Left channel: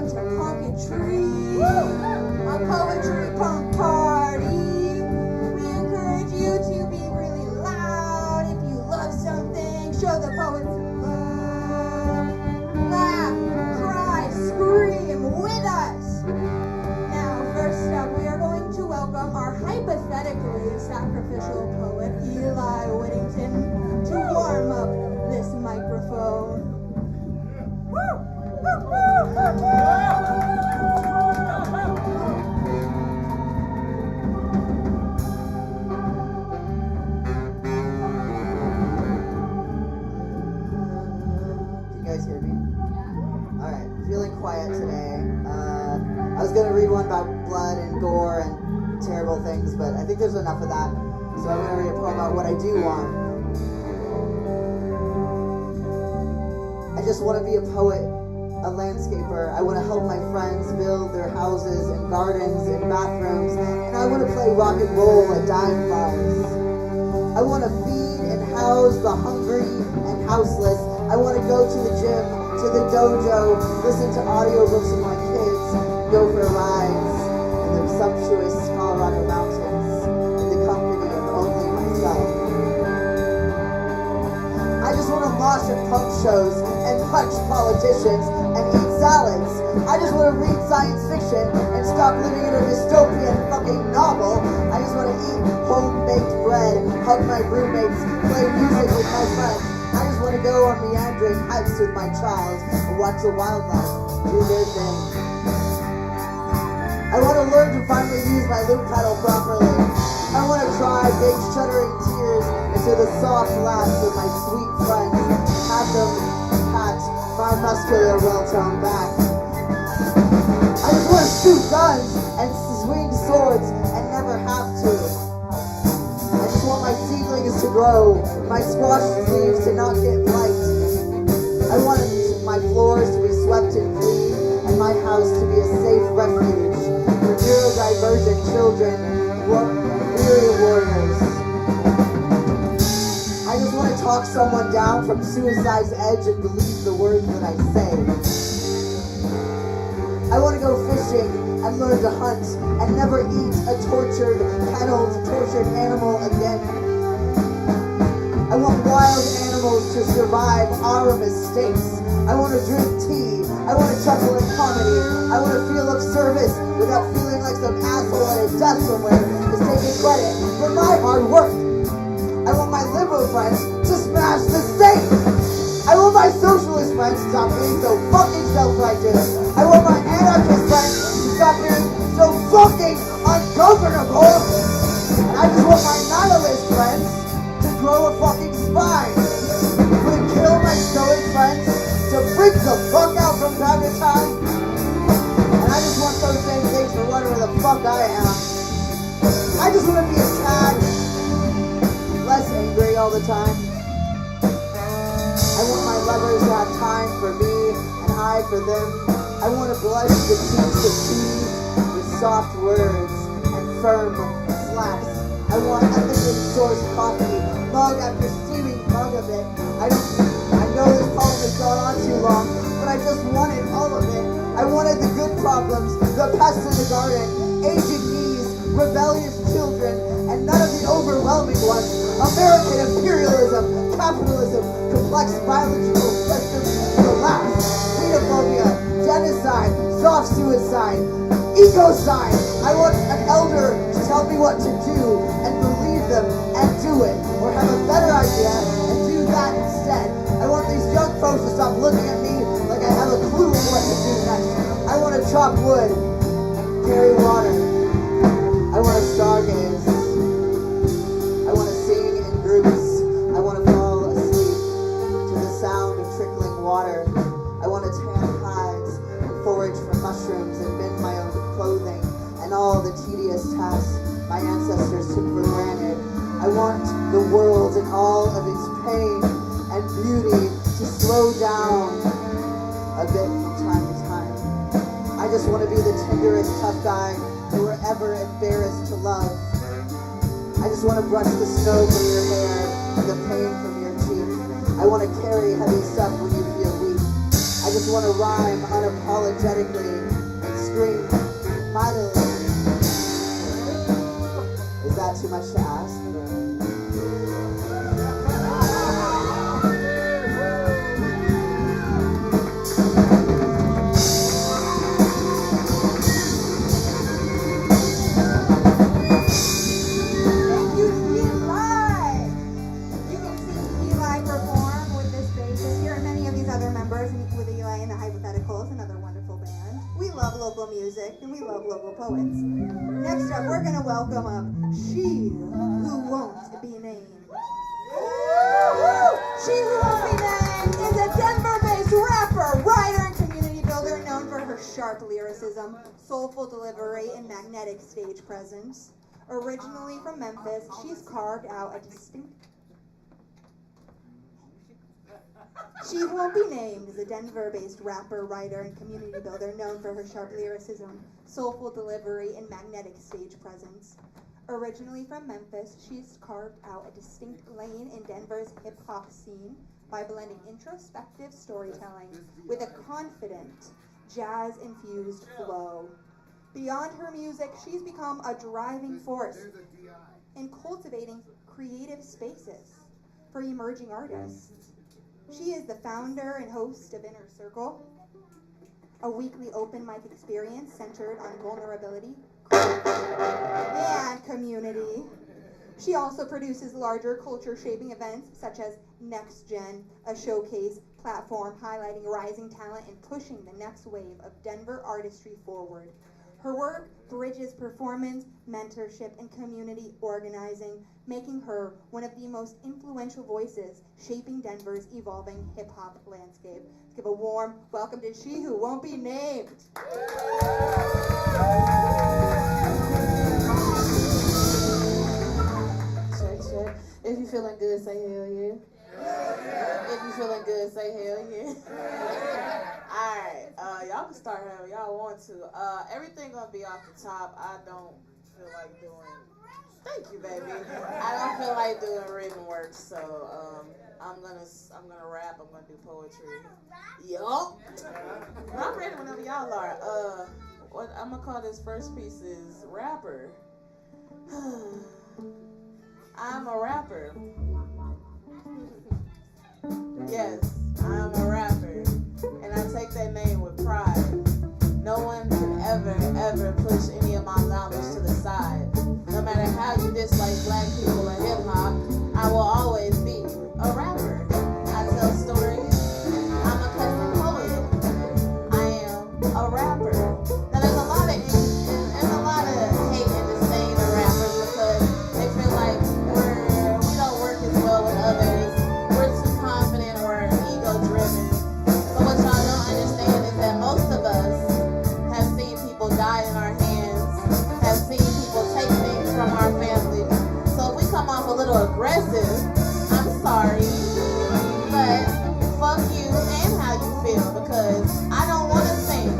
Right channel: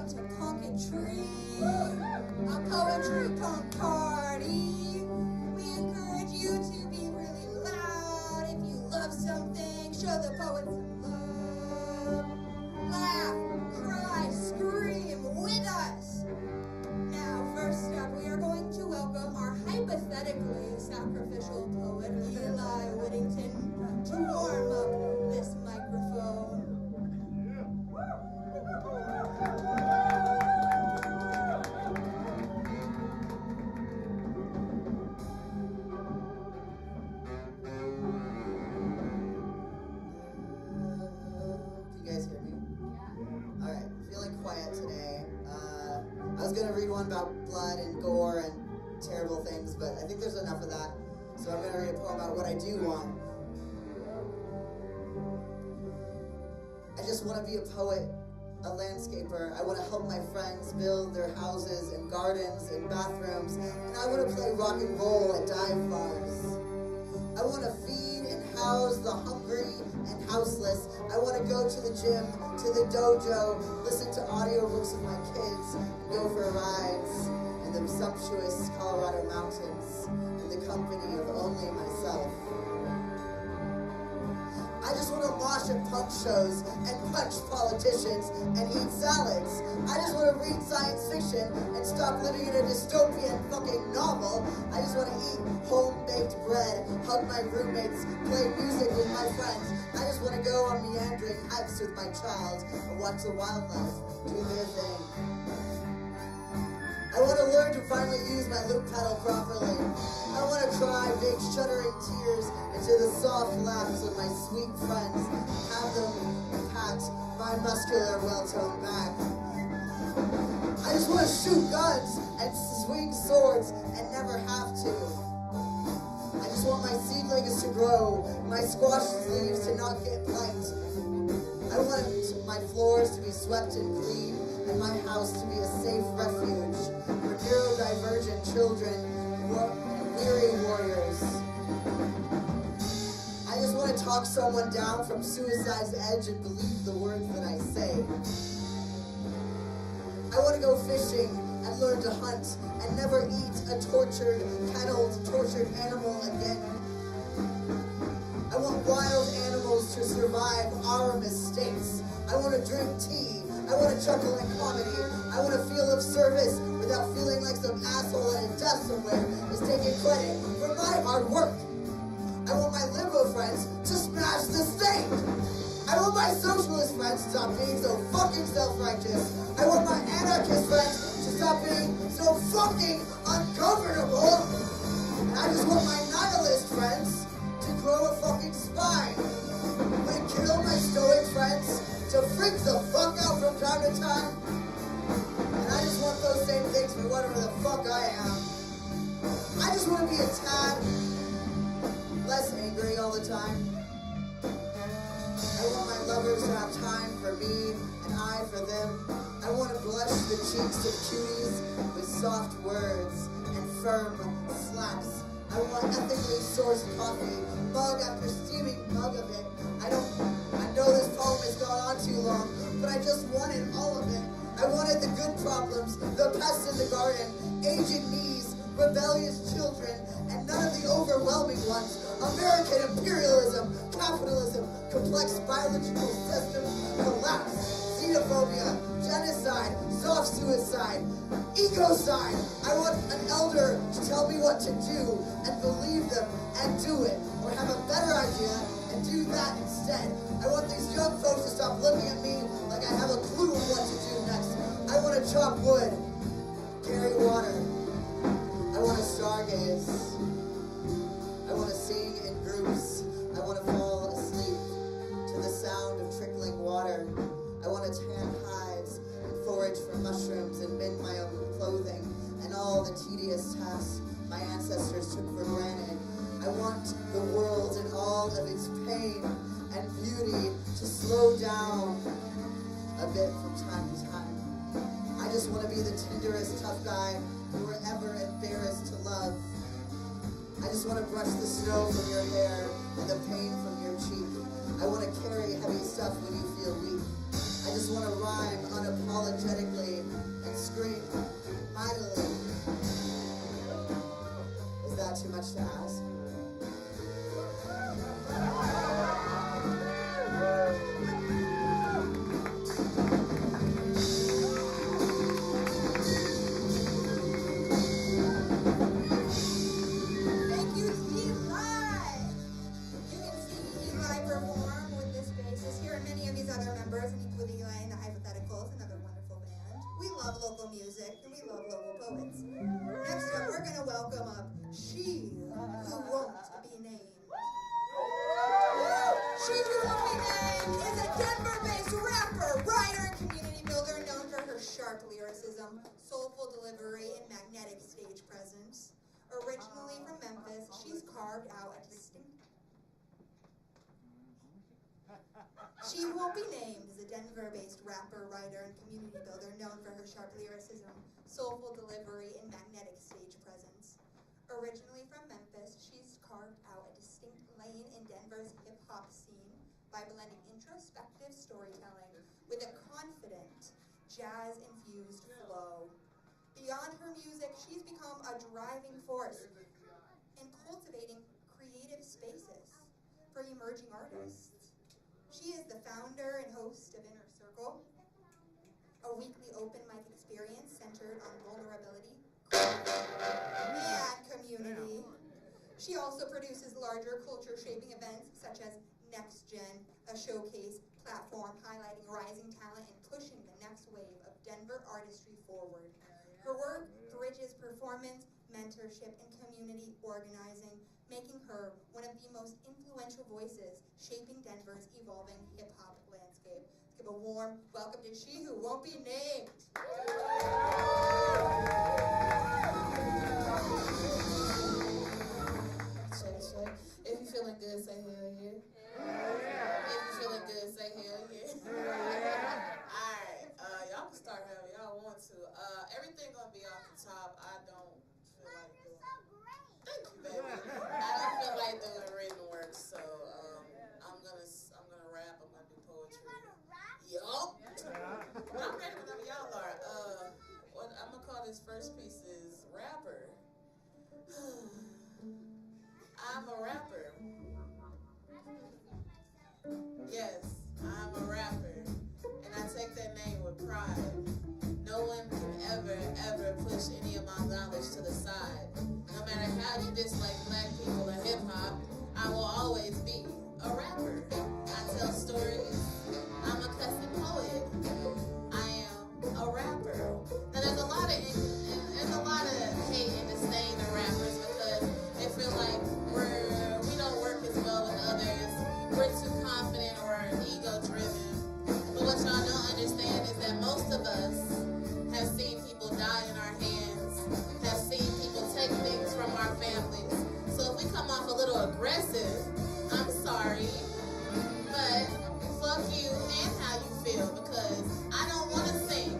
welcome to Punketry, a poetry punk party. We encourage you to be really loud. If you love something, show the poets some love. Laugh, cry, scream with us. Now, first up, we are going to welcome our hypothetically sacrificial poet, Eli Whittington, to warm up this microphone. Feeling quiet today. I was going to read one about blood and gore and terrible things, but I think there's enough of that. So I'm going to read a poem about what I do want. I just want to be a poet, a landscaper. I want to help my friends build their houses and gardens and bathrooms, and I want to play rock and roll at dive bars. I want to feed and house the hungry and houseless. I want to go to the gym, to the dojo, listen to audiobooks with my kids, go for rides in the sumptuous Colorado mountains in the company of only myself. I just want to mosh at punk shows and punch politicians and eat salads. I just want to read science fiction and stop living in a dystopian fucking novel. I just want to eat home-baked bread, hug my roommates, play music with my friends. I just want to go on meandering hikes with my child and watch the wildlife do their thing. I want to learn to finally use my loop pedal properly. I want to cry big shuddering tears into the soft laughs of my sweet friends and have them pat my muscular well-toned back. I just want to shoot guns and swing swords and never have to. I just want my seedlings to grow, my squash leaves to not get blight. I want my floors to be swept and clean, and my house to be a safe refuge for neurodivergent children, weary warriors. I just want to talk someone down from suicide's edge and believe the words that I say. I want to go fishing and learn to hunt and never eat a tortured animal again. I want wild animals to survive our mistakes. I want to drink tea. I want to chuckle in comedy. I want to feel of service without feeling like some asshole at a desk somewhere is taking credit for my hard work. I want my liberal friends to smash the state. I want my socialist friends to stop being so fucking self-righteous. I want my anarchist friends to stop being so fucking ungovernable. And I just want my nihilist friends to grow a fucking spine. But kill my stoic friends to freak the fuck out from time to time. And I just want those same things for whatever the fuck I am. I just want to be a tad less angry all the time. I want my lovers to have time for me and I for them. I want to blush the cheeks of cuties with soft words and firm slaps. I want ethically sourced coffee, mug after steaming mug of it. I know this poem has gone on too long, but I just wanted all of it. I wanted the good problems, the pests in the garden, aging knees, rebellious children, and none of the overwhelming ones. American imperialism, capitalism, complex biological systems, collapse, xenophobia, genocide, soft suicide, ecocide. I want an elder to tell me what to do and believe them and do it, or have a better idea and do that instead. I want these young folks to stop looking at me like I have a clue of what to do next. I want to chop wood, carry water. I want to stargaze. I want to sing in groups. I want to fall asleep to the sound of trickling water. I want to tan hides and forage for mushrooms and mend my own clothing and all the tedious tasks my ancestors took for granted. I want the world and all of its pain and beauty to slow down a bit from time to time. I just want to be the tenderest tough guy you were ever embarrassed to love. I just want to brush the snow from your hair and the pain from your cheek. I want to carry heavy stuff when you feel weak. I just just want to rhyme unapologetically and scream mightily. Is that too much to ask? Thank you, Eli. You can see Eli perform with this bassist here and many of these other members with Eli and the Hypotheticals, another wonderful band. We love local music and we love local poets. Next up, we're going to welcome up She Who Won't Be Named. She Who Won't Be Named is a Denver-based rapper, writer, and community builder known for her sharp lyricism, soulful delivery, and magnetic stage presence. Originally from Memphis, she's carved out a distinct... She Who Won't Be Named is a Denver-based rapper, writer, and community builder known for her sharp lyricism, soulful delivery, and magnetic stage presence. Originally from Memphis, she's carved out a distinct lane in Denver's hip-hop scene by blending introspective storytelling with a confident, jazz-infused flow. Beyond her music, she's become a driving force in cultivating creative spaces for emerging artists. She is the founder and host of Inner Circle, a weekly open mic experience centered on vulnerability and community. She also produces larger culture-shaping events such as Next Gen, a showcase platform highlighting rising talent and pushing the next wave of Denver artistry forward. Her work bridges performance, mentorship, and community organizing, making her one of the most influential voices shaping Denver's evolving hip-hop landscape. Let's give a warm welcome to She Who Won't Be Named. Check. If you feeling good, say hell yeah. If you feeling good, say hell yeah. Alright, y'all can start however y'all want to. Everything gonna be off the top. I don't feel like doing... Thank you, baby. I don't feel like doing written work, so I'm gonna rap. I'm gonna do poetry. Yup. I'm ready whenever y'all are. What I'm gonna call this first piece is rapper. I'm a rapper. Yes, I'm a rapper, and I take that name with pride. No one can ever push any of my knowledge to the side. No matter how you dislike black people in hip hop, I will always be a rapper. I tell stories. I'm a cousin poet. I am a rapper. Now there's a lot of hate and disdain to rappers because they feel like we don't work as well with others. We're too confident. We're ego driven. But what y'all don't understand is that most of us have seen people die in our hands, have seen people take things from our families. So if we come off a little aggressive, I'm sorry, but fuck you and how you feel, because I don't want to sing.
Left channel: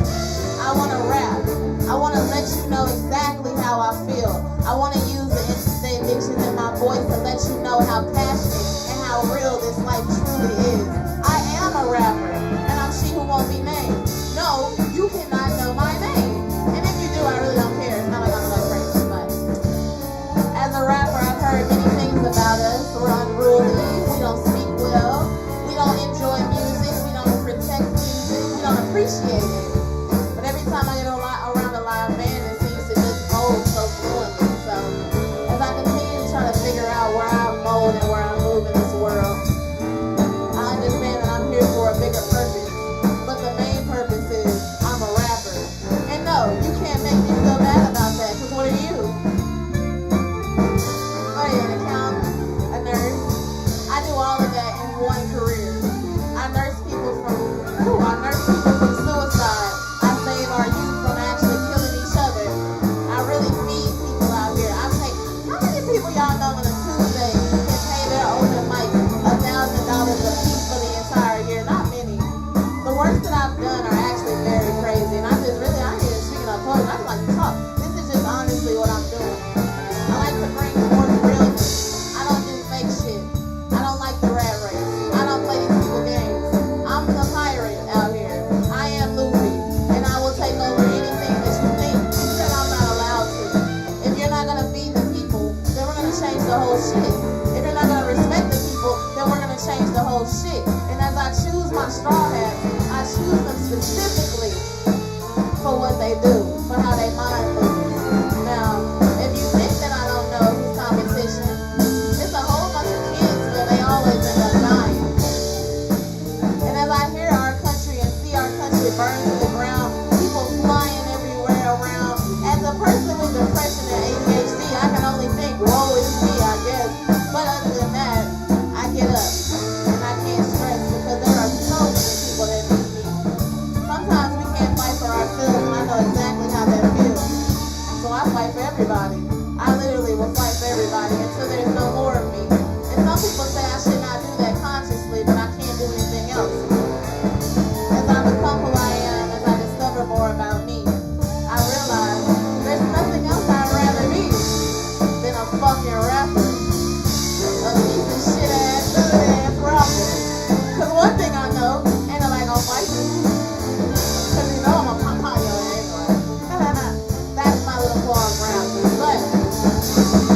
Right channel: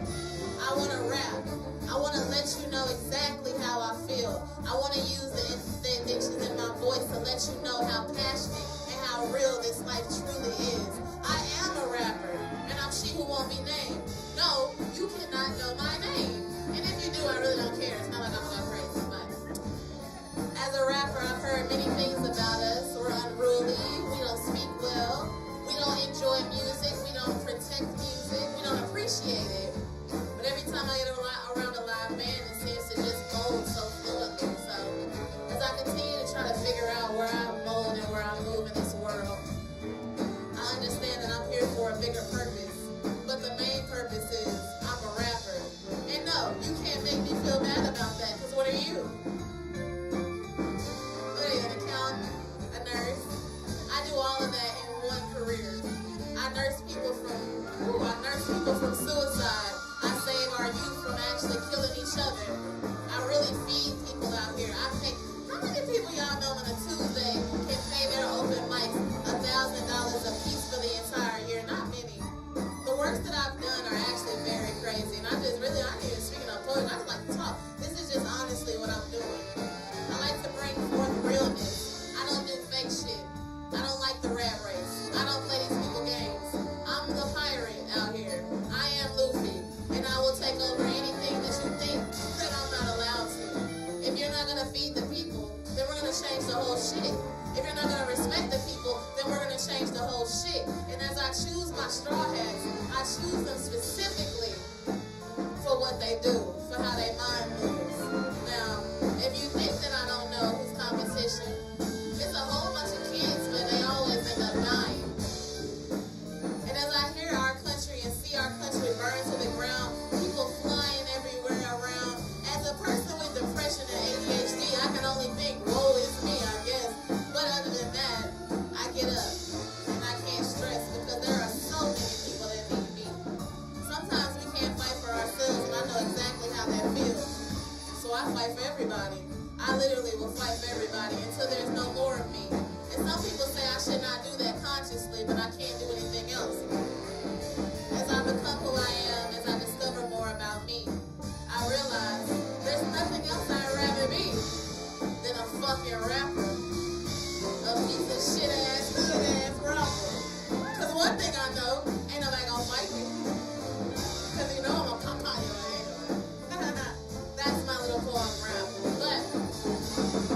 I want to rap. I want to let you know exactly how I feel. I want to use the addiction in my voice to let you know how passionate and how real this life truly is. I am a rapper, and I'm She Who Won't Be Named. No, you cannot know my name. And if you do, I really don't care. It's not like I'm so crazy, but as a rapper, I've heard many things about us. We're unruly, we don't speak well, we don't enjoy music, we don't protect music, we don't appreciate it. But every time I get around a live band, it seems to just mold so fluently. So as I continue to try to figure out where I mold and where I move in this world, I understand that I'm here for a bigger purpose. But the main purpose is I'm a rapper. And no, you can't make me feel bad about that, because what are you? Oh yeah, an accountant, a nurse. I do all of that in one career. I nurse people from suicide. I save our youth from specifically for what they do, for how they mind moves. Now, if you think that I don't know who's competition, it's a whole bunch of kids where they always end up dying. And as I hear our country and see our country burn to the ground, people flying everywhere around, as a person with depression and ADHD, I can only think, woe is me, I guess. But other than that, I get up and I can't stress because there are so many people that need me. Sometimes we can't fight for ourselves, and I know exactly how that feels. So I fight for everybody. I literally will fight for everybody until there's no more of me. And some people say I should not do that consciously, but I can't do anything else. As I become who I am, as I discover more about me, I realize there's nothing else I'd rather be than a fucking rapper. A piece of shit ass, good ass rapper. Cause one thing I know, ain't nobody gonna fight me. Cause you know I'm a pop your anyway. That's my little blog rapper. But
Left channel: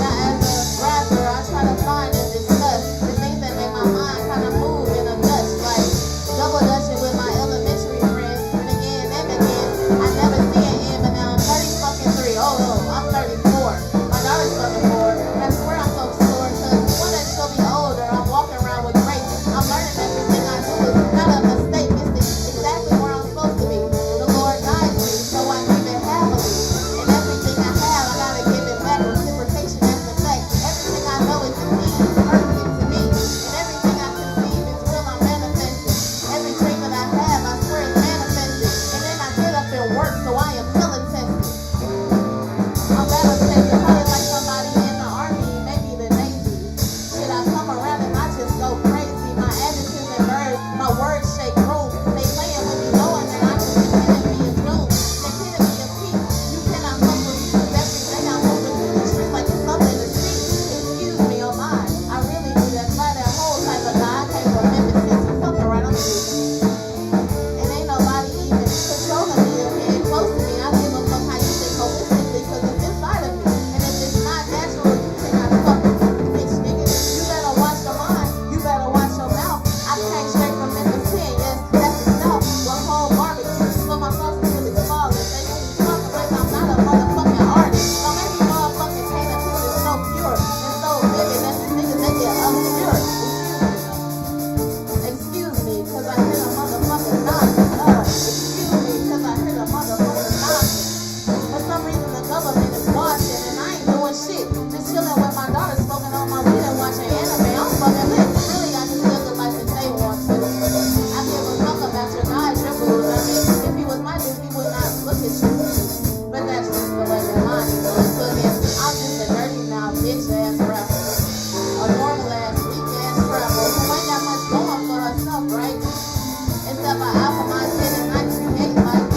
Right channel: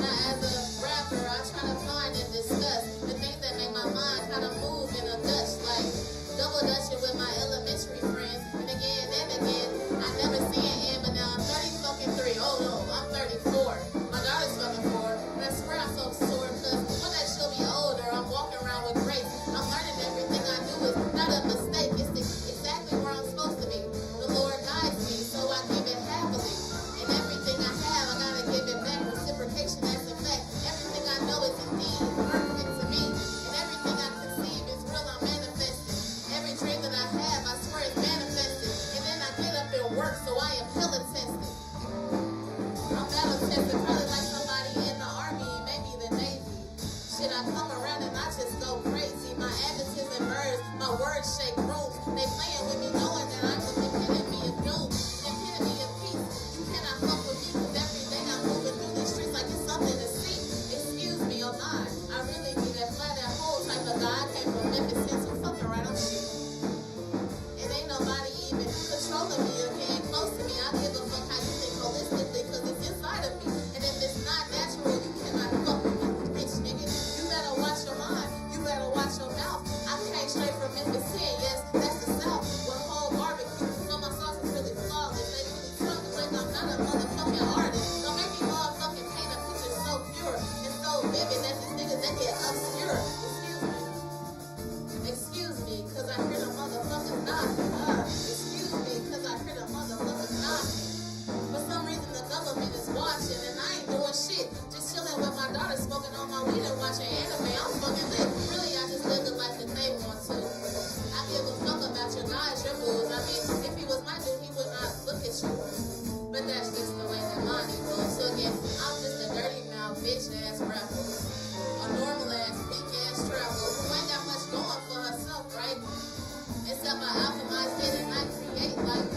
now as a rapper, I try to find and discuss the things that make my mind kind of move in a Dutch, like double dutching with my elementary friends, and again and again. I never see an end, but now I'm 30 fucking 3. Oh, I'm 34. My daughter's fucking 4, and I swear I'm so sore because one day she'll be older. I'm walking around with grace. I'm learning everything I do is not a mistake. It's exactly where I'm supposed to be. The Lord guides me, so I give it happily. And everything I have, I gotta give it back. Reciprocation, that's the fact. Everything I know is indeed perfect to me, and everything I conceive is real. I'm manifesting. Every dream that I have, I swear is manifested. And then I get up and work, so I am hella tested. I'm battle tested, probably like somebody in the army, maybe the Navy. Shit, I come around and I just go crazy. My attitude and words shake rooms. They playing with me knowing that I just intended to be a doom. They intended me a peace. You cannot fuck with me because every day I'm moving through the streets like it's something to see. Excuse me, oh my. I really do that fly that whole type of guy. I came from Memphis, so fucking right on the street. And ain't nobody even controlling me or getting close to me. I give a fuck how you think holistically because it's inside of me. And if it's not natural, you cannot fuck with me, bitch nigga. You better watch your mind. You better watch your mouth. I came straight from Memphis 10, yes, that's the South. One whole barbecue, but my sauce is really flawless. They really talking like I'm not a motherfucking artist. Or maybe motherfucking Taylor Swift is so pure and so vivid that these niggas they get obscure. Excuse me, cause I hear a motherfucking knock. Excuse me, cause I hear a motherfucking knock. For some reason the government is watching and I ain't doing shit. Just chilling with my daughter, smoking on my weed and watching anime. I'm fucking lit. Really, I just live the life that they want to. I give a fuck about your guys, your booze. I mean, if he was my dude, he would not look at you. But that's just the way that mine is. So again, I'm just a dirty mouth, bitch ass rapper. A normal ass, weak ass trapper who ain't got much going for herself, right? Except I optimize it and I create life.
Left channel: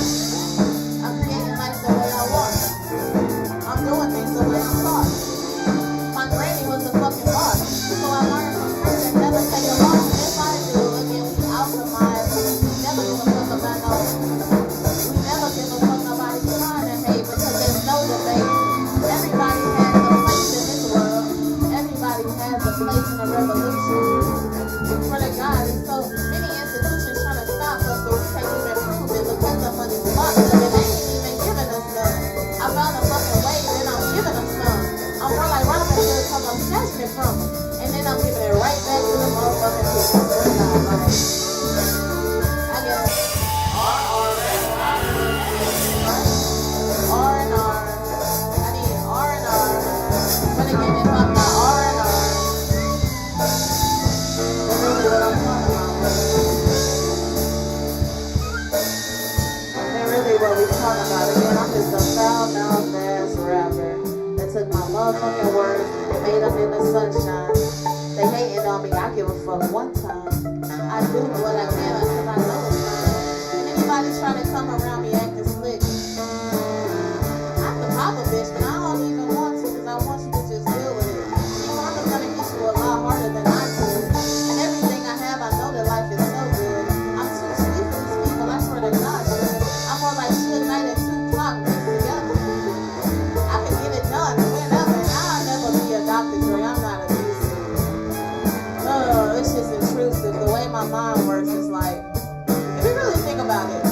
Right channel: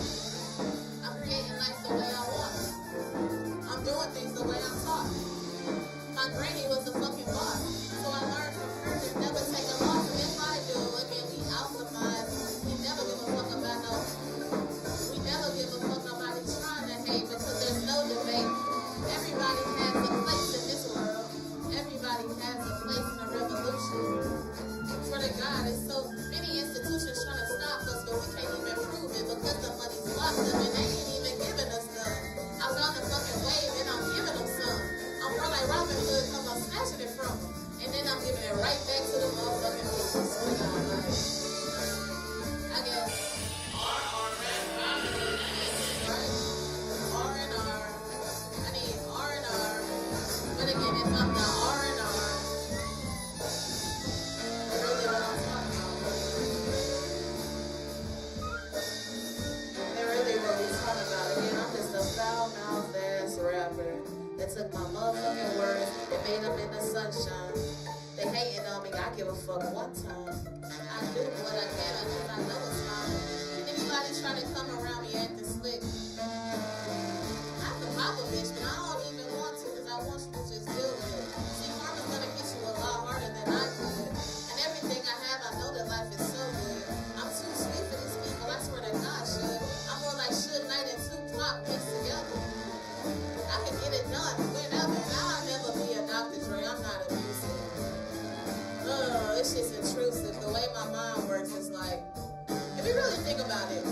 I'm creating life the way I want. I'm doing things the way I'm taught. My granny was a fucking boss, so I learned from her to never take a loss. If I do, again, we optimize. We never give a fuck about no. We never give a fuck about trying to hate because there's no debate. Everybody has a place in this world. Everybody has a place in the revolution. For the God, it's so many institutions trying to stop us, but we can't even prove it because the money's locked up and they ain't even giving us none. I found a fucking way and I'm giving them some. I'm more like Robin Hood because I'm snatching it from them. And then I'm giving it right back to the motherfucking people. Swear to God, like, I guess. R&R. I need R&R. But again, if I'm not R&R, then really what I'm talking about. Then really what we talking about. Again, I'm just a foul-mouthed ass rapper that took my motherfucking words and made them in the sunshine. They hating on me, I give a fuck one time. I do what I can because I know it's fine. And anybody trying to come around me acting slick, I can pop a bitch, but I don't even want to because I want you to just deal with it. See, karma's gonna hit you a lot harder than I could. And everything I have, I know that life is so good. I'm too sweet for these people, I swear to God, shit. I'm more like Suge Knight and Tupac mixed together. I can get it done whenever. I'll never be a Dr. Dre, I'm not a music. It's just intrusive. The way my mind works is like, if you really think about it,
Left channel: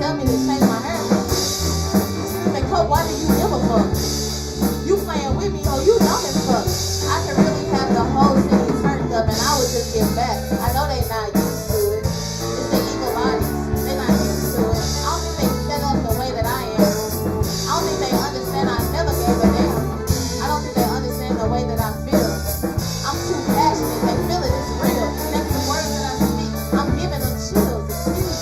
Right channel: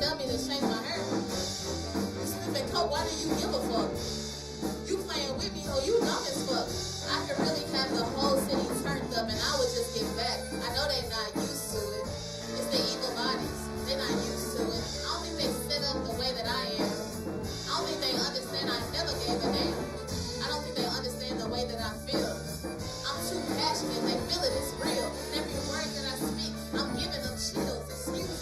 tell me to change my hair. And Coke, why do you give a fuck? You playing with me, ho, you dumb as fuck. I can really have the whole city turned up and I would just get back. I know they not used to it. It's the evil bodies. They not used to it. I don't think they set up the way that I am. I don't think they understand I never gave a damn. I don't think they understand the way that I feel. I'm too passionate. They feel it. It's real. And every word that I speak, I'm giving them chills. Excuse me.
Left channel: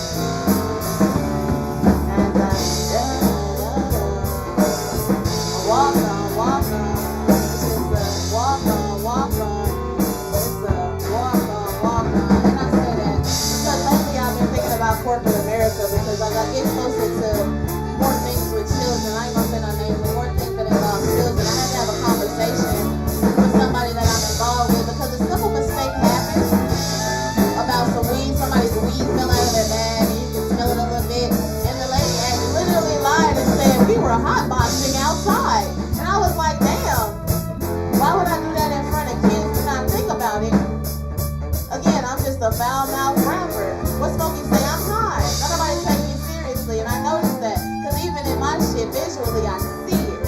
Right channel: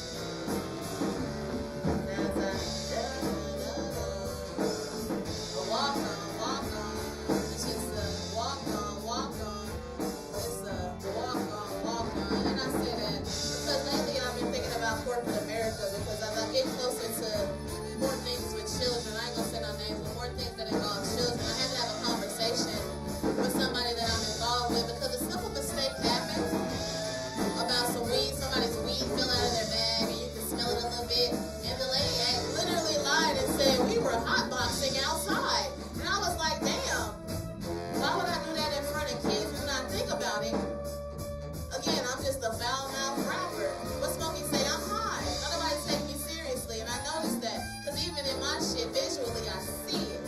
Walk on, walk on. It's just a walk on, walk on. It's a walk on, walk on. And I say that because lately I've been thinking about corporate America because as I get closer to more things with children, I ain't gonna say no names, but more things that involve children, I have to have a conversation with somebody that I'm involved with because a simple mistake happens about some weed. Somebody's weed fell out of their bag and you can smell it a little bit. And the lady literally lied and said we were hotboxing outside. And I was like, damn, why would I do that in front of kids and not think about it? Again, I'm just a foul-mouthed rapper. What's gonna be say I'm high? Nobody take me seriously, and I noticed that. Because even in my shit, visually, I see it.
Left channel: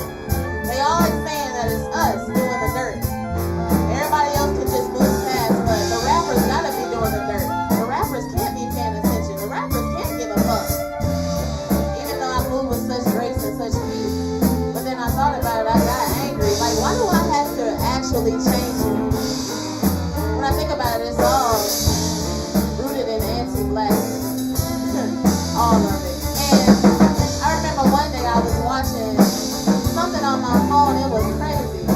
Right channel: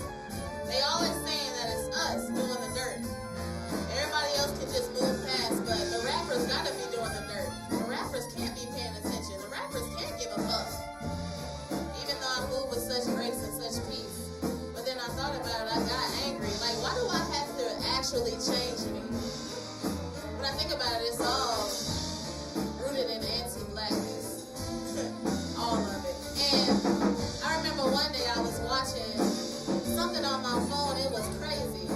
They always saying that it's us doing the dirt. Everybody else can just move past, but the rappers gotta be doing the dirt. The rappers can't be paying attention. The rappers can't give a fuck. Even though I move with such grace and such peace. But then I thought about it, I got angry. Like, why do I have to actually change me? When I think about it, it's all rooted in anti-blackness. All of it. And I remember one day I was watching something on my phone, it was crazy.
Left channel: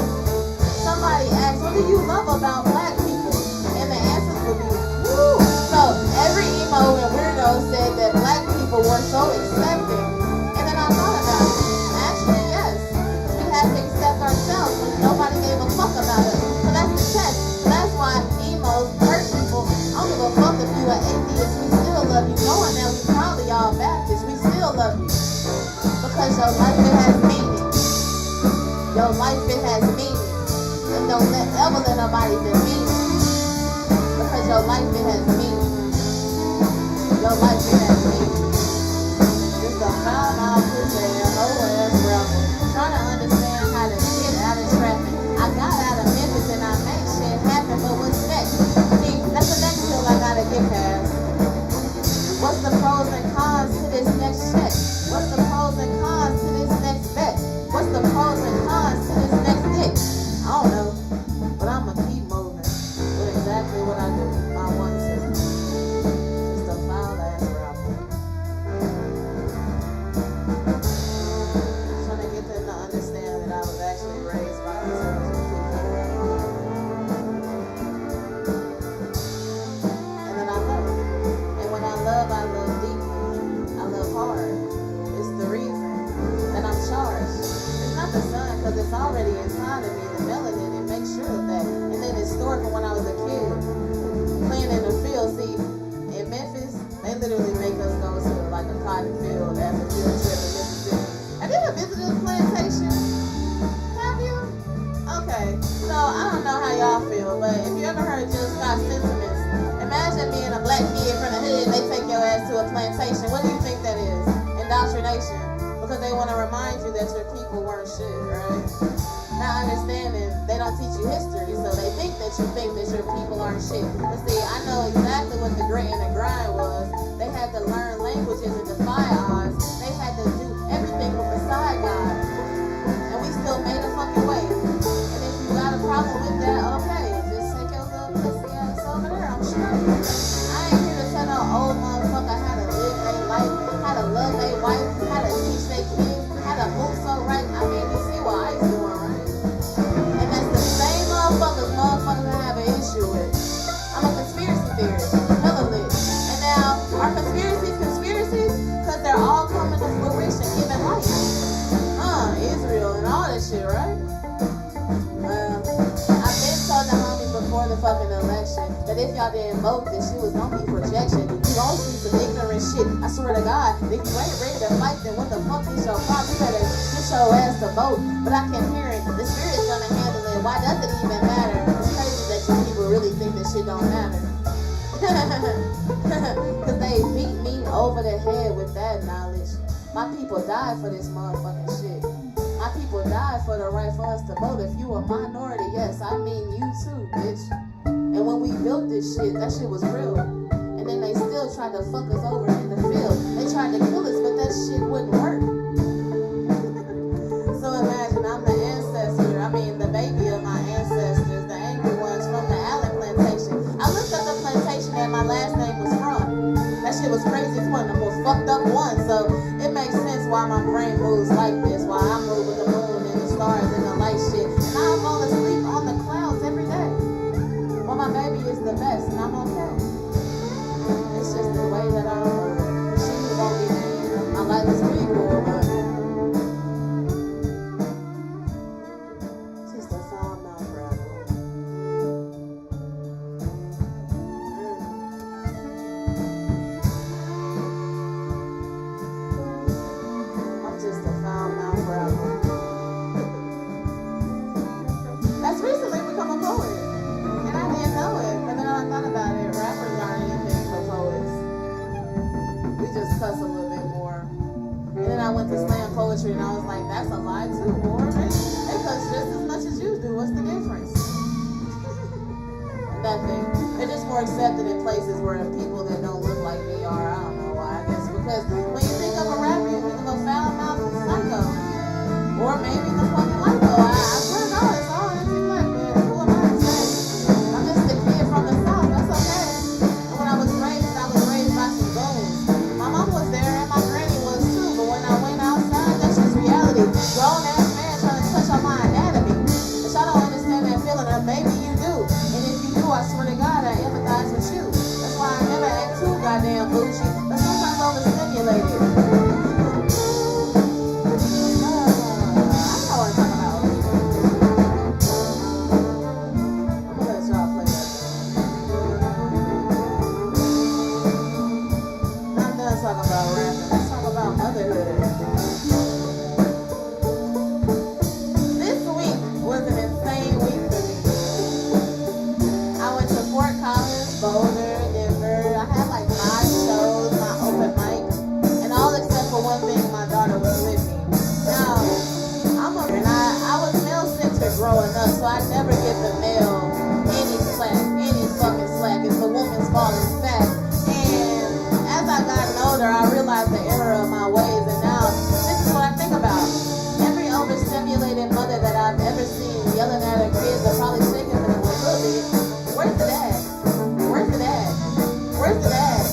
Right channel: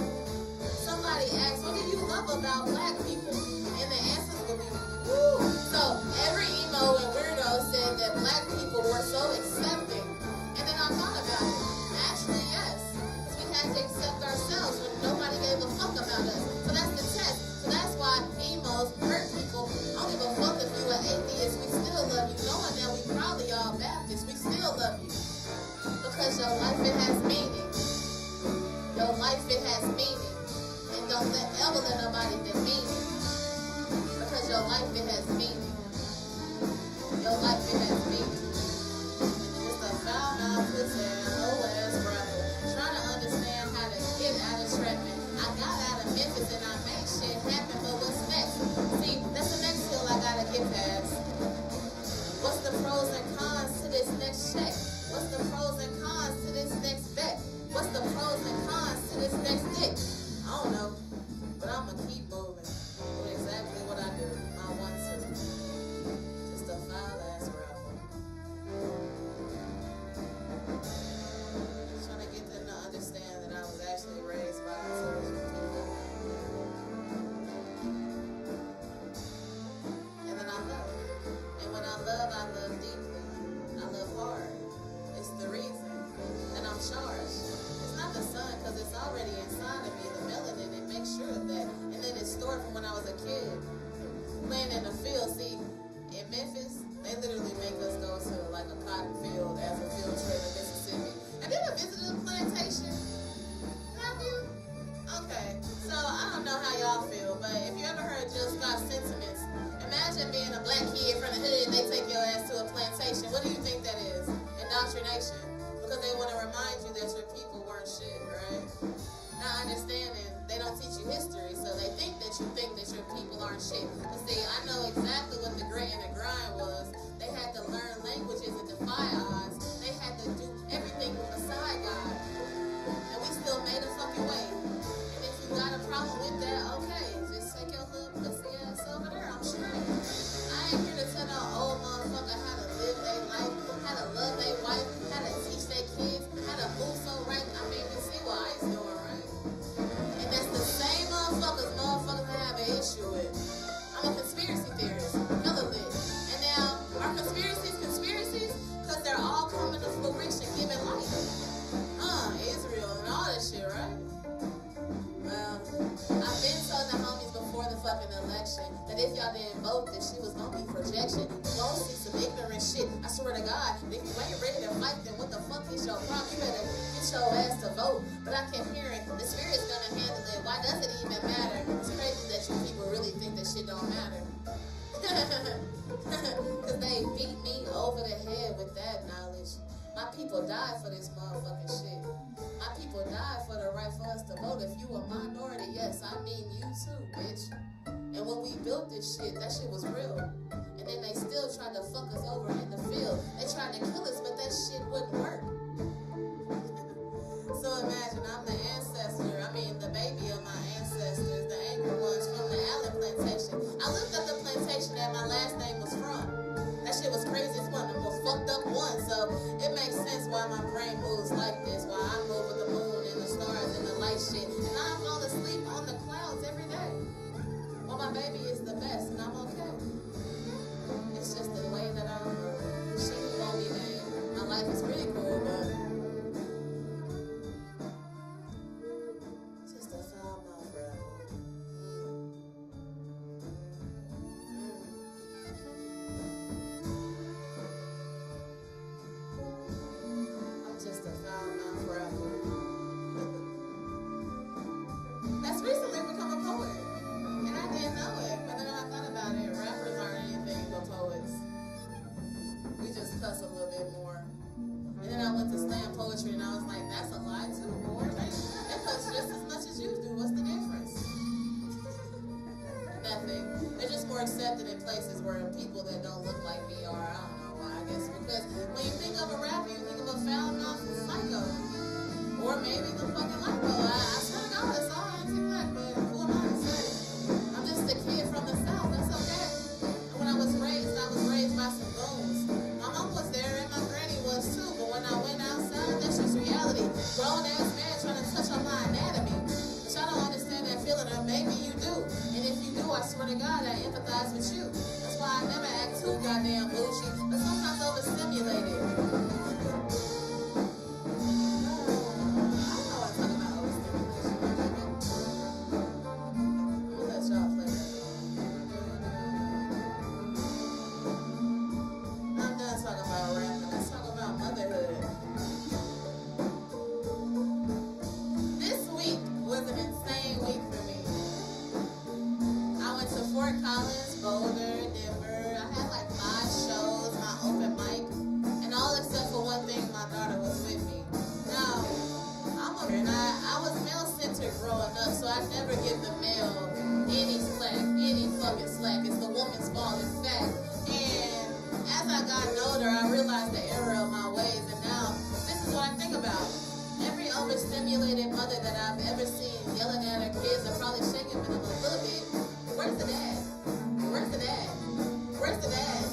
Somebody asked, what do you love about black people? And the answers would be, woo! So every emo and weirdo said that black people were so accepting. And then I thought about it. Actually, yes. We had to accept ourselves when nobody gave a fuck about us. So that's the test. So that's why emos hurt people. I don't give a fuck if you are atheist. We still love you. Knowing that we probably all Baptists, we still love you. Because your life, it has meaning. Your life, it has meaning. And don't ever let nobody demean it. Because your life, it has meaning. Your life, it has meaning. Just a foul-mouthed pussy and whole-ass rapper. Trying to understand how to get out of traffic. I got out of Memphis and I made shit happen, but what's next? See, that's the next hill I gotta get past. What's the pros and cons to this next check? What's the pros and cons to this next bet? What's the pros and cons to this next dick? I don't know, but I'ma keep moving with exactly what I do. I want to. Just a foul-ass rapper. Trying to get them to understand that I was actually raised by intelligent people. And then I love it. And when I love deeply. I love hard. It's the reason that I'm charged. It's not the sun, because it's already inside of me, the melanin, and make sure of that. And then it's stored from when I was a kid, playing in the field. See, in Memphis, they literally make us go to like a cotton field as a field trip in Mississippi. Have you ever visited a plantation? Have you? Okay, so I don't know how y'all feel, but if you ever heard Jill Scott's sentiments, imagine being a black kid from the hood and they take your ass to a plantation. What do you think that is? Indoctrination. Because they want to remind you that your people weren't shit, right? Not understanding, they don't teach you history, so they think that your people aren't shit. But see, I know exactly what the grit and the grind was. They had to learn languages and defy odds. They had to do everything from beside God. And we still made a fucking way. And if you got a problem with that, okay, just take your little pussy ass over there, I'm straight. I ain't here to tell no old motherfucker how to live their life, how to love their wife, how to teach their kids, how to move so right. I mean, you see what Ice doing, right? And that's the same motherfuckers I have an issue with. I'm a conspiracy theorist, hella lit. And now, are conspiracies? Because they're all coming to fruition, giving life. Israel and all that shit, right? Well, I've been told the homies before the fucking election that if y'all didn't vote, this shit was gonna be projection. You gon' see some ignorant shit. I swear to God, if you ain't ready to fight, then what the fuck is your problem? You better get your ass to vote. But I kept hearing, the spirit's gonna handle it. Why does it even matter? It's crazy that you people really think that shit don't matter. Cause they beat me over the head with that knowledge. My people died for this motherfucking shit. My people died for the right for us to vote. If you a minority, yes, I mean you too, bitch. And when we built this shit, that shit was real. And then they still tried to fuck us over in the field. They tried to kill us, but that shit wouldn't work. So imagine I'm the ancestor, the baby of my ancestors, the angry ones from the Allen plantation. I looked up the plantation that my last name was from. That shit was crazy. It's one of the most fucked up ones. So it makes sense why my brain moves like this, why I move with the moon and the stars and the light shit. And I fall asleep on the clouds every day. Well, my baby is the best and I'm okay. It's just the way that I move. She won't be named. My life is pretty cool, but just a foul mouth rapper. I'm just a foul mouth rapper. That's recently become a poet. And I didn't know it. But then I thought about it. Rappers aren't anything but poets. We just cuss a little bit more. And then I went to slam poetry and I was like, that's a lie too, boy. They cuss just as much as you do. What's the difference? Nothing. They're just more accepted in places where people that don't look like me are. I don't know why. I guess because when you think of a rapper, you think of a foul-mouthed psycho. Or maybe the fucking lipo. I swear to God, it's all anti-black, man. Who am I to say? I'm just a kid from the South. That's okay. And when I was raised by some goons. My mom was there and my granny was too. But when I went outside, that's just reality. Grown-ass man trying to touch on my anatomy. But y'all don't understand that feeling, or maybe you do. And if you do, I swear to God, I empathize with you. That's why I never act too goddamn bougie, but sometimes overstimulated. Growing up, so I never give the male any fucking slack. It's the woman's fault, in fact. And as I gotten older, I realized the error of my ways, and now this is what I think about. Every overstimulated mother that I've ever seen yelling at her kids are probably shaking them a little bit. Where's the dad? Where's the dad? Where's the dad?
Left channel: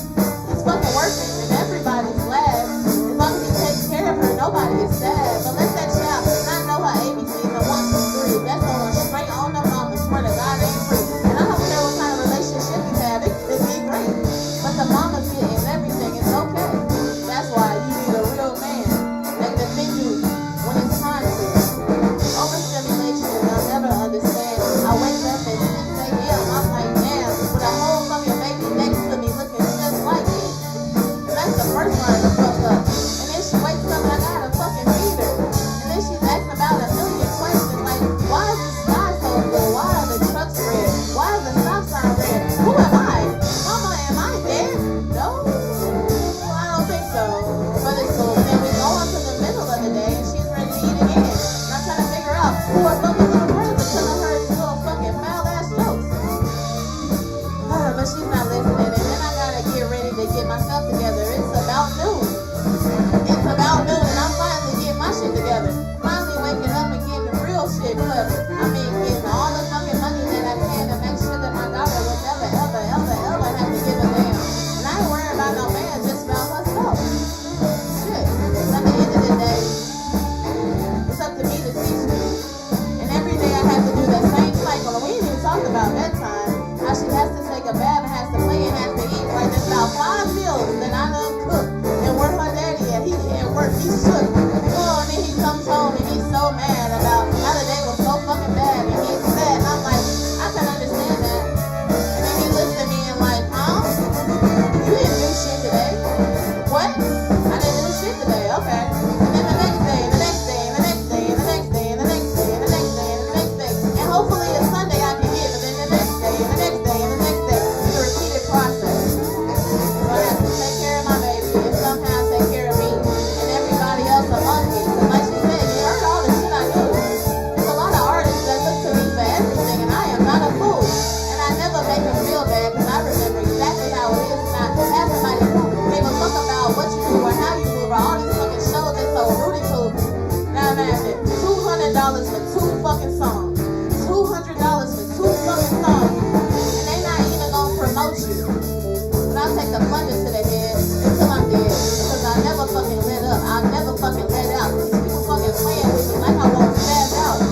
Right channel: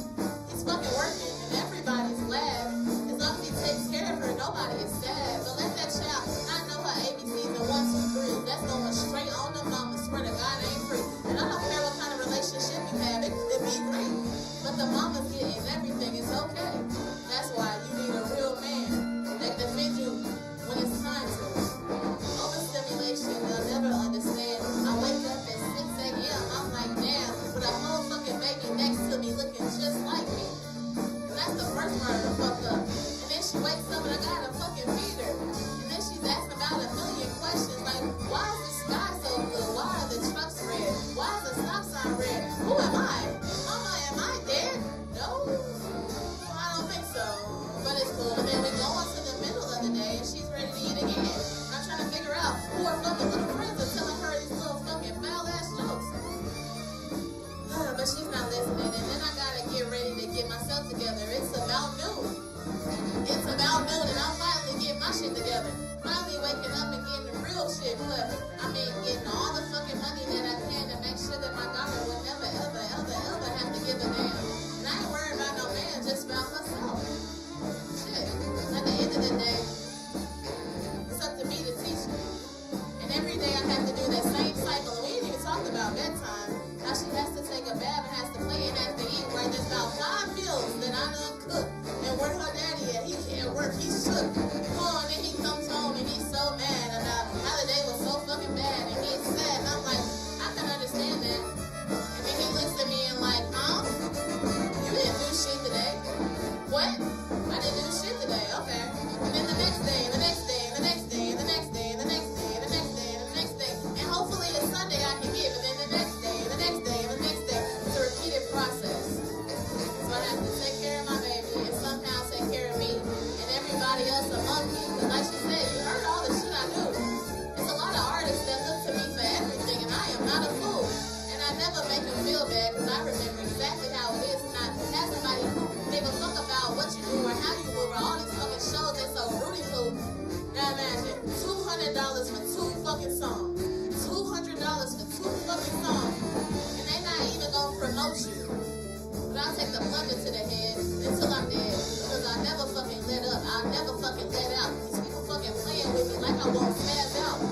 He's fucking working, and everybody's glad. As long as he takes care of her, nobody is sad. But let that child not know her ABCs and 1, 2, 3. That's going straight on the mama. Swear to God, ain't free. And I don't care what kind of relationship you have. It could be great. But the mama's getting everything. It's okay. That's why you need a real man that can defend you when it's time to. Overstimulation, I'll never understand. I wake up at 6 a.m. I'm like, damn, with a whole fucking baby next to me looking just like me. And that's the first line to fuck up. And then she wakes up and I gotta fucking feed her. And then she's asking about a million questions like, why is the sky so blue? Why are the trucks red? Why is the stop sign red? Who am I? Mama, am I dead? No? Well, I don't think so. But it's cool. Then we go on to the middle of the day and she's ready to eat again. And I'm trying to figure out who her fucking little friends are telling her these little fucking foul-ass jokes. But she's not listening. And then I gotta get ready to get myself together. It's about noon. It's about noon and I'm finally getting my shit together. Finally waking up and getting the real shit clever. Getting all the fucking money that I can to make sure that my daughter would never, ever, ever, ever have to give a damn. And I ain't worrying about no man, just about herself. Shit. At the end of the day, it's up to me to teach her. And every day I have to do that same cycle. And we ain't even talked about bedtime. How she has to take a bath and has to play and has to eat. Like there's about 5 meals that I done cooked. And where her daddy at? He can't work. He's shook. And then he comes home and he's so mad about how the day was so fucking songs. $200 for 2 fucking songs. And they not even gonna promote you. But I'll take the plunger to the head until I'm dead. Because I never fucking let up. I'll never fucking let out. These people fucking playing with me like I won't spaz out.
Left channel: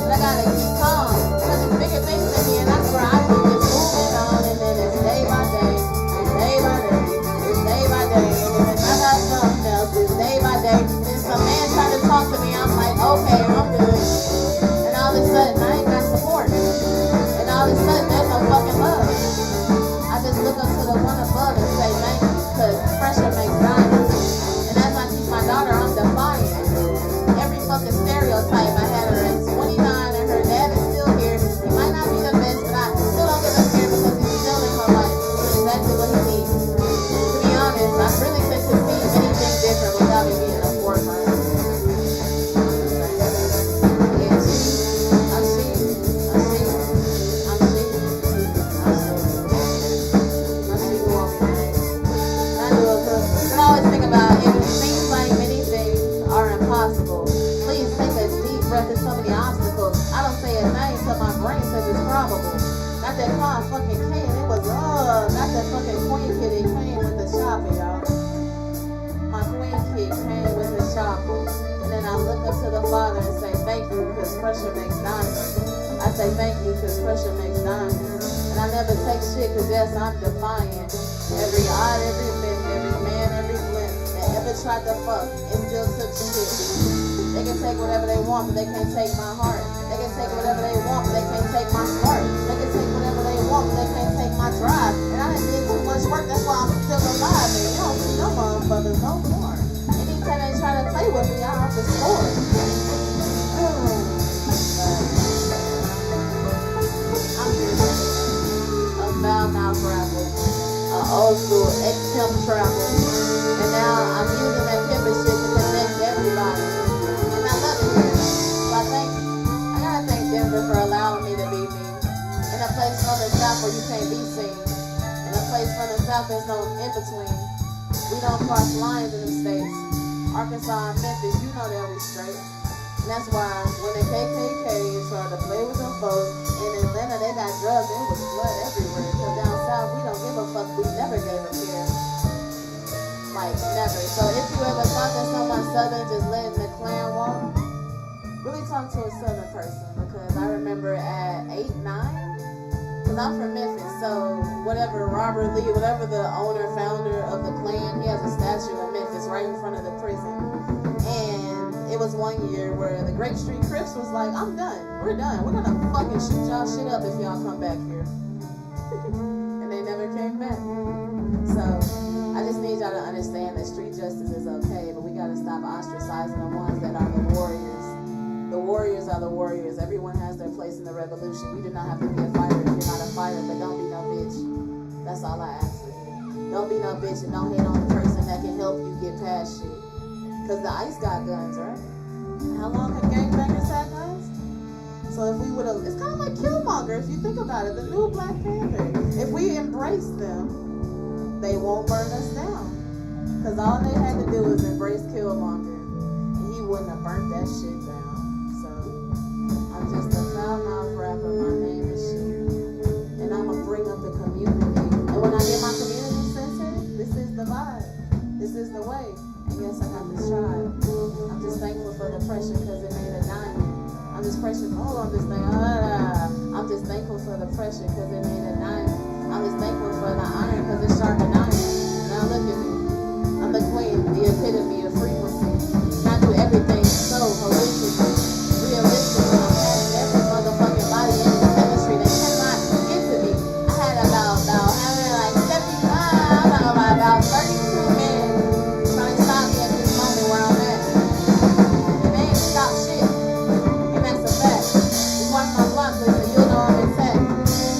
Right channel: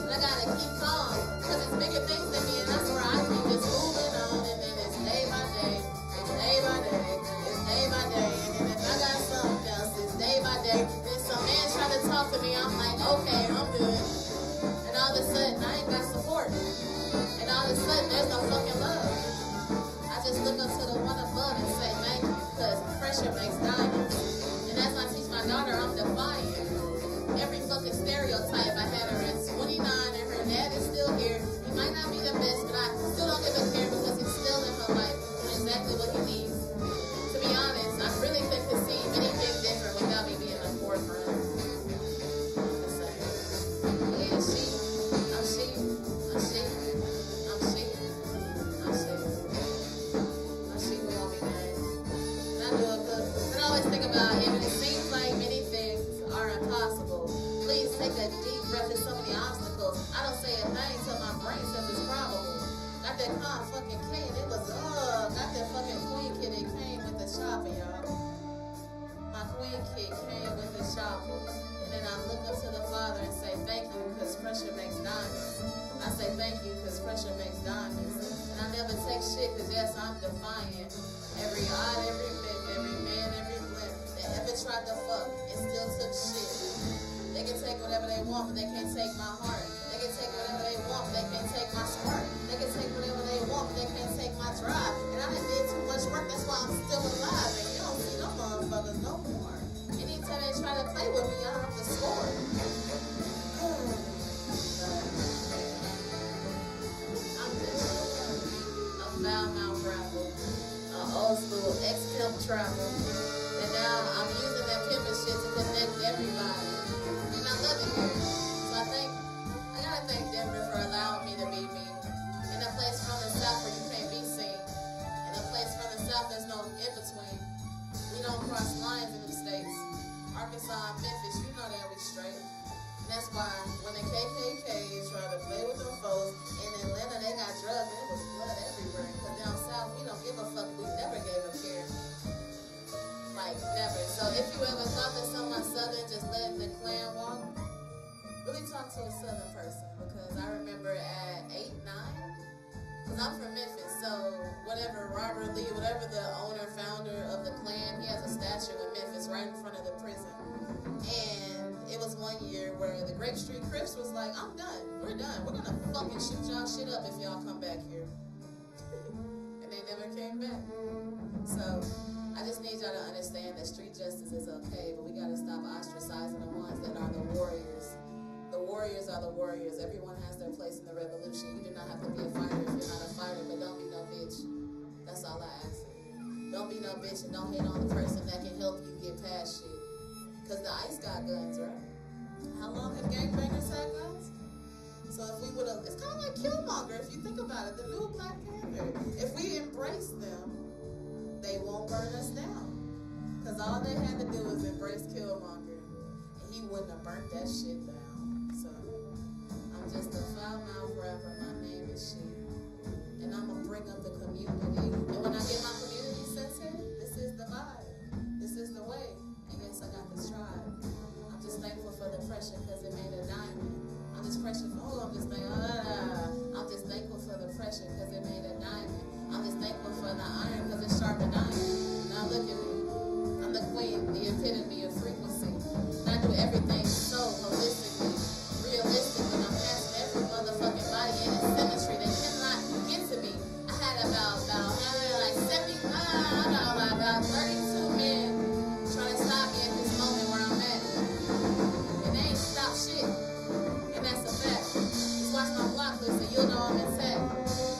But I gotta keep calm. Because it's bigger things than me. And that's where I keep it moving on. And then it's day by day. It's day by day. It's day by day. And then I got something else. It's day by day. Then some man tried to talk to me. I'm like, okay, I'm good. And all of a sudden, I ain't got support. And all of a sudden, there's no fucking love. I just look up to the one above and say thank you. Because pressure makes diamonds. And as I teach my daughter, I'm defiant. Every fucking stereotype. I had her at 29 and her dad is still here. He might not be the best, but I still don't give a care because he's still in her life doing exactly what he needs. To be honest, I really think to see anything different without me being a forefront. I'm just saying. Yeah, I'm she. My she who want me nice. And I do it because I always think about it seems like many things are impossible. Please take a deep breath. There's so many obstacles. I don't say a thing till my brain says it's probable. Got that car fucking came. It was got that fucking queen kid. It came with the shopping, y'all. My queen kid came with the shopping. And then I look up to the Father and say thank you because pressure makes diamonds. I say thank you because pressure makes diamonds. And I never take shit because yes, I'm defiant. Every odd, every myth, every man, every blimp that ever tried to fuck and still took shit. They can take whatever they want, but they can't take my heart. They can take whatever they want, but they can't take my smart. They can take whatever they want, but they can't take my drive. And I didn't need too much work, that's why I'm still alive. And you don't see no motherfuckers no more. Anytime they try to play with me, I have to score. I'm a foul mouth rapper, an old school ex-pimp trapper. And now I'm using that pimpin' shit to connect everybody. And I love it here. So I gotta thank Denver for allowing me to be me. In a place from the South where you can't be seen. In a place from the South there's no in-between. We don't cross lines in them states. Arkansas and Memphis, you know that we straight. And that's why when the KKK tried to play with them folks, in Atlanta they got drugs, there was blood everywhere. Because down south we don't give a fuck, we never gave a care. Like, never. So if you ever thought that someone southern just letting the clan walk, really talk to a southern person. Because I remember at 8, 9, because I'm from Memphis, so whatever Robert Lee, whatever the owner, founder of the clan, he has a statue in Memphis right in front of the prison. And it was one year where the Grape Street Crips was like, I'm done. We're done. We're going to fucking shoot y'all shit up if y'all come back here. And they never came back. So I just need y'all to understand that street justice is okay, but we got to stop ostracizing the ones that are the warriors. The warriors are the warriors. Everyone has their place in the revolution. You do not have to be a fighter if you're not a fighter, but don't be no bitch. That's all I ask of you. Don't be no bitch and don't hate on the person that can help you get past shit. Because the ICE got guns, right? How long have gangbangers had guns? So if we would have, it's kind of like Killmonger if you think about it, the new Black Panther. If we embrace them, they won't burn us down. Because all they had to do was embrace Killmonger. And he wouldn't have burnt that shit down. So I'm just a foul mouth rapper. My name is shit. And I'm going to bring up the community. And when I get my community center, this is the vibe. This is the way. And yes, I got this tribe. I'm just thankful for the pressure because it made a diamond. I'm just thankful for the pressure because it made a diamond. I'm just thankful for the iron because it's sharpened iron. Now look at me. I'm the queen, the epitome of frequency. And I do everything so holistically, realistic, and I'm passing every motherfucking body in its chemistry. They cannot get to me. I had about 32 men trying to stop me at this moment where I'm at. And they ain't stopped shit. And that's a fact. Just watch my block list and you'll know I'm intact.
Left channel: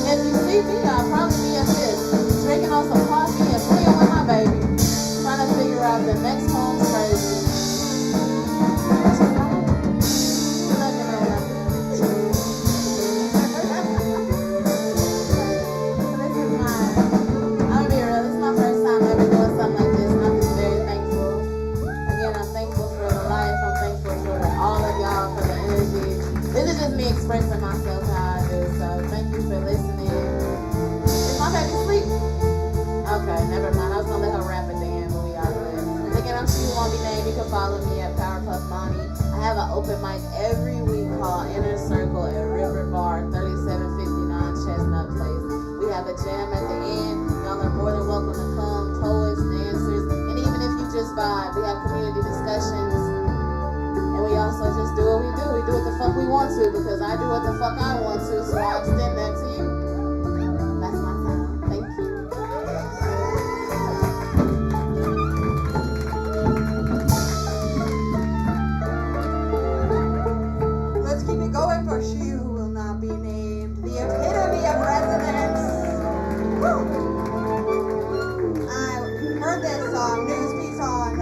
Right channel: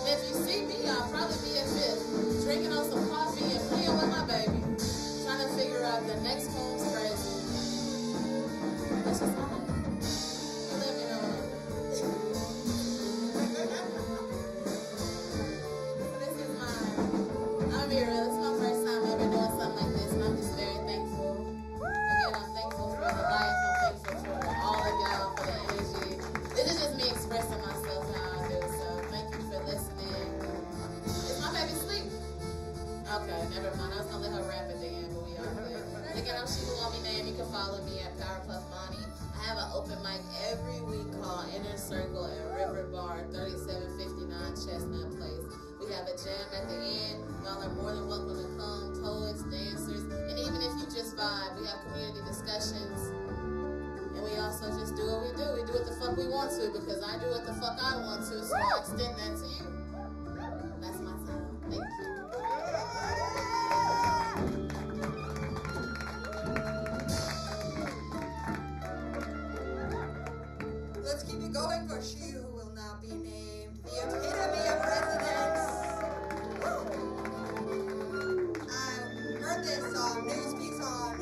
And if you see me, I'll probably be a fifth, drinking on some coffee and playing with my baby, trying to figure out the next home strategy. expressing myself how I do. So thank you for listening. Is my baby asleep? Okay, never mind. I was gonna let her rap at the end, but we are good. And again, I'm She Who Won't Be Named. You can follow me at Powerpuff Mommy. I have an open mic every week called Inner Circle at River Bar, 3759 Chestnut Place. We have a jam at the end. Y'all are more than welcome to come. Poets, dancers, and even if you just vibe, we have community discussions. And we also just do what we do. We do what the fuck we want to because I do what the fuck I want to, so I extend that to you. That's my time. Thank you. Let's keep it going for She Who Will Not Be Named, the epitome of resonance. Woo! I heard this news piece on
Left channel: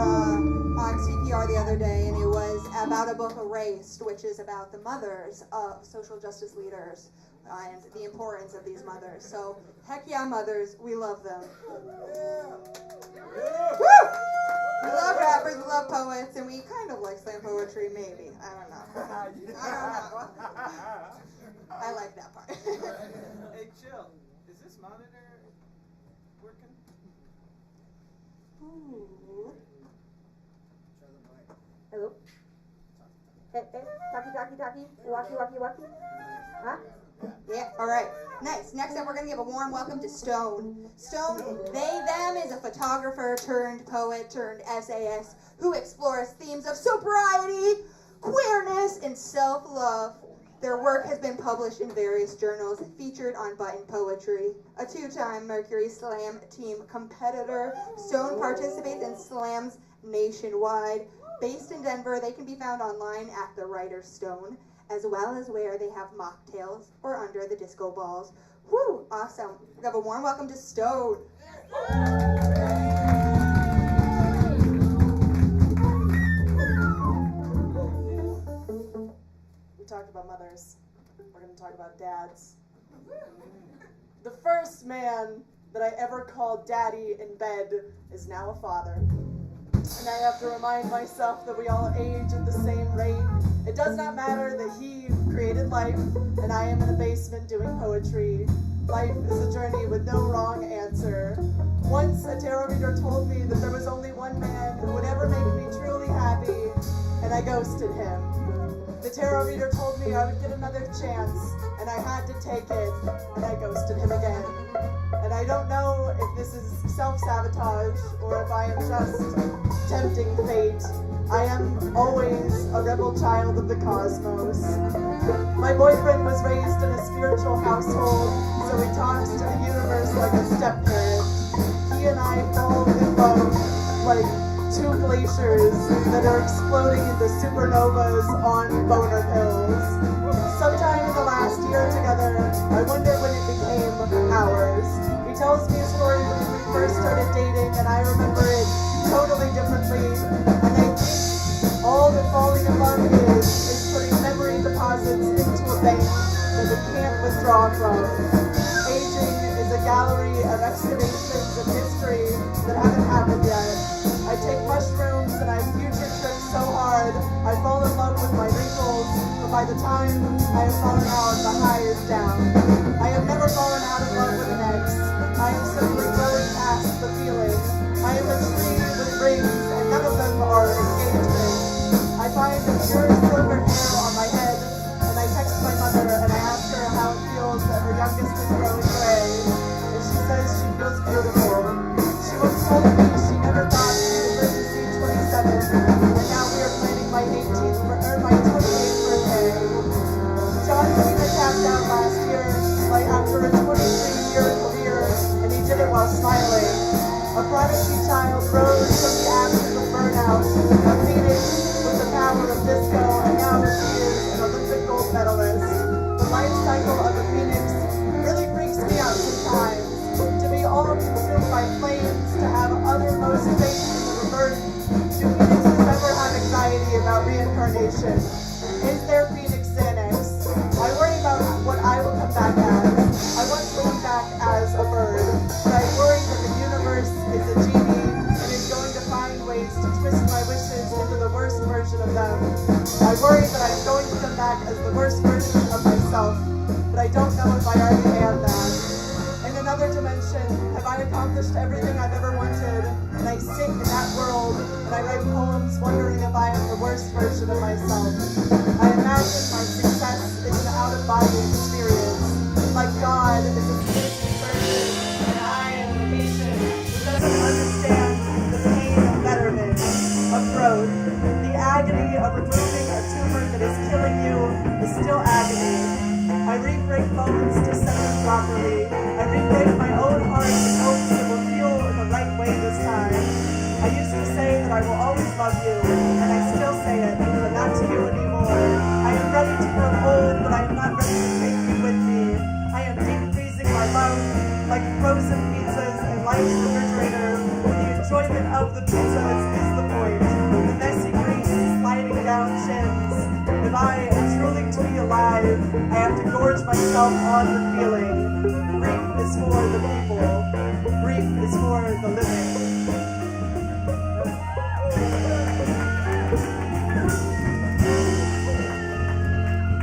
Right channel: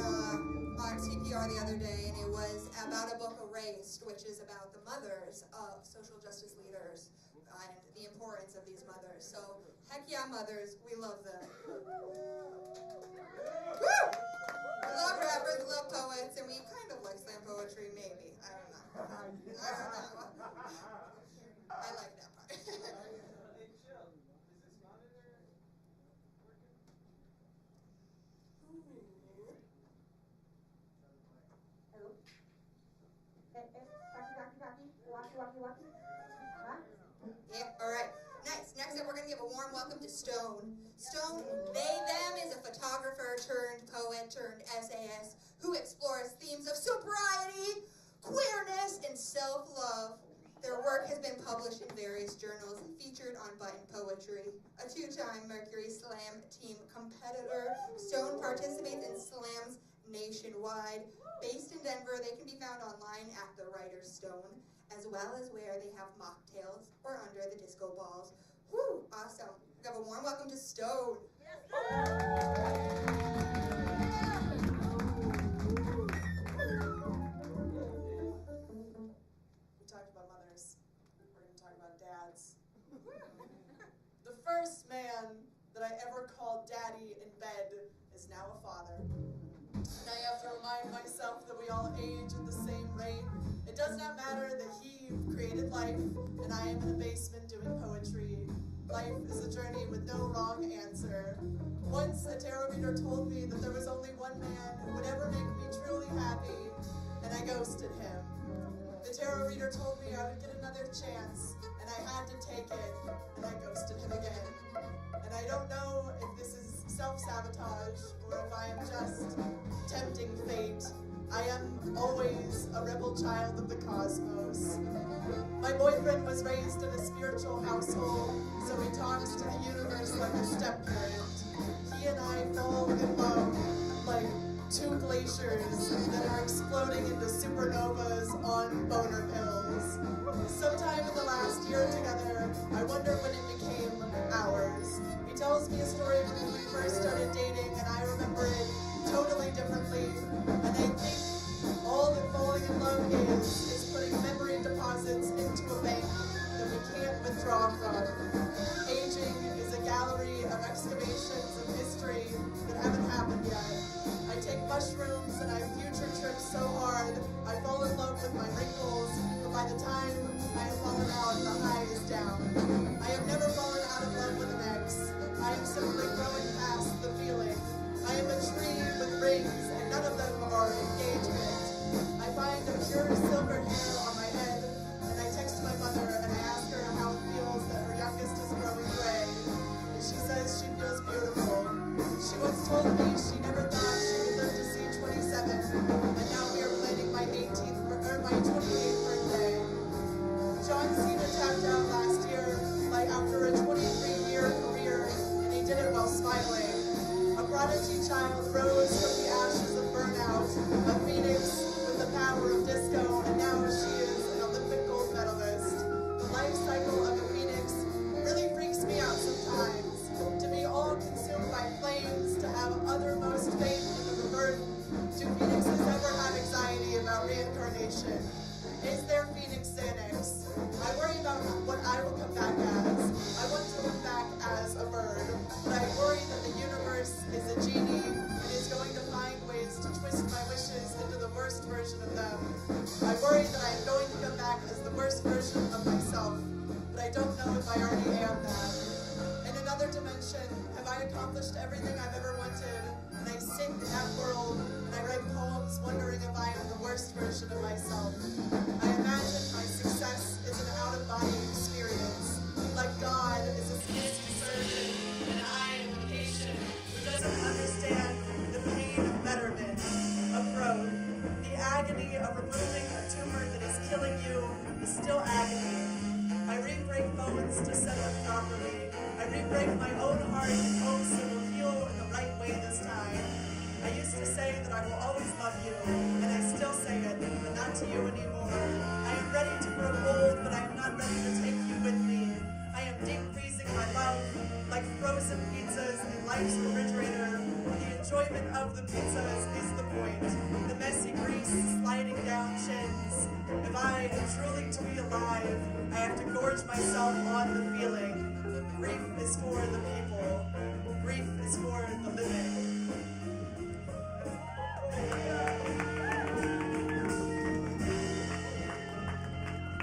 CPR the other day, and it was about a book, Erased, which is about the mothers of social justice leaders and the importance of these mothers. So, heck yeah, mothers, we love them. Woo! We love rappers, we love poets, and we kind of like slam poetry, maybe. I don't know. I like that part. Hey, chill. Is this monitor working? Ooh. Hello? Hey, talkie. Walkie. Huh? Yeah, alright. Nice. Next up, we're going to give a warm welcome to Stone. Stone, them is a photographer turned poet turned essayist who explores themes of sobriety, queerness, and self-love. Their work has been published in various journals, featured on Button Poetry. A two-time Mercury Slam team competitor, Stone participates in slams nationwide. Based in Denver, they can be found online at The Writer's Stone, as well as where they have mocktails or under the disco balls. Woo! Awesome. We have a warm welcome to Stone. We talked about mothers. We're going to talk about dads. The first man that I ever called daddy in bed is now a father. And I have to remind myself that we all age at the same rate. It does not matter that he created life and I am in a basement doing poetry. Life is a journey with no wrong answer. Once a tarot reader told me that there was only one man who would ever make me truly happy, and I ghosted him. The tarot reader told me I would get another chance, and I had to take it, and I ghosted him again. And I don't know if this is self-sabotage or if I am just tempting fate. I am always a rebel child of the cosmos. My boyfriend was raised in a spiritual household, so he talks to the universe like a step-parent. He and I fall in love like two glaciers that are exploding into supernovas on boner pills. Sometime in the last year together, I wonder when it became ours. He tells me a story from when we first started dating, and I remember it totally differently. And I think all that falling in love is putting memory deposits into a bank that we can't withdraw from. Aging is a gallery of excavations of history that haven't happened yet. I take mushrooms and I future trip so hard, I fall in love with my wrinkles, but by the time I have fallen out, the high is down. I have never fallen out of love with an ex. I am simply growing past the feeling. I am a tree with rings, and none of them are engagements. I find a pure silver hair on my head, and I text my mother and I ask her how it feels that her youngest is growing gray, and she says she feels beautiful. She once told me she never thought she would live to see 27, and now we are planning my 28th birthday. John Cena tapped out last year, like after a 23-year career, and he did it while smiling. A prodigy child rose from the ashes of burnout, a phoenix with the power of disco, and now she is an Olympic gold medalist. The life cycle of a phoenix really freaks me out sometimes. To be all consumed by flames, to have uttermost faith in the rebirth. Do phoenixes ever have anxiety about reincarnation? Is there Phoenix Xanax? I worry about what I will come back as. I want to come back as a bird, but I worry that the universe is a genie and is going to find ways to twist my wishes into the worst version of them. I worry that I am going to come back as the worst version of myself. I already am that. In another dimension, have I accomplished everything I've ever wanted? And I sit in that world and I write poems wondering if I am the worst version of myself. I imagine my success is an out-of-body experience. Like God is a citizen surgeon and I am a patient who doesn't understand the pain of betterment, of growth. The agony of removing a tumor that is killing you is still agony. I re-break bones to set them properly. I re-break my own heart in hopes it will heal in the right way this time. I used to say that I will always love you, and I still say it, but not to you anymore. I am ready to grow old, but I am not ready to take you with me. I am deep freezing my love like frozen pizzas in life's refrigerator. The enjoyment of the pizzas is the point. The messy grease sliding down chins. If I am truly to be alive, I have to gorge myself on the feeling. Grief is for the people. Grief is for the living.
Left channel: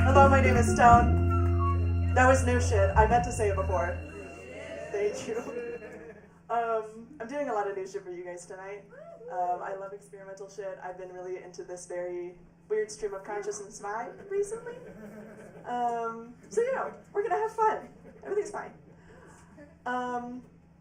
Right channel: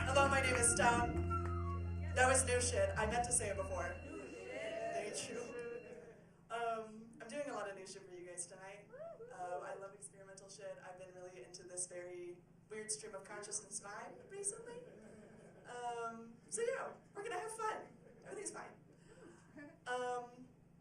Hello, my name is Stone. That was new shit. I meant to say it before. Thank you. I'm doing a lot of new shit for you guys tonight. I love experimental shit. I've been really into this very weird stream of consciousness vibe recently. So you know, we're gonna have fun. Everything's fine.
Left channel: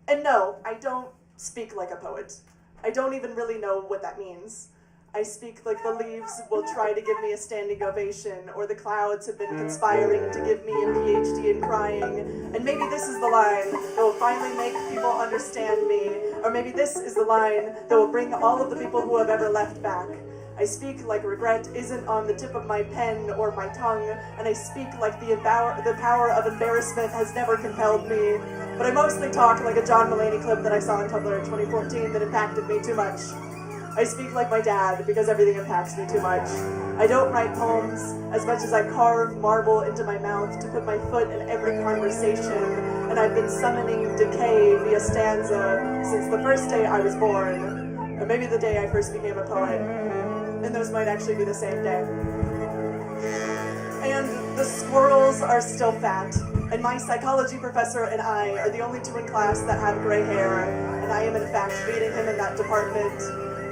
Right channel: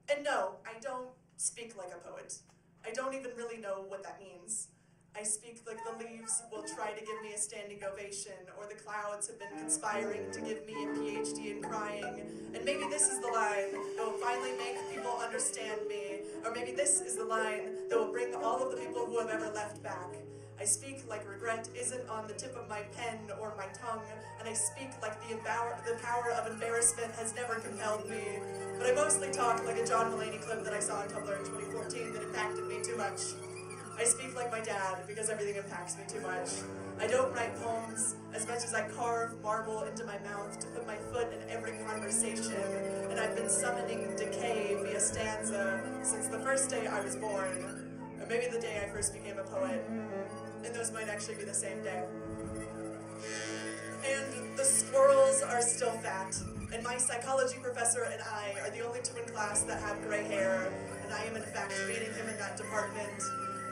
And no, I don't speak like a poet. I don't even really know what that means. I speak like the leaves will try to give me a standing ovation, or the clouds have been conspiring to give me a PhD in crying, and maybe this is the line that will finally make people understand me, or maybe this is the line that will bring all of the people who have ever left back. I speak like regret isn't on the tip of my pen or my tongue, and I speak like the power of embarrassment has never compelled me. But I mostly talk like a John Mulaney clip that I saw on Tumblr in 2014 that impacted me too much. I speak like my dad because everything impacts me too much. I don't write poems as much as I carve marble into my mouth to put my foot in every conversation, and I've been summoning decay via stanza since the first day I was born, or maybe the day I first became a poet, and those might actually be the same day. And the squirrels are still fat, and my psychology professor and I are the only two in class that have gray hair, and I am in fact beating him in that department.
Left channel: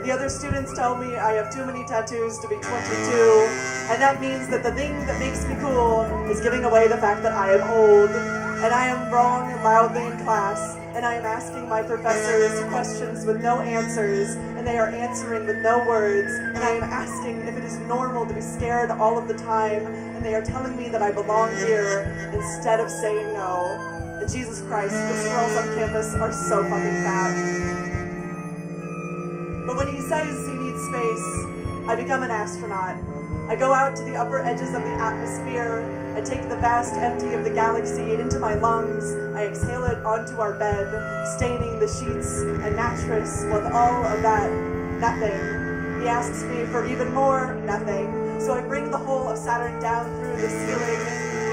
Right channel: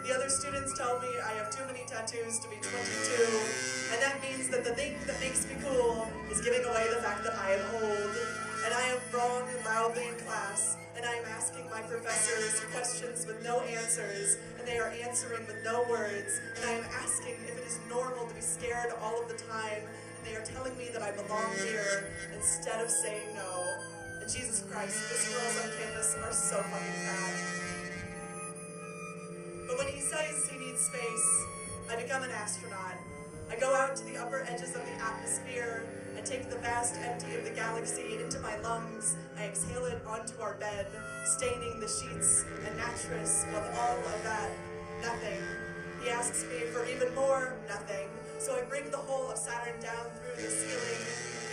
The other students tell me I have too many tattoos to be 22, and that means that the thing that makes me cool is giving away the fact that I am old. And I am wrong loudly in class, and I am asking my professors questions with no answers, and they are answering with no words, and I am asking if it is normal to be scared all of the time, and they are telling me that I belong here instead of saying no. And Jesus Christ, those girls on campus are so fucking fat. But when he says he needs space, I become an astronaut. I go out to the upper edges of the atmosphere. I take the vast empty of the galaxy into my lungs. I exhale it onto our bed, staining the sheets and mattress with all of that nothing. He asks me for even more nothing. So I bring the whole of Saturn down through the ceiling.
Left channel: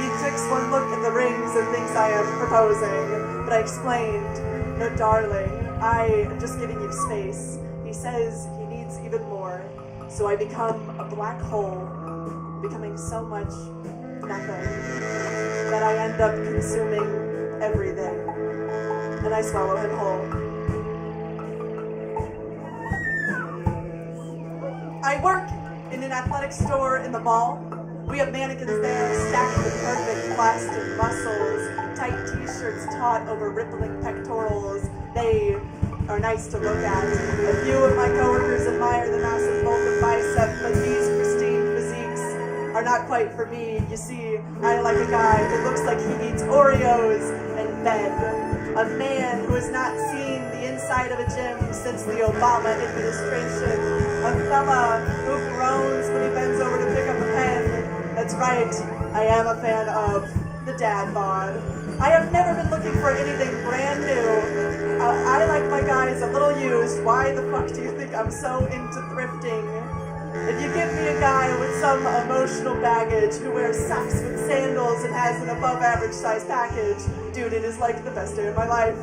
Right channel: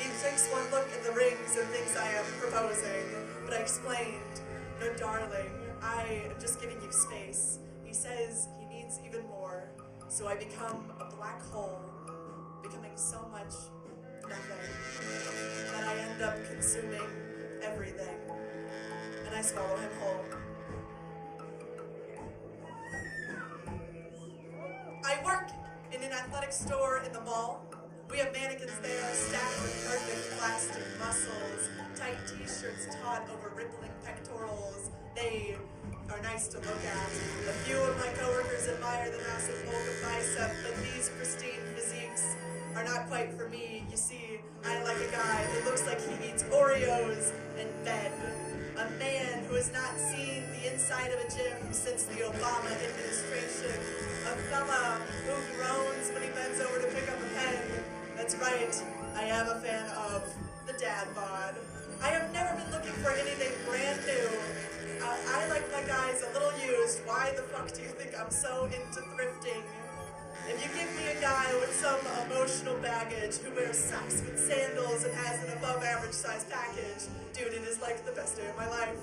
He takes one look at the rings and thinks I am proposing. But I explained, no darling, I am just giving you space. He says he needs even more. So I become a black hole, becoming so much nothing that I end up consuming everything. And I swallow him whole. I work in an athletic store in the mall. We have mannequins there stacked with perfect plastic muscles, tight t-shirts taut over rippling pectorals. They are nice to look at. A few of my coworkers admire the massive bulk of bicep, but these pristine physiques are not quite for me. You see, I like a guy who looks like he eats Oreos and bed. A man who has not seen the inside of a gym since the Obama administration. A fella who groans when he bends over to pick up a pen. That's right, I am a fan of the dad bod. I have never been looking for anything brand new. I like my guys a little used. Why the fuck do you think I'm so into thrifting? If you give me a guy with some emotional baggage who wears socks with sandals and has an above average size package, dude, it is like the best day of my life.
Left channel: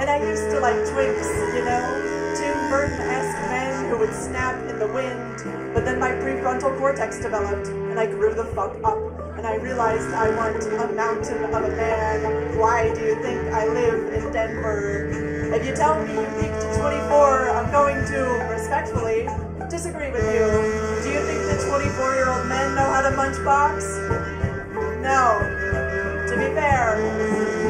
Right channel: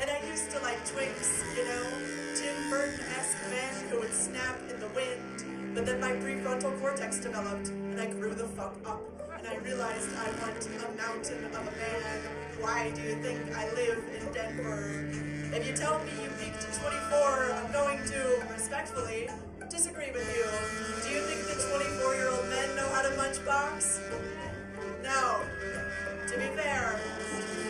And I used to like twinks, you know? Tim Burton-esque men who would snap in the wind, But then my prefrontal cortex developed, and I grew the fuck up, and I realized I want a mountain of a man. Why do you think I live in Denver? If you tell me you peaked at 24, I'm going to, respectfully, disagree with you. Do you think that 24-year-old men know how to munch box? No. To be fair,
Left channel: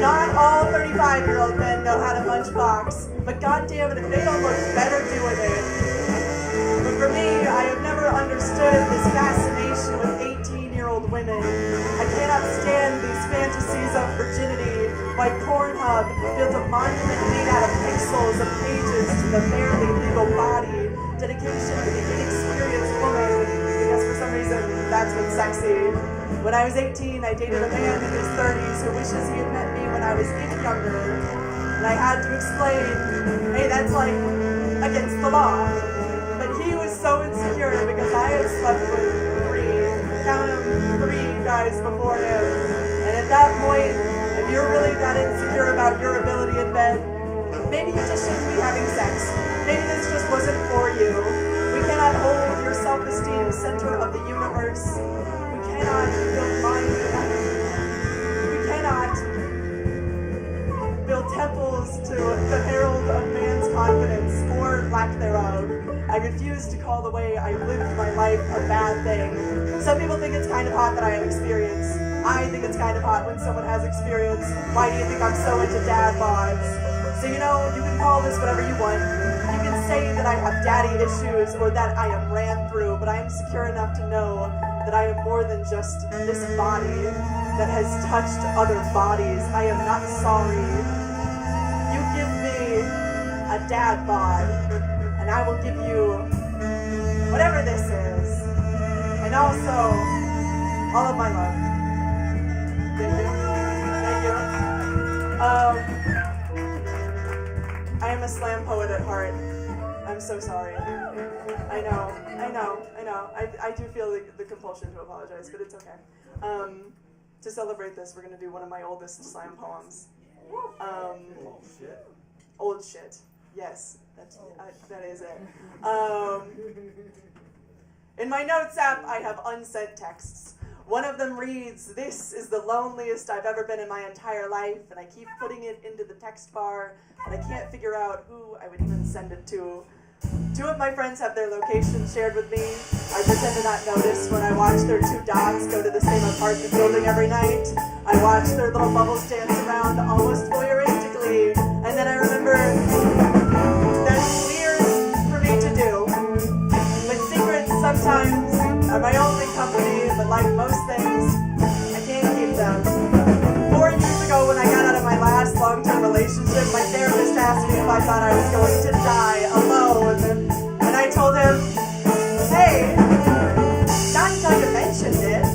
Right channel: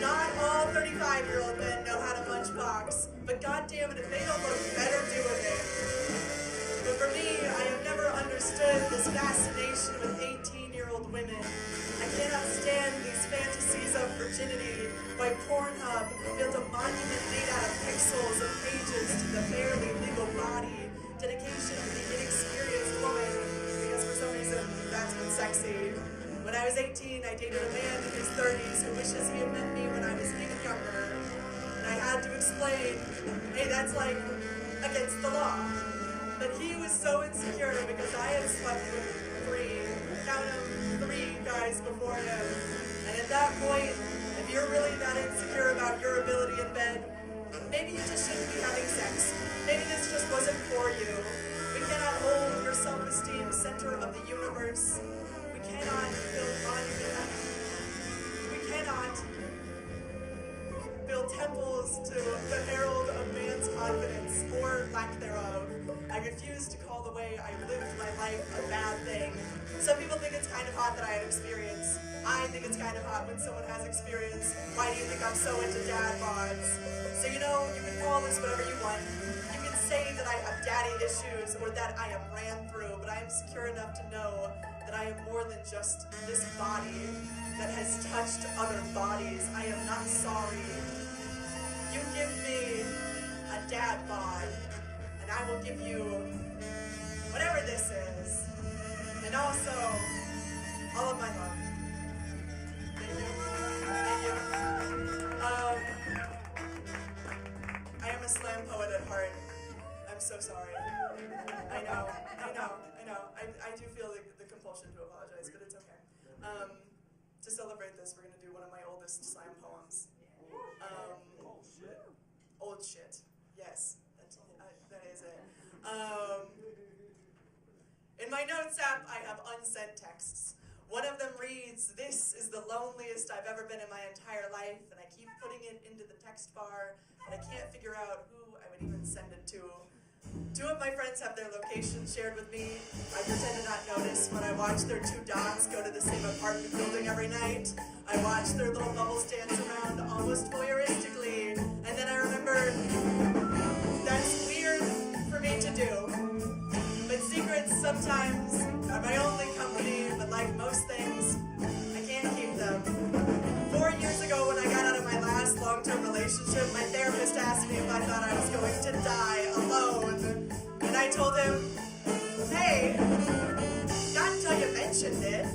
not all 35-year-old men know how to munch box, but goddamn it, if they don't look better doing it. But for me, I have never understood this fascination with 18-year-old women. I cannot stand these fantasies of virginity. Why Pornhub built a monument made out of pixels of pages to the barely legal body. Dedication to the inexperienced woman, because for some reason, that's what's sexy. When I was 18, I dated a man in his 30s who wishes he had met me when I was even younger. And I had to explain, hey, that's like against the law. But he was so insecure because I had slept with count them, 3 guys before him. And at that point, if you're really that insecure about your ability in bed, maybe you just shouldn't be having sex. Maybe this just wasn't for you. We cannot hold your self-esteem center of the universe. We cannot build monuments. We cannot build temples to the herald of man's confidence, or lack thereof. I refuse to call the way I lived my life a bad thing. Some people think it's kind of hot that I have experience. I think it's kind of hot when someone has experience. Why do you think I'm so into dad bods? So you know, you can call this whatever you want. You can say that I have daddy issues or that I am ran through, but I am secure enough to know that I am more than just this body that has touched other bodies. I am not sorry. You give me a dad bod, and I will give you whatever this is. And also, all of my love. Thank you. Thank you. I am a slam poet at heart. I'm so sorry. I know. I do feel the compulsion to apologize, but it's okay. To celebrate this, we're going to do one of my oldest slam poems. Old shit. Yes, that is it. In my notes app, I have unsent texts. One of them reads, "This is the loneliest I've ever been in my entire life," and I keep putting it into the text bar, and I can't figure out who I would even send it to. 2 of my friends have their locations shared with me. I pretend to not notice when I watch their 2 dogs go to the same apartment building every night. I watch their little bubbles dance around almost voyeuristically, and then I remember that's weird for me to do. But secrets sometimes are my only company, but like most things, I can't keep them. 4 years ago when I got out of my last long-term relationship, my therapist asked me if I thought I was going to die alone. And I told him, hey, not until you mentioned it.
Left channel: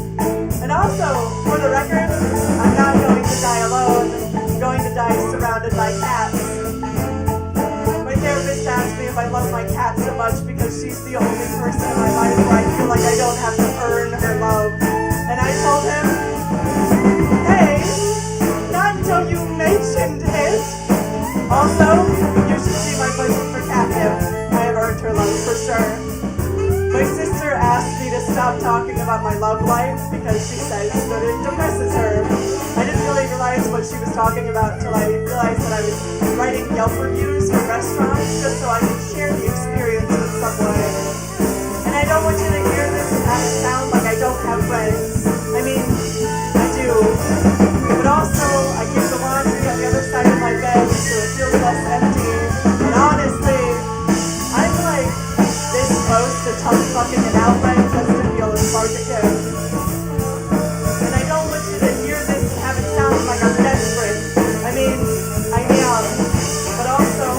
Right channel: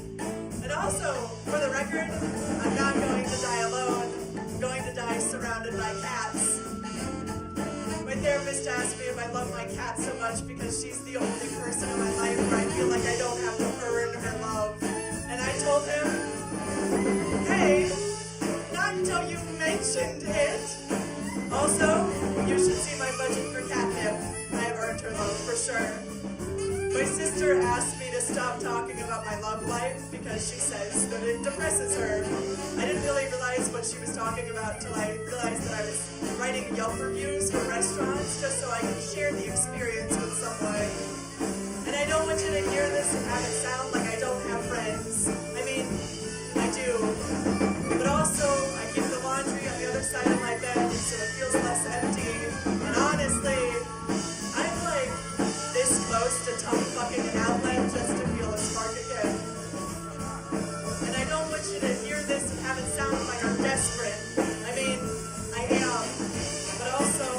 And also, for the record, I'm not going to die alone. I'm going to die surrounded by cats. My therapist asked me if I love my cat so much because she's the only person in my life where I feel like I don't have to earn her love. And I told him, hey, not until you mentioned it. Also, you should see my budget for catnip. I have earned her love for sure. My sister asked me to stop talking about my love life because she says that it depresses her. I didn't really realize what she was talking about until I realized that I was writing Yelp reviews for restaurants just so I could share the experience with someone. And I don't want you to hear this and have it sound like I don't have friends. I mean, I do. But also, I keep the laundry on the other side of my bed so it feels less empty. And honestly, I'm like this close to tongue fucking an outlet just to feel a spark again. And I don't want you to hear this and have it sound like I'm desperate. I mean, I am. But also,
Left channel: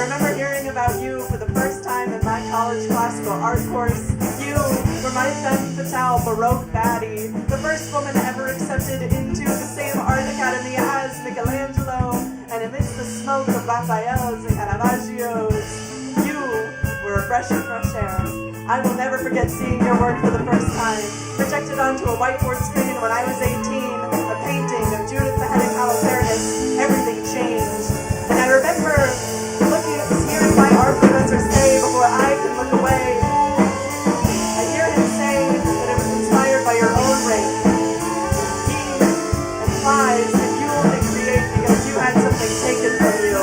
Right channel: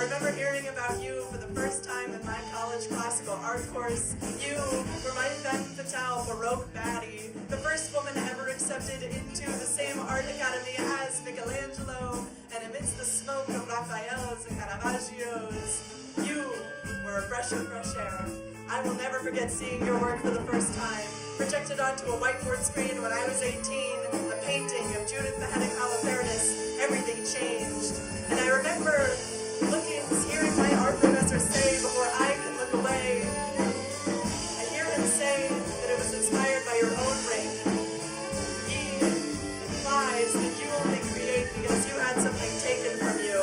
I remember hearing about you for the first time in my college classical art course. You were my femme fatale Baroque baddie, the first woman ever accepted into the same art academy as Michelangelo, and amidst the smoke of Raphael's and Caravaggios, you were a breath of fresh air. I will never forget seeing your work for the first time, projected onto a whiteboard screen when I was 18, a painting of Judith beheading Holofernes. Everything changed. And I remember hearing my art professor say before I could look away, I hear him say that it was inspired by your own rape. He implies that you only create because you had something taken from you.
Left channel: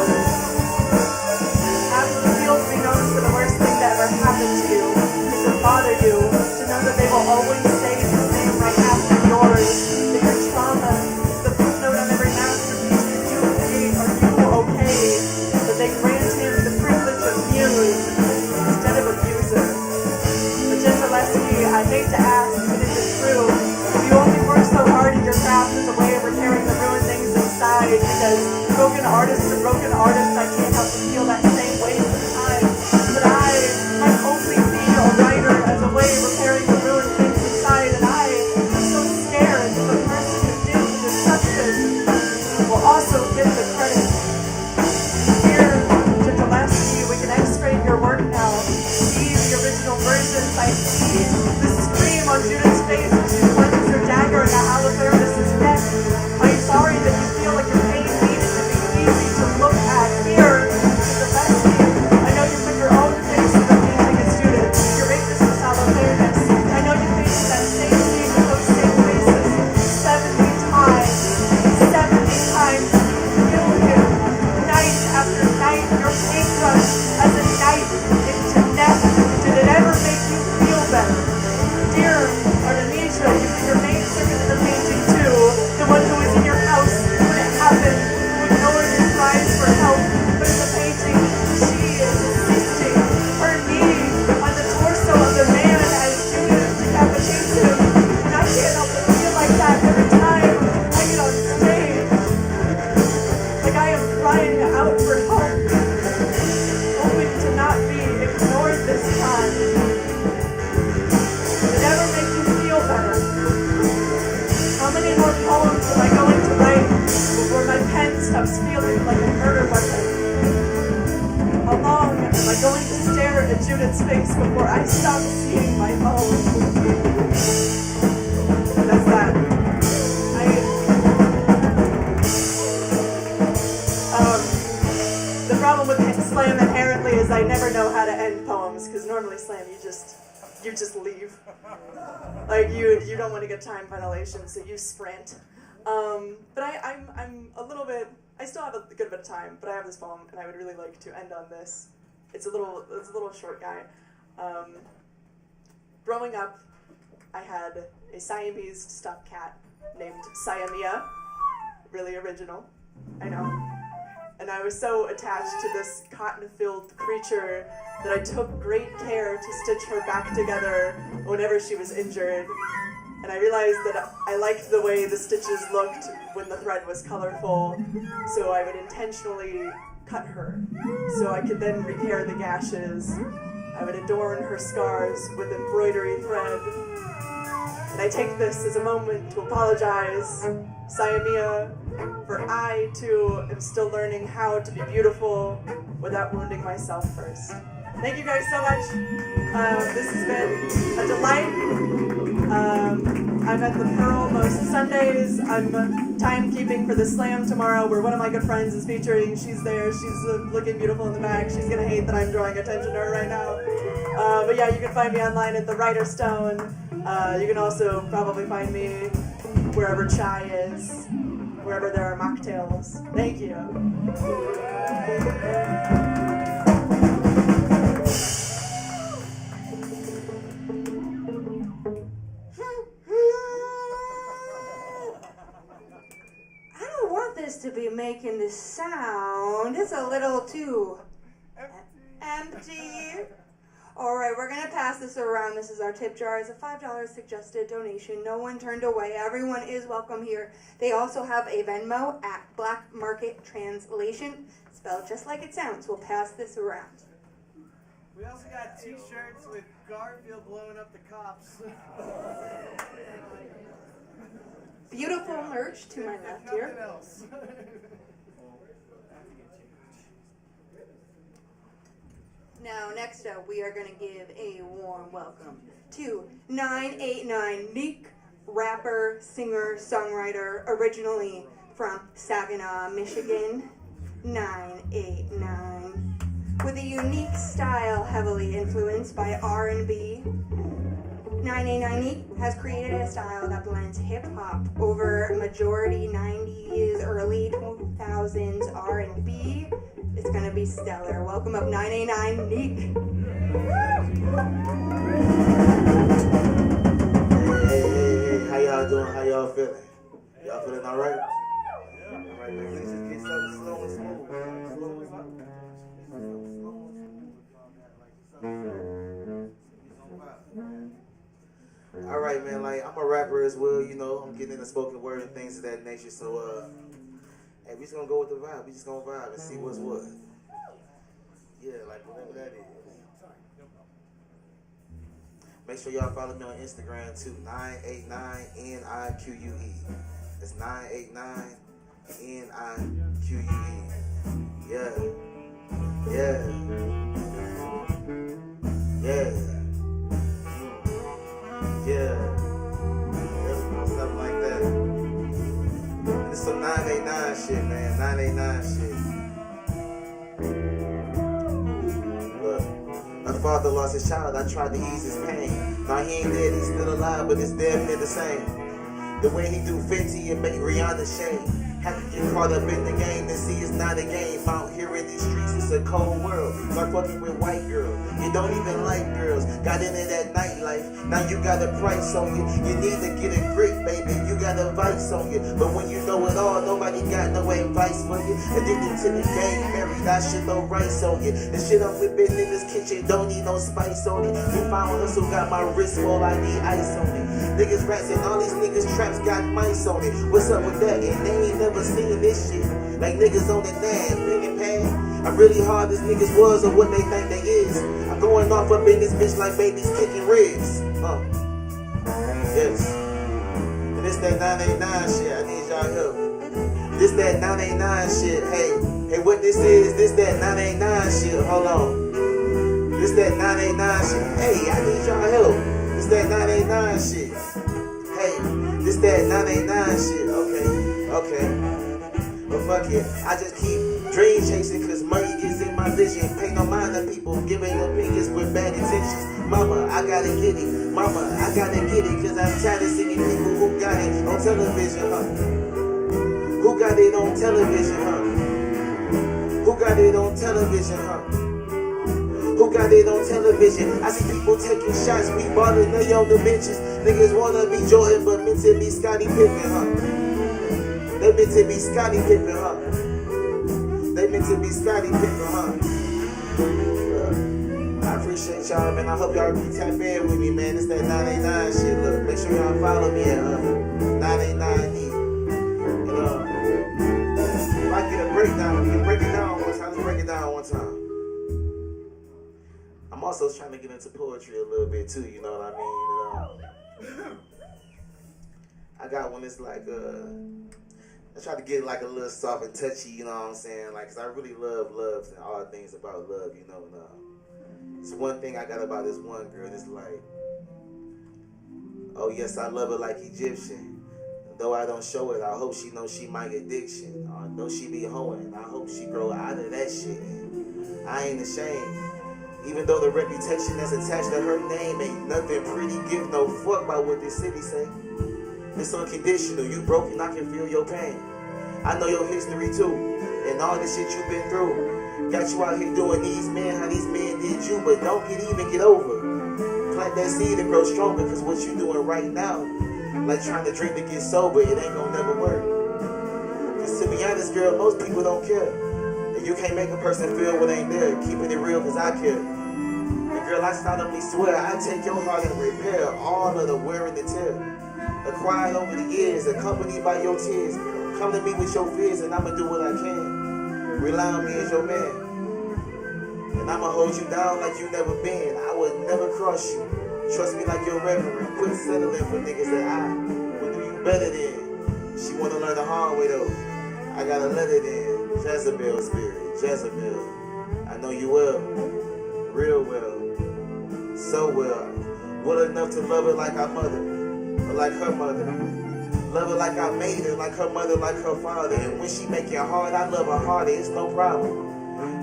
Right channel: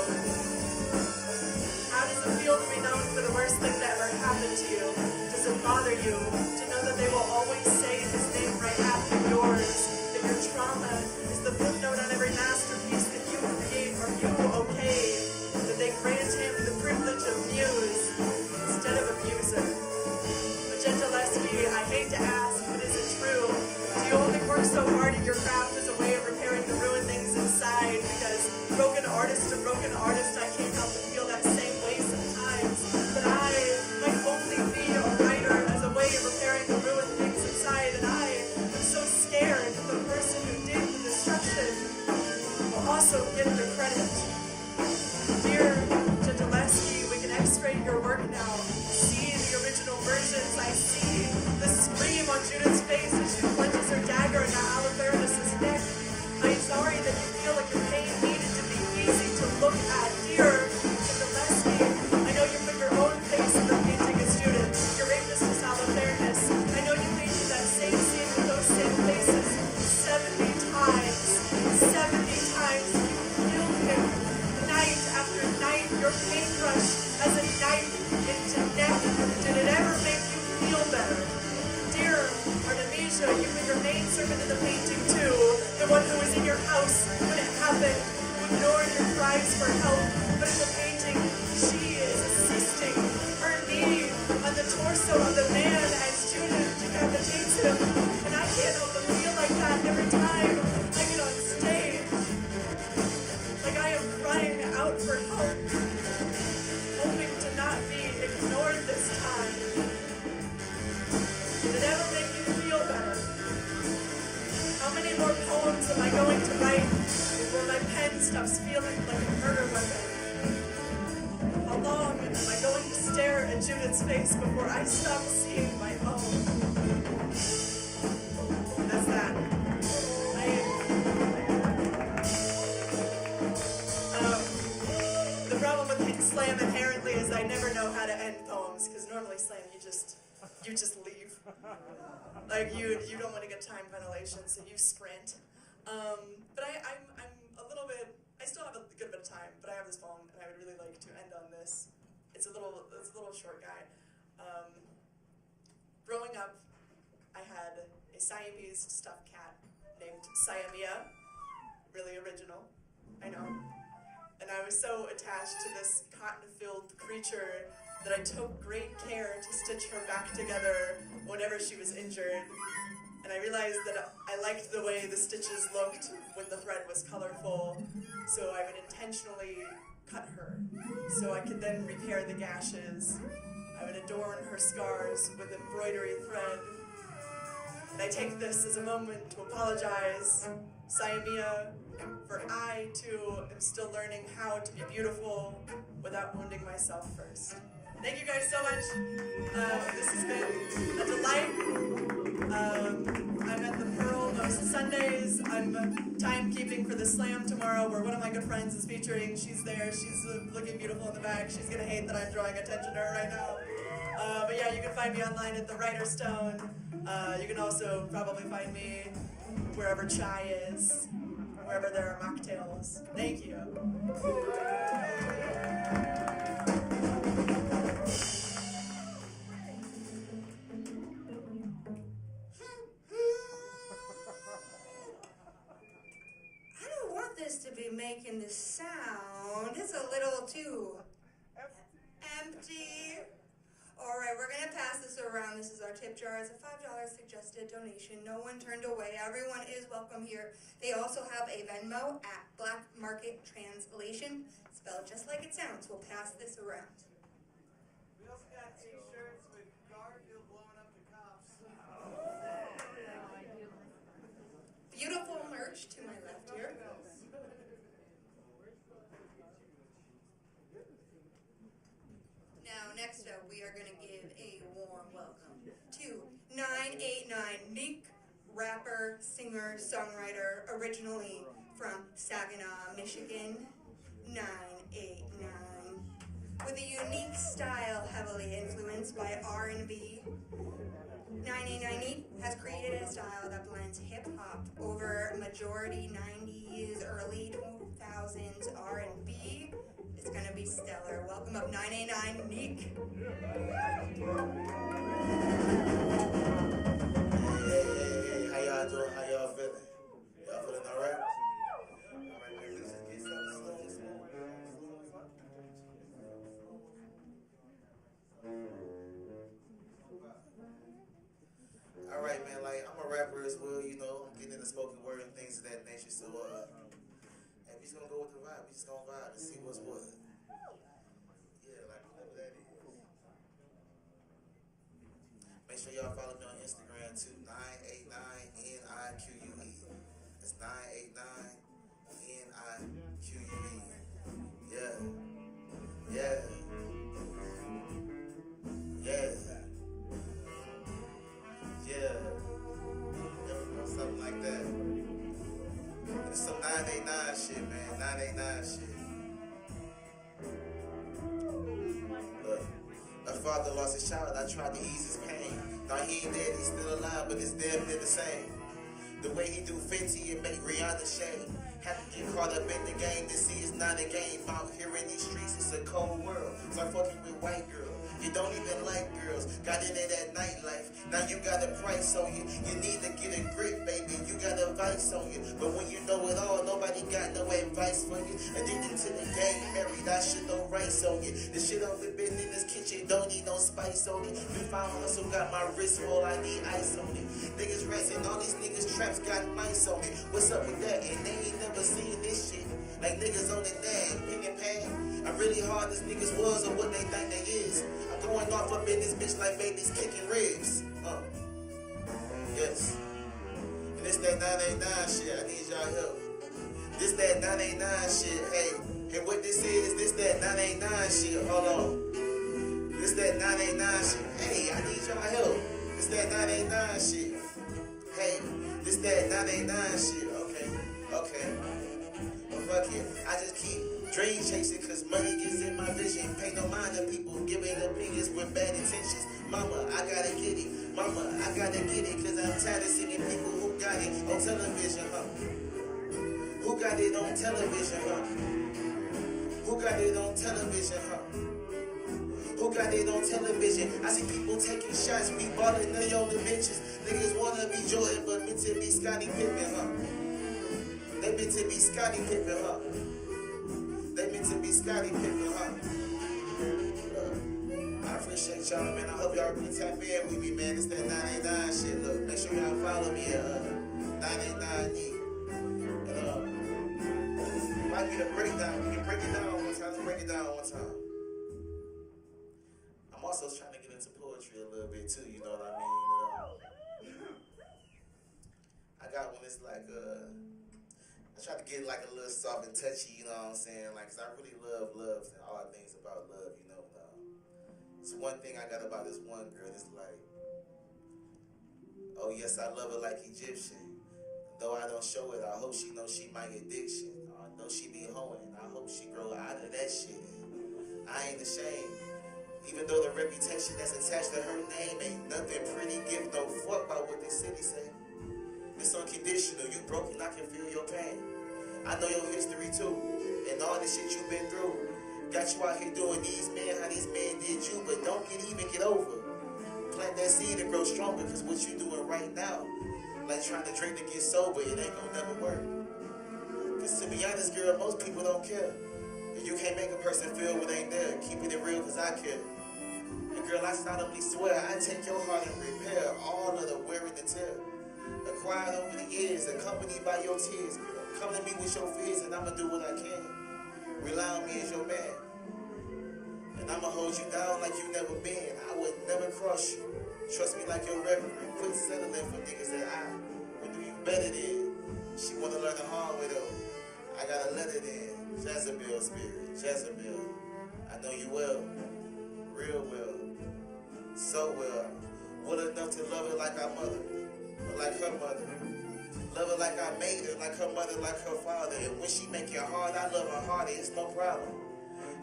How does it feel to be known for the worst thing that ever happened to you? Does it bother you to know that they will always say his name right after yours? That your trauma is the footnote on every masterpiece that you create. Are you okay? That they grant him the privilege of muse instead of abuser. But Gentileschi, I hate to ask, but is it true? If you only work so hard at your craft as a way of repairing the ruined things inside, because broken artist to broken artist, I can't help but feel that same way sometimes. But I might only be a writer as a way of repairing the ruined things inside, and I am so scared that the person who did the destruction will also get the credit. Here, Gentileschi, we can x-ray your work now. See the original versions. I see the scream on Judith's face as she plunges her dagger into Holofernes' neck. I'm sorry that you feel like your pain needs to be easy to look at. Here, Gentileschi, I know you put your own face in the painting as Judith. Your rapist was Holofernes. I know you painted that same scene with those same faces 70 times. 70 times. You killed him. Night after night, your paintbrush as a knife into neck. Did it ever make you feel better? Dear Artemisia, you put your maid servant in the painting too. The one who was in your house when it happened, who ignored your cries for help. But in the painting, she is assisting. Her knee on the torso of the man as Judith decapitates him. And I can't help but feel like that every time I get on stage. Like I am crying out for help, hoping to not be ignored this time. Did it ever make you feel better? How many more poems am I going to write before my pen stops feeling like a murder weapon? How long am I going to stare at Judith's face before I stop seeing my own? That's that. The problem with slam inherently is I never know how to end poems, because normally slam you just leave. Like you don't want to get time ventilation, so you sprint. But I'm a little bit. I still have a good bit of time, but I have this poem, and I would really like to end on this. It's a little short guy. Growing up, I had a Siamese stuffed cat named Siamia. Really original, I know. And I was so attached to this cotton-filled creature that I took great care to stitch her back together whenever she was injured. And I realized that I liked the way the stitches looked when the thread was colorful, so I would intentionally cut her so I could then repair the gashes. I would adorn her scars with embroidery thread. And I take this as a moment to apologize, Siamia, for I, too, am still learning how to be beautiful without wounding myself first. Thank you guys so much. This has been a delight. I'm at the Pearl most Sundays. I'm timekeeping for the Slam tomorrow, where one of my good friends is featuring. She's there. She's looking beautiful in the back. She's going to hate that I'm drawing attention to her right now. But yeah, you can find me online at the Writer Stone. You can also probably find me wherever chai is, wherever there are mocktails. Thank you. To be making this sound. It's a little too empty. Alright, we're gonna pass this around. This is our tip jar. It's a $5 suggested donation. No one turned away. Everyone is welcome here. They also have a Venmo at Black Market Translation. spelled just like it sounds. We'll pass this around. We also got t-shirts with Garfield blowing up the cops. Beautiful merch to my left Nothing here. else. Now, next up, we are going to give a warm welcome to 989 Neek, rapper, singer, songwriter, originally from Saginaw, Michigan. 989. With a unique style heavily influenced by R&B, 989 Neek has created a style that blends hip-hop over majority 90s, early 2000s R&B. It's gonna be stellar. Welcome up 989 Neek. Hey, how y'all doing? How y'all feeling? Y'all feeling all right? All right, man, let's just get something slow and smooth. Slow and slow. All right, man, like, I'm a rapper as well, you know. I'm getting into spoken word and things of that nature, so, hey, we just gonna go with the vibe. We just gonna vibe and see what's what. Yeah, like, whatever that is. Make sure y'all follow me on Instagram too. 989NIQUE. It's 989NIQUE. Yeah. Yeah. Yeah. Yeah. Something like that. And it's some 989 shit, man. 989 shit. Look. My father lost his child, I tried to ease his pain. Now he ain't dead, he's still alive, but it's damn near the same. The way he do 50 and make Rihanna shame. Have to get caught up in the game to see it's not a game. Out here in these streets, it's a cold world. Start fucking with white girls. You don't even like girls. Got into that nightlife. Now you got a price on you. You need to get a grip, baby. You got a vice on you. But when you know it all, nobody got no advice for you. Addicted to the game, married, I should no rice on you. The shit I'm whipping in this kitchen don't need no spice on it. You found hustle, got my wrist full, I need ice on it. Niggas rats and all these niggas traps got mice on it. What's up with that? And they ain't never seen this shit. Like niggas on the nag, pen and pad. I'm really hard as niggas was or what they think they is. I'm going off up in this bitch like babies kicking ribs. Yes. And this that 989 shit, I need y'all help. This that 989 shit, hey, what this is, this that 989 shit, hold on. This that 989 shit, hey, I need y'all help. This that 989 shit. Hey, this that 989 shit, okay. But fuck it, I just keep dream chasing cause money gets in my vision. Pay no mind to people giving opinions with bad intentions. Mama, I gotta get it. Mama, I gotta get it cause I'm tired of seeing people who got it on television, Who got it on television, Who got it on television, Who got it on television? I see people taking shots, we ballin' they on the benches. Niggas wanna be Jordan, but meant to be Scottie Pippen, They meant to be Scottie Pippen, They meant to be Scottie Pippen, I appreciate y'all, man. I hope y'all be tap in with me, man. It's that 989 shit. Look, make sure y'all follow me at 989E. And if I get a breakdown, we can break it down one time. Let's break it down one time. I'm also trying to get into poetry a little bit too, you know what I mean? I got one that's like I try to get like a little soft and touchy, you know what I'm saying? Like, cause I really love and all things about love, you know. And, it's one thing I got about this one girl. It's like, oh yes, I love her like Egyptian. Though I don't show it, I hope she knows she my addiction. I know she be hoeing. I hope she grow out of that shit. I ain't ashamed. Even though the reputation that's attached to her name ain't nothing pretty, give no fuck about what this city say. It's unconditional, you broken, I can feel your pain. I know your history too, and all the shit you've been through. Got you out here doing these men, how these men did you, but don't get over. Plant that seed and grow stronger, cause what you doing right now, like trying to drink to get sober, it ain't gonna never work. Cause to be honest, girl, most people don't care. And you can't make a person feel what ain't there, keeping it real cause I care. And girl, I solemnly swear, I take your heart and repair all of the wear and the tear. Acquired over the years, accompanied by your tears. Come to me with your fears and I'ma do what I can. Rely on me as your man. And I'ma hold you down like you never been. I would never cross you. Trust me like your reverend. Quit settling for niggas that I will do you better than. She wanna learn the hard way though. I gotta let it in. Jezebel spirit. Jezebel. I know you well. Real well. So well. Well enough to love her like our mother. Or like her mother. Love her like I made her. Like her mother, like her father. And when she make it hard, I love her harder. It's no problem.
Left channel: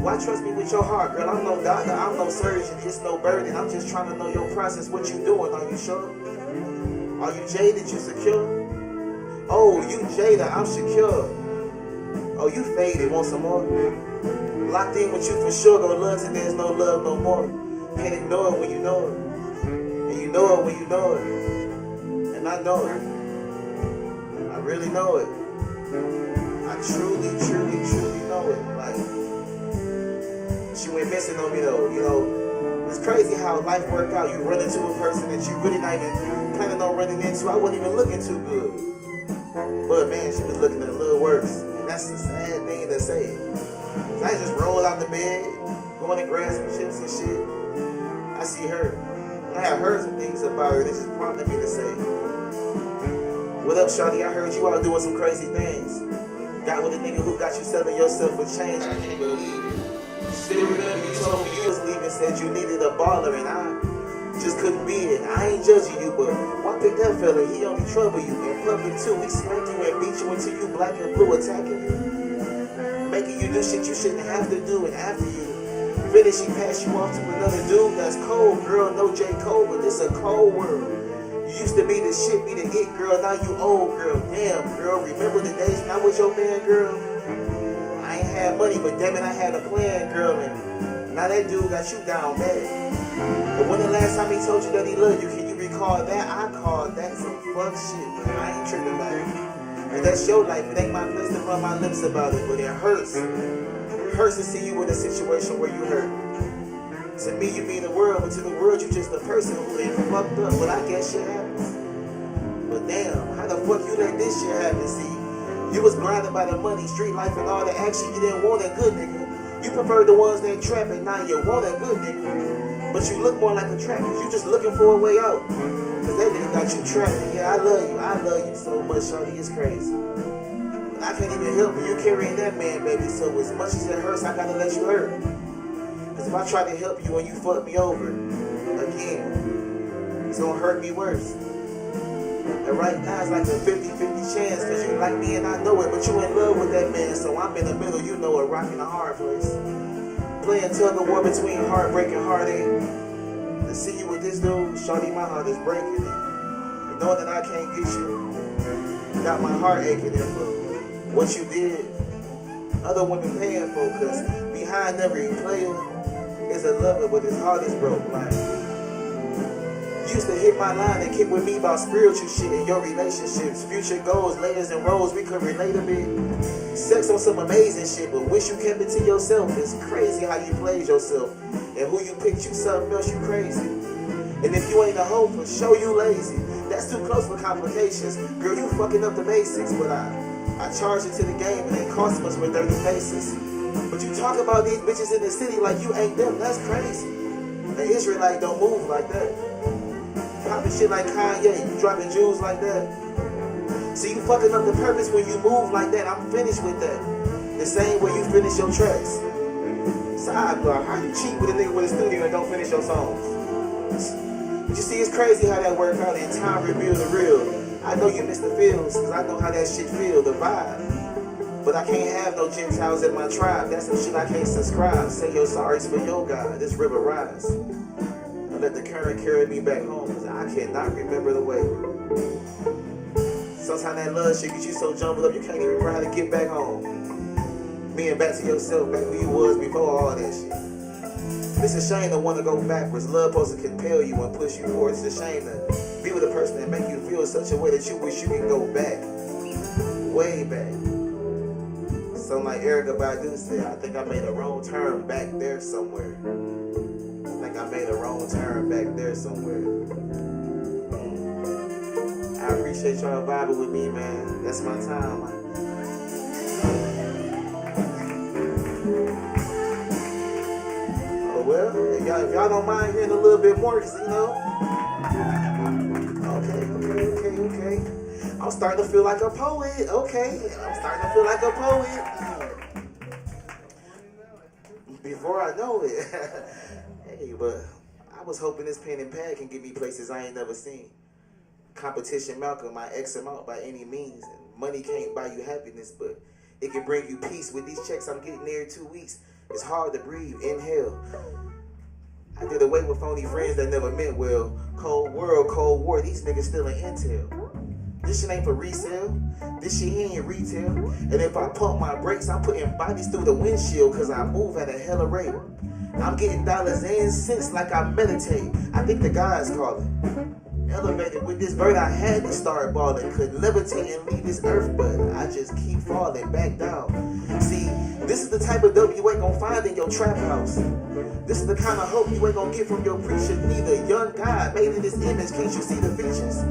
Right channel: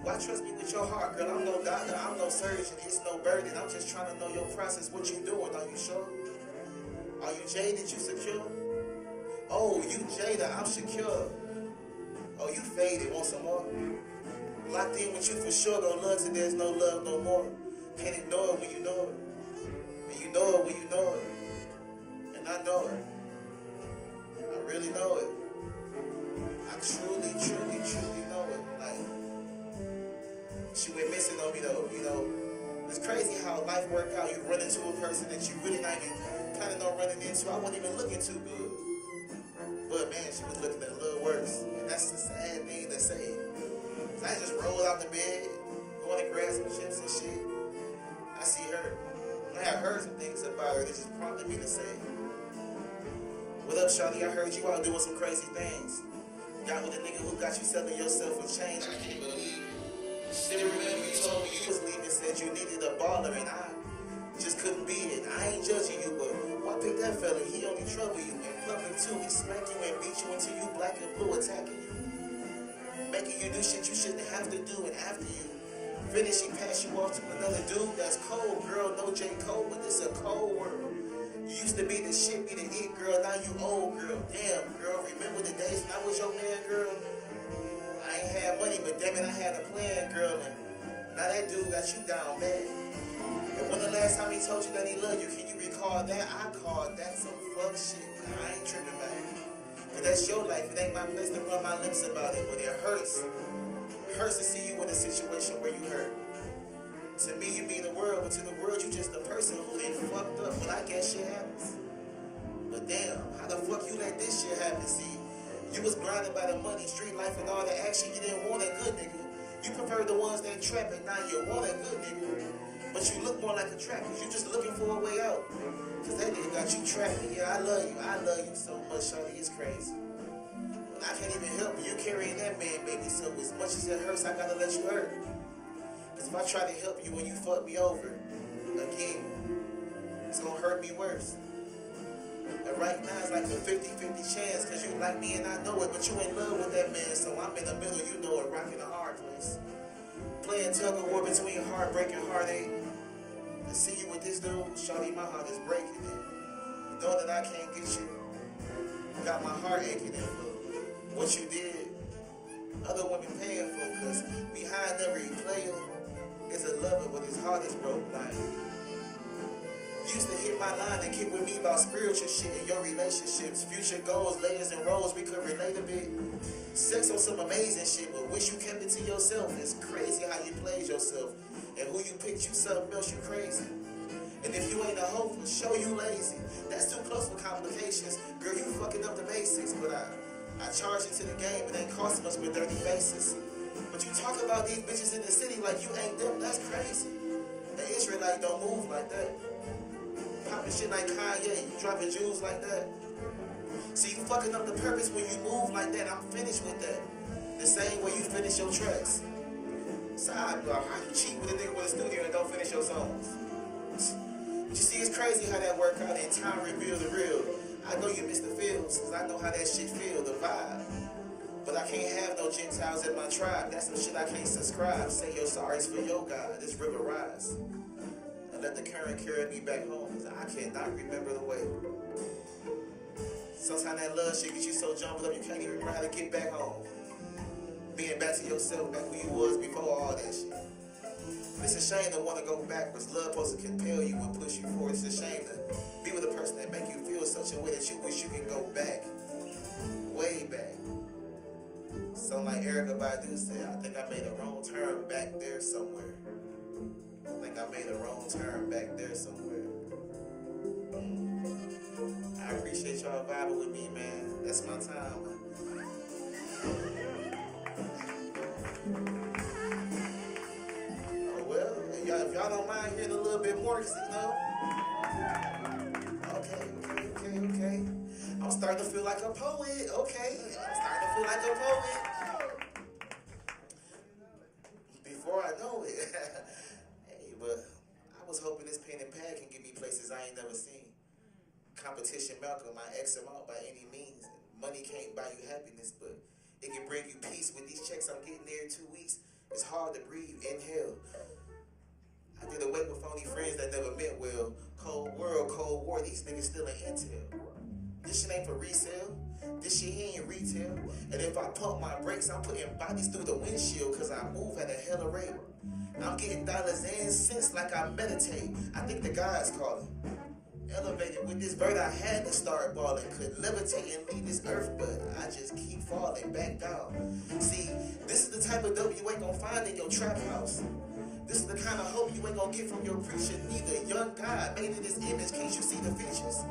Why trust me with your heart, girl? I'm no doctor, I'm no surgeon, it's no burden. I'm just trying to know your process, what you doing, are you sure? Are you jaded, you secure? Oh, you jaded, I'm secure. Oh, you faded, want some more? Locked in with you for sure, gonna love till there's no love no more. Can't ignore it when you know it. And you know it when you know it. And I know it. I really know it. I truly, truly, truly know it. Like, she went missing on me though, you know. It's crazy how life worked out. You run into a person that you really not even planning on running into. I wasn't even looking too good. But man, she was looking a little worse. And that's the sad thing to say. So I just rolled out the bed, going to grab some chips and shit. I see her. I have heard some things about her that just prompted me to say, what up, shawty? I heard you out doing some crazy things. Got with a nigga who got you selling yourself for change. I can't believe it. Still remember you told me you was leaving, said you needed a baller, and I just couldn't be it. I ain't judging you, but why pick that fella? He only trouble you. In public too, he smack you and beat you until you black and blue, attacking you, making you do shit you shouldn't have to do. And after you finish, he pass you off to another dude that's cold. Girl, no J. Cole, but this a cold world. You used to be the shit, be the it girl, now you old girl. Damn, girl, remember the days when I was your man, girl? I ain't had money, but damn it, I had a plan, girl, and now that dude got you down bad. But when the last time he told you that he loved you, can you recall that? I called that some fuck shit, but I ain't tripping about it. And that's your life, it ain't my place to run my lips about it, but it hurts. It hurts to see you in a situation where you hurt. To me, you mean the world, but to the world, you just a person who ain't fucked up, but I guess shit happens. But damn, how the fuck you let this shit happen, see? You was blinded by the money, street life, and all the action. You didn't want a good nigga. You preferred the ones that trap, and now you want a good nigga. But you look more like a trapper. You just looking for a way out. Cause that nigga got you trapped. Yeah, I love you so much, shawty, it's crazy. But I can't even help it. You carrying that man, baby. So as much as it hurts, I gotta let you hurt. Cause if I try to help you and you fuck me over, again, it's gonna hurt me worse. And right now it's like a 50-50 chance cause you like me and I know it, but you in love with that man, so I'm in the middle, you know, a rock and a hard place. Playing tug of war between heartbreak and heartache. To see you with this dude, shawty, my heart is breaking. And knowing that I can't get you, got my heart aching and for what you did, other women paying for, cause behind every player is a lover, but his heart is broke. Like, used to hit my line and kick with me about spiritual shit in your relationships, future goals, layers and roles, we could relate a bit. Sex on some amazing shit, but wish you kept it to yourself. It's crazy how you played yourself, and who you picked, you something else, you crazy. And if you ain't a hoe, for sure you lazy. That's too close for complications. Girl, you fucking up the basics, but I charge it to the game and ain't cost much with dirty faces. But you talk about these bitches in the city like you ain't them, that's crazy. The Israelite don't move like that. Popping shit like Kanye, you dropping jewels like that. See, you fucking up the purpose when you move like that. I'm finished with that. The same way you finish your tracks. Sidebar, how you cheat with a nigga with a studio and don't finish your songs? But you see, it's crazy how that work out and time reveal the real. I know you miss the feels, cause I know how that shit feel, the vibe. But I can't have no Gentiles in my tribe. That's some shit I can't subscribe. Say your sorries for your God, this river rise. And let the current carry me back home, cause I cannot remember the way. Sometimes that love shit gets you so jumbled up you can't even remember how to get back home. Being back to yourself, back who you was before all that shit. It's a shame to want to go backwards. Love supposed to compel you and push you forward. It's a shame to be with a person that make you feel such a way that you wish you could go back. Way back. Something like Erykah Badu said, I think I made a wrong turn back there somewhere. I think I made a wrong turn back there somewhere. I appreciate y'all vibing with me, man. That's my time. well, if y'all don't mind hearing a little bit more, 'cause, you know. Okay. I'm starting to feel like a poet. Okay, I'm starting to feel like a poet. Before I know it. Hey, but I was hoping this pen and pad can get me places I ain't never seen. Competition Malcolm, I X him out by any means. And money can't buy you happiness, but it can bring you peace. With these checks I'm getting every 2 weeks, it's hard to breathe. Inhale. I did away with phony friends that never meant well. Cold world, Cold War, these niggas still in intel. This shit ain't for resale. This shit here ain't retail. And if I pump my brakes, I'm putting bodies through the windshield cause I move at a hella rate. I'm getting dollars and cents like I meditate. I think the God's calling. Elevated with this bird, I had to start balling. Could levitate and leave this earth, but I just keep falling back down. See, this is the type of dope you ain't gonna find in your trap house. This is the kind of hope you ain't gonna get from your preacher neither. Young God made in this image, can't you see the features?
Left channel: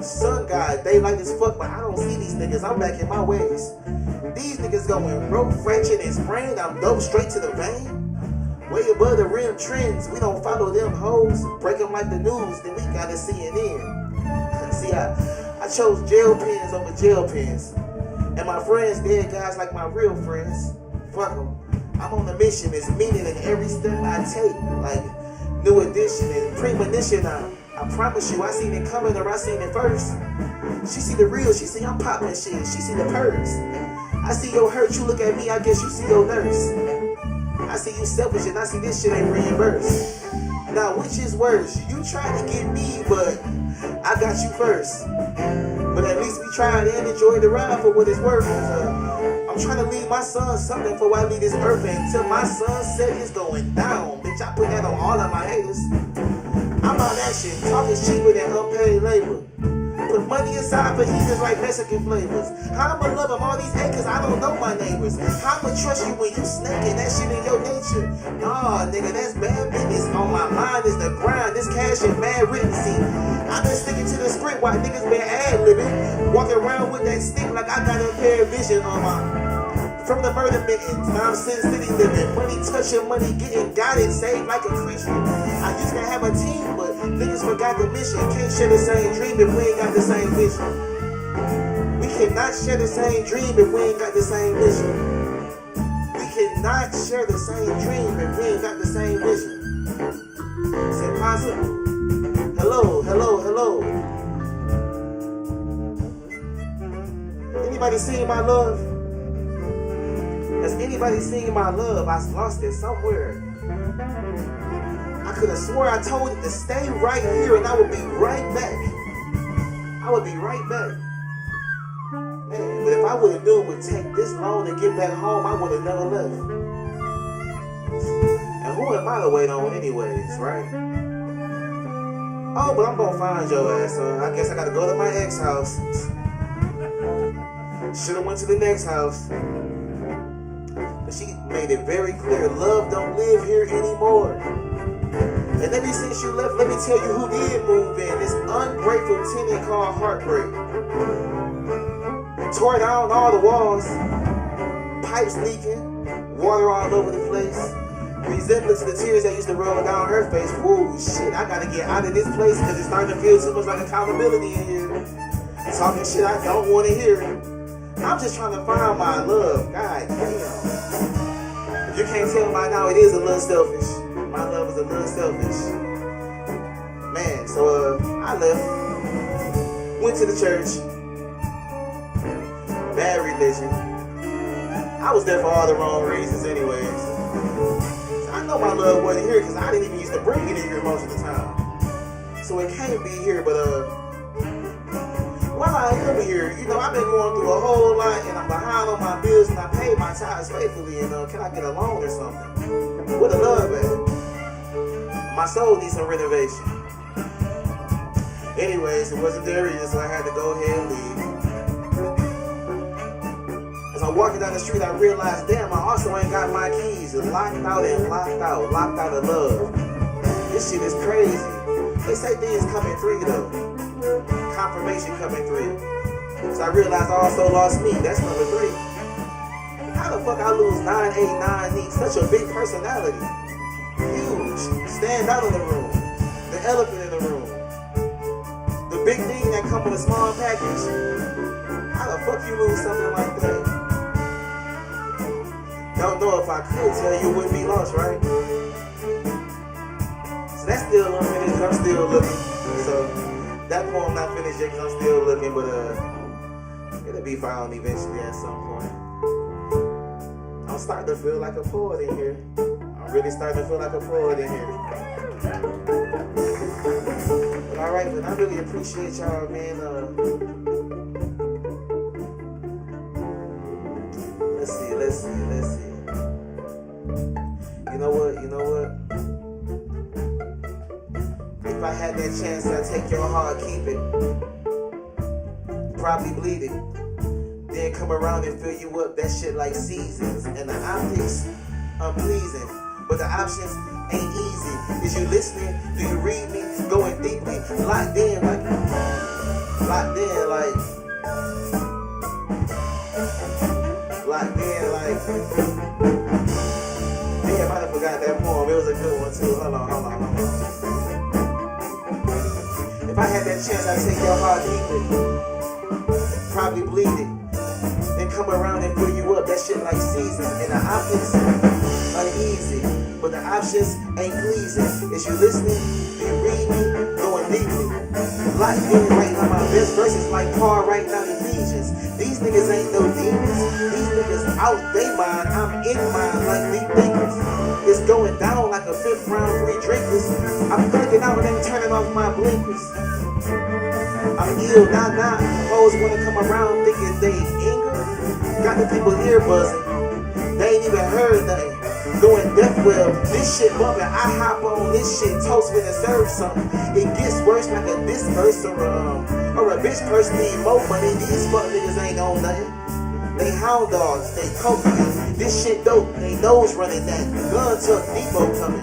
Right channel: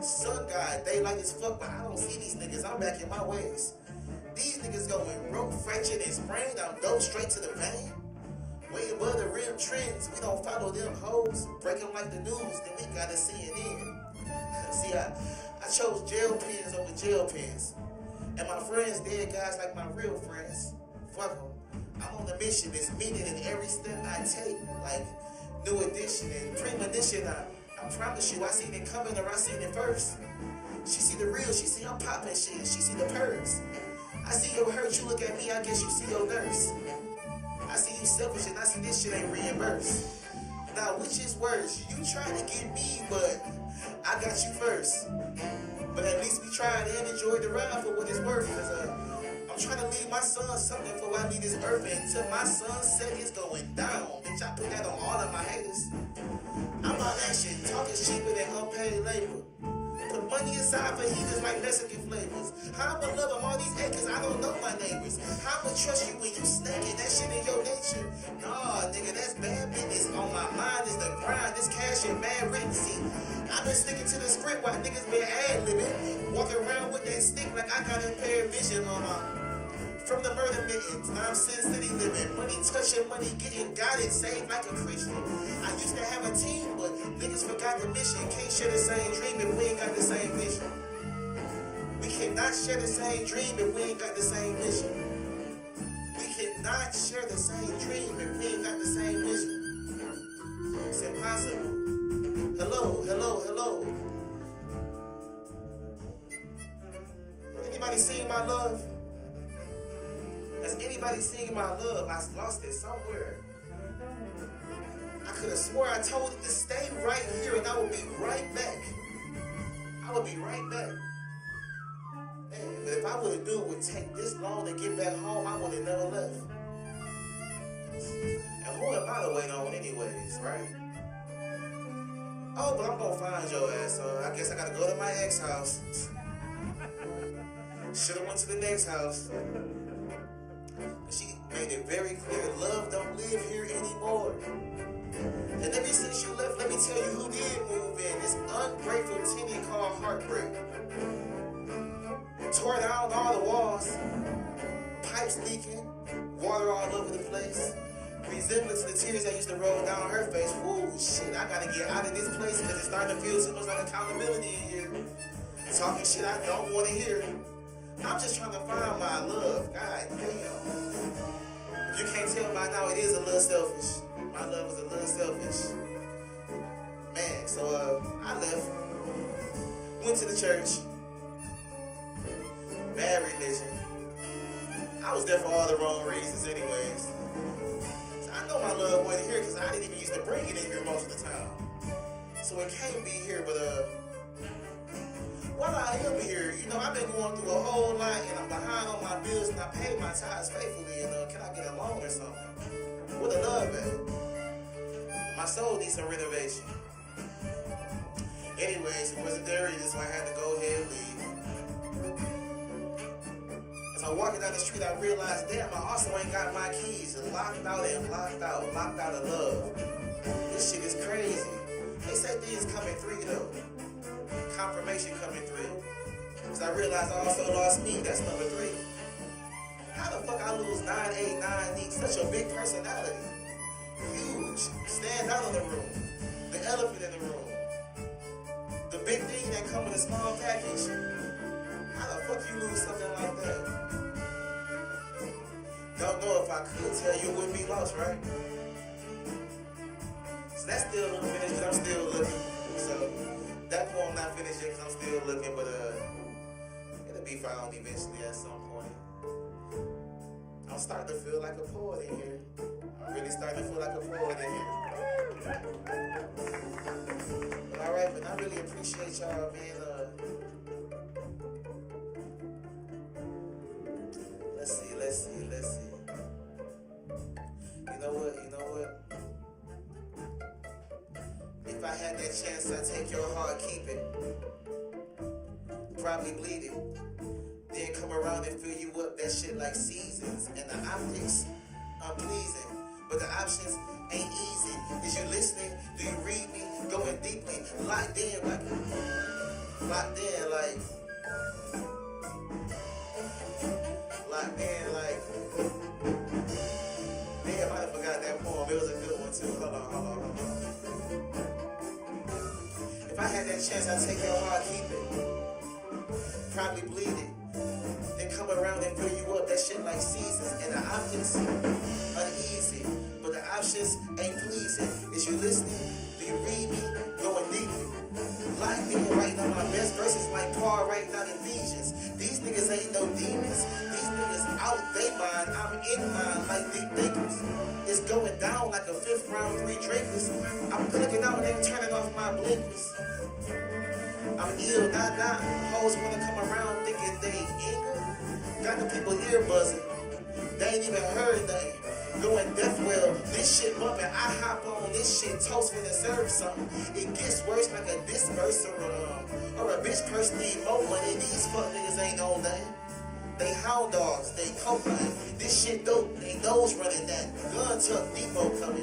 Sun God, they like as fuck, but I don't see these niggas, I'm back in my ways. These niggas going broke, fractured, and sprained, I'm dope straight to the vein. Way above the rim trends, we don't follow them hoes. Break them like the news, then we gotta CNN. See, I chose jail pens over jail pens. And my friends, dead guys like my real friends. Fuck them. I'm on a mission, it's meaning in every step I take. Like new edition and premonition, I promise you, I seen it coming or I seen it first. She see the real, she see I'm popping shit, she see the perks. I see your hurt, you look at me, I guess you see your nurse. I see you selfish and I see this shit ain't reimbursed. Now which is worse? You try to get me, but I got you first. But at least we tried and enjoyed the ride for what it's worth. I'm trying to leave my son something before I leave this earth. And until my sunset is going down, bitch, I put that on all of my haters. I'm on action, talk is cheaper than unpaid labor. Put money aside for heathens like Mexican flavors. How I'ma love them all these acres, I don't know my neighbors. How I'ma trust you when you snaking, that shit in your nature. Nah, nigga, that's bad business. On my mind is the grind, this cash is mad written. See, I've been sticking to the script while niggas been ad-libbing. Walking around with that stick like I got a pair of vision on my... From the murder mittens, now I'm Sin City living. Money touching, money getting, got it, saved like a Christian. I used to have a team, but niggas forgot the mission. Can't share the same dream if we ain't got the same vision. We cannot share the same dream if we ain't got the same vision. We cannot share the same dream if we ain't got the same vision. It's impossible. Hello. Anybody seen my love? Has anybody seen my love? I lost it somewhere. I could have swore I told it to stay right here and I would be right back. Man, but if I would have knew it would take this long to get back home, I would have never left. And who am I to wait on anyways, right? Oh, but I'm gonna find your ass, so I guess I gotta go to my ex house. Should've went to the next house. But she made it very clear, love don't live here anymore. And ever since you left, let me tell you who did move in. This ungrateful tenant called heartbreak. Tore down all the walls, pipes leaking, water all over the place. Resemblance to the tears that used to roll down her face. Whoa, shit, I gotta get out of this place because it's starting to feel too much like accountability in here. Talking shit I don't want to hear. I'm just trying to find my love. God damn. If you can't tell by now, it is a little selfish. My love is a little selfish. Man, so I left. Went to the church. Bad religion. I was there for all the wrong reasons anyways. So I know my love wasn't here because I didn't even used to bring it in here most of the time. So it can't be here, but while I am here, you know, I've been going through a whole lot and I'm behind on my bills and I pay my tithes faithfully and can I get a loan or something? Where the love at? My soul needs some renovation. Anyways, it wasn't there either, so I had to go ahead and leave. As I'm walking down the street, I realized, damn, I also ain't got my keys. Locked out of love. This shit is crazy. They say things come in three though. Confirmation coming through. Cause I realized I also lost me. That's number 3. How the fuck I lose 989 neat? Such a big personality. Huge. stand out in the room, the elephant in the room, the big thing that come with a small package. How the fuck you lose something like that? Don't know if I could tell you it wouldn't be lost, right? So that's still unfinished because I'm still looking. So that poem not finished yet because I'm still looking, but it'll be found eventually at some point. I'm starting to feel like a poet in here. I'm really starting to feel like a poet in here. But alright, but I really appreciate y'all, man. Let's see. You know what? If I had that chance, I'd take your heart, keep it. Probably bleed it. Then come around and fill you up, that shit like seasons. And the optics, unpleasing. But the options ain't easy. Is you listening? Do you read me? Going deeply, locked in like. Damn, I done forgot that poem. It was a good one too. Hold on. If I had that chance, I'd take your heart, keep it. Probably bleed it. Then come around and fill you up. That shit like seasons. And the optics, uneasy. But the options ain't pleasing. Is you listening? Do you read me? Going deeply. Like in right now, my best verses like Paul right now Ephesians. These niggas ain't no demons. These niggas out they mind. I'm in mine like deep thinkers. It's going down like a fifth round, 3 drinkers. I'm clicking out and then turning off my blinkers. I'm ill, nah. Hoes wanna come around thinking they anger. Got the people ear buzzing. They ain't even heard nothing. Doing death well, this shit bumping. I hop on this shit, toast when it serves something. It gets worse like a disperse or a bitch person need more money. These fuck niggas ain't on nothing. They hound dogs, they cocaine. This shit dope, they nose running that. Gun tuck, depot coming.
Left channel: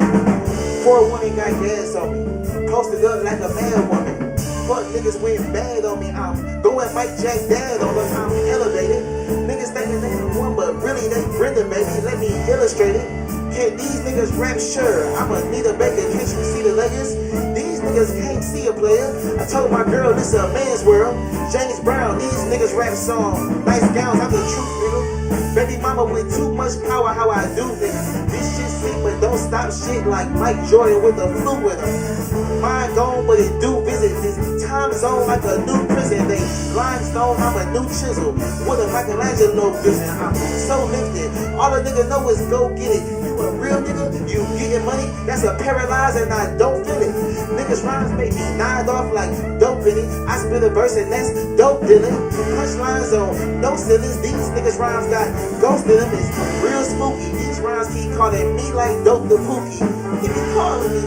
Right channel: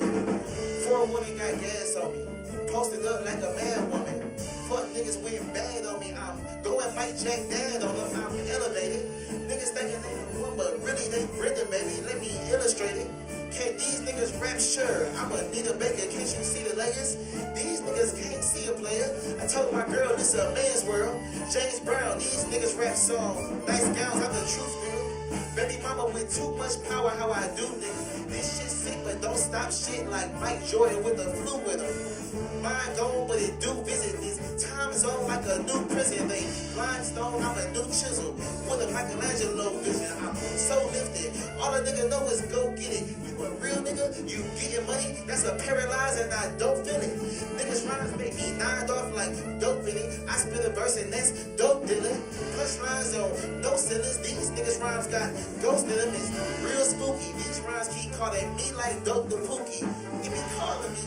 4 women got gas on me. Posted up like a mad woman. Fuck niggas went bad on me. I'm going Mike Jack Dad on them. I'm elevated. Niggas thinking they the one, but really they Brenda, baby. Let me illustrate it. Can these niggas rap? Sure. I'ma need a baker. Can't you see the layers? These niggas can't see a player. I told my girl this a man's world. James Brown, these niggas rap song. Nice gowns, I'm the truth, nigga. Baby mama with too much power, how I do niggas. This shit sick, but don't stop shit like Mike Jordan with the flu with him. Mind gone, but it do visit this time zone like a new prison. They limestone, I'm a new chisel with a Michelangelo vision. I'm so lifted. All a nigga know is go get it. You a real nigga, you getting money. That's a paralyzed and I don't feel it. Niggas rhymes make me nod off like dope in it. I spit a verse and that's dope dealing. Punchlines on no ceilings. These niggas rhymes got ghost in them. It's real spooky. These rhymes keep calling me like dope the pookie. It be calling me.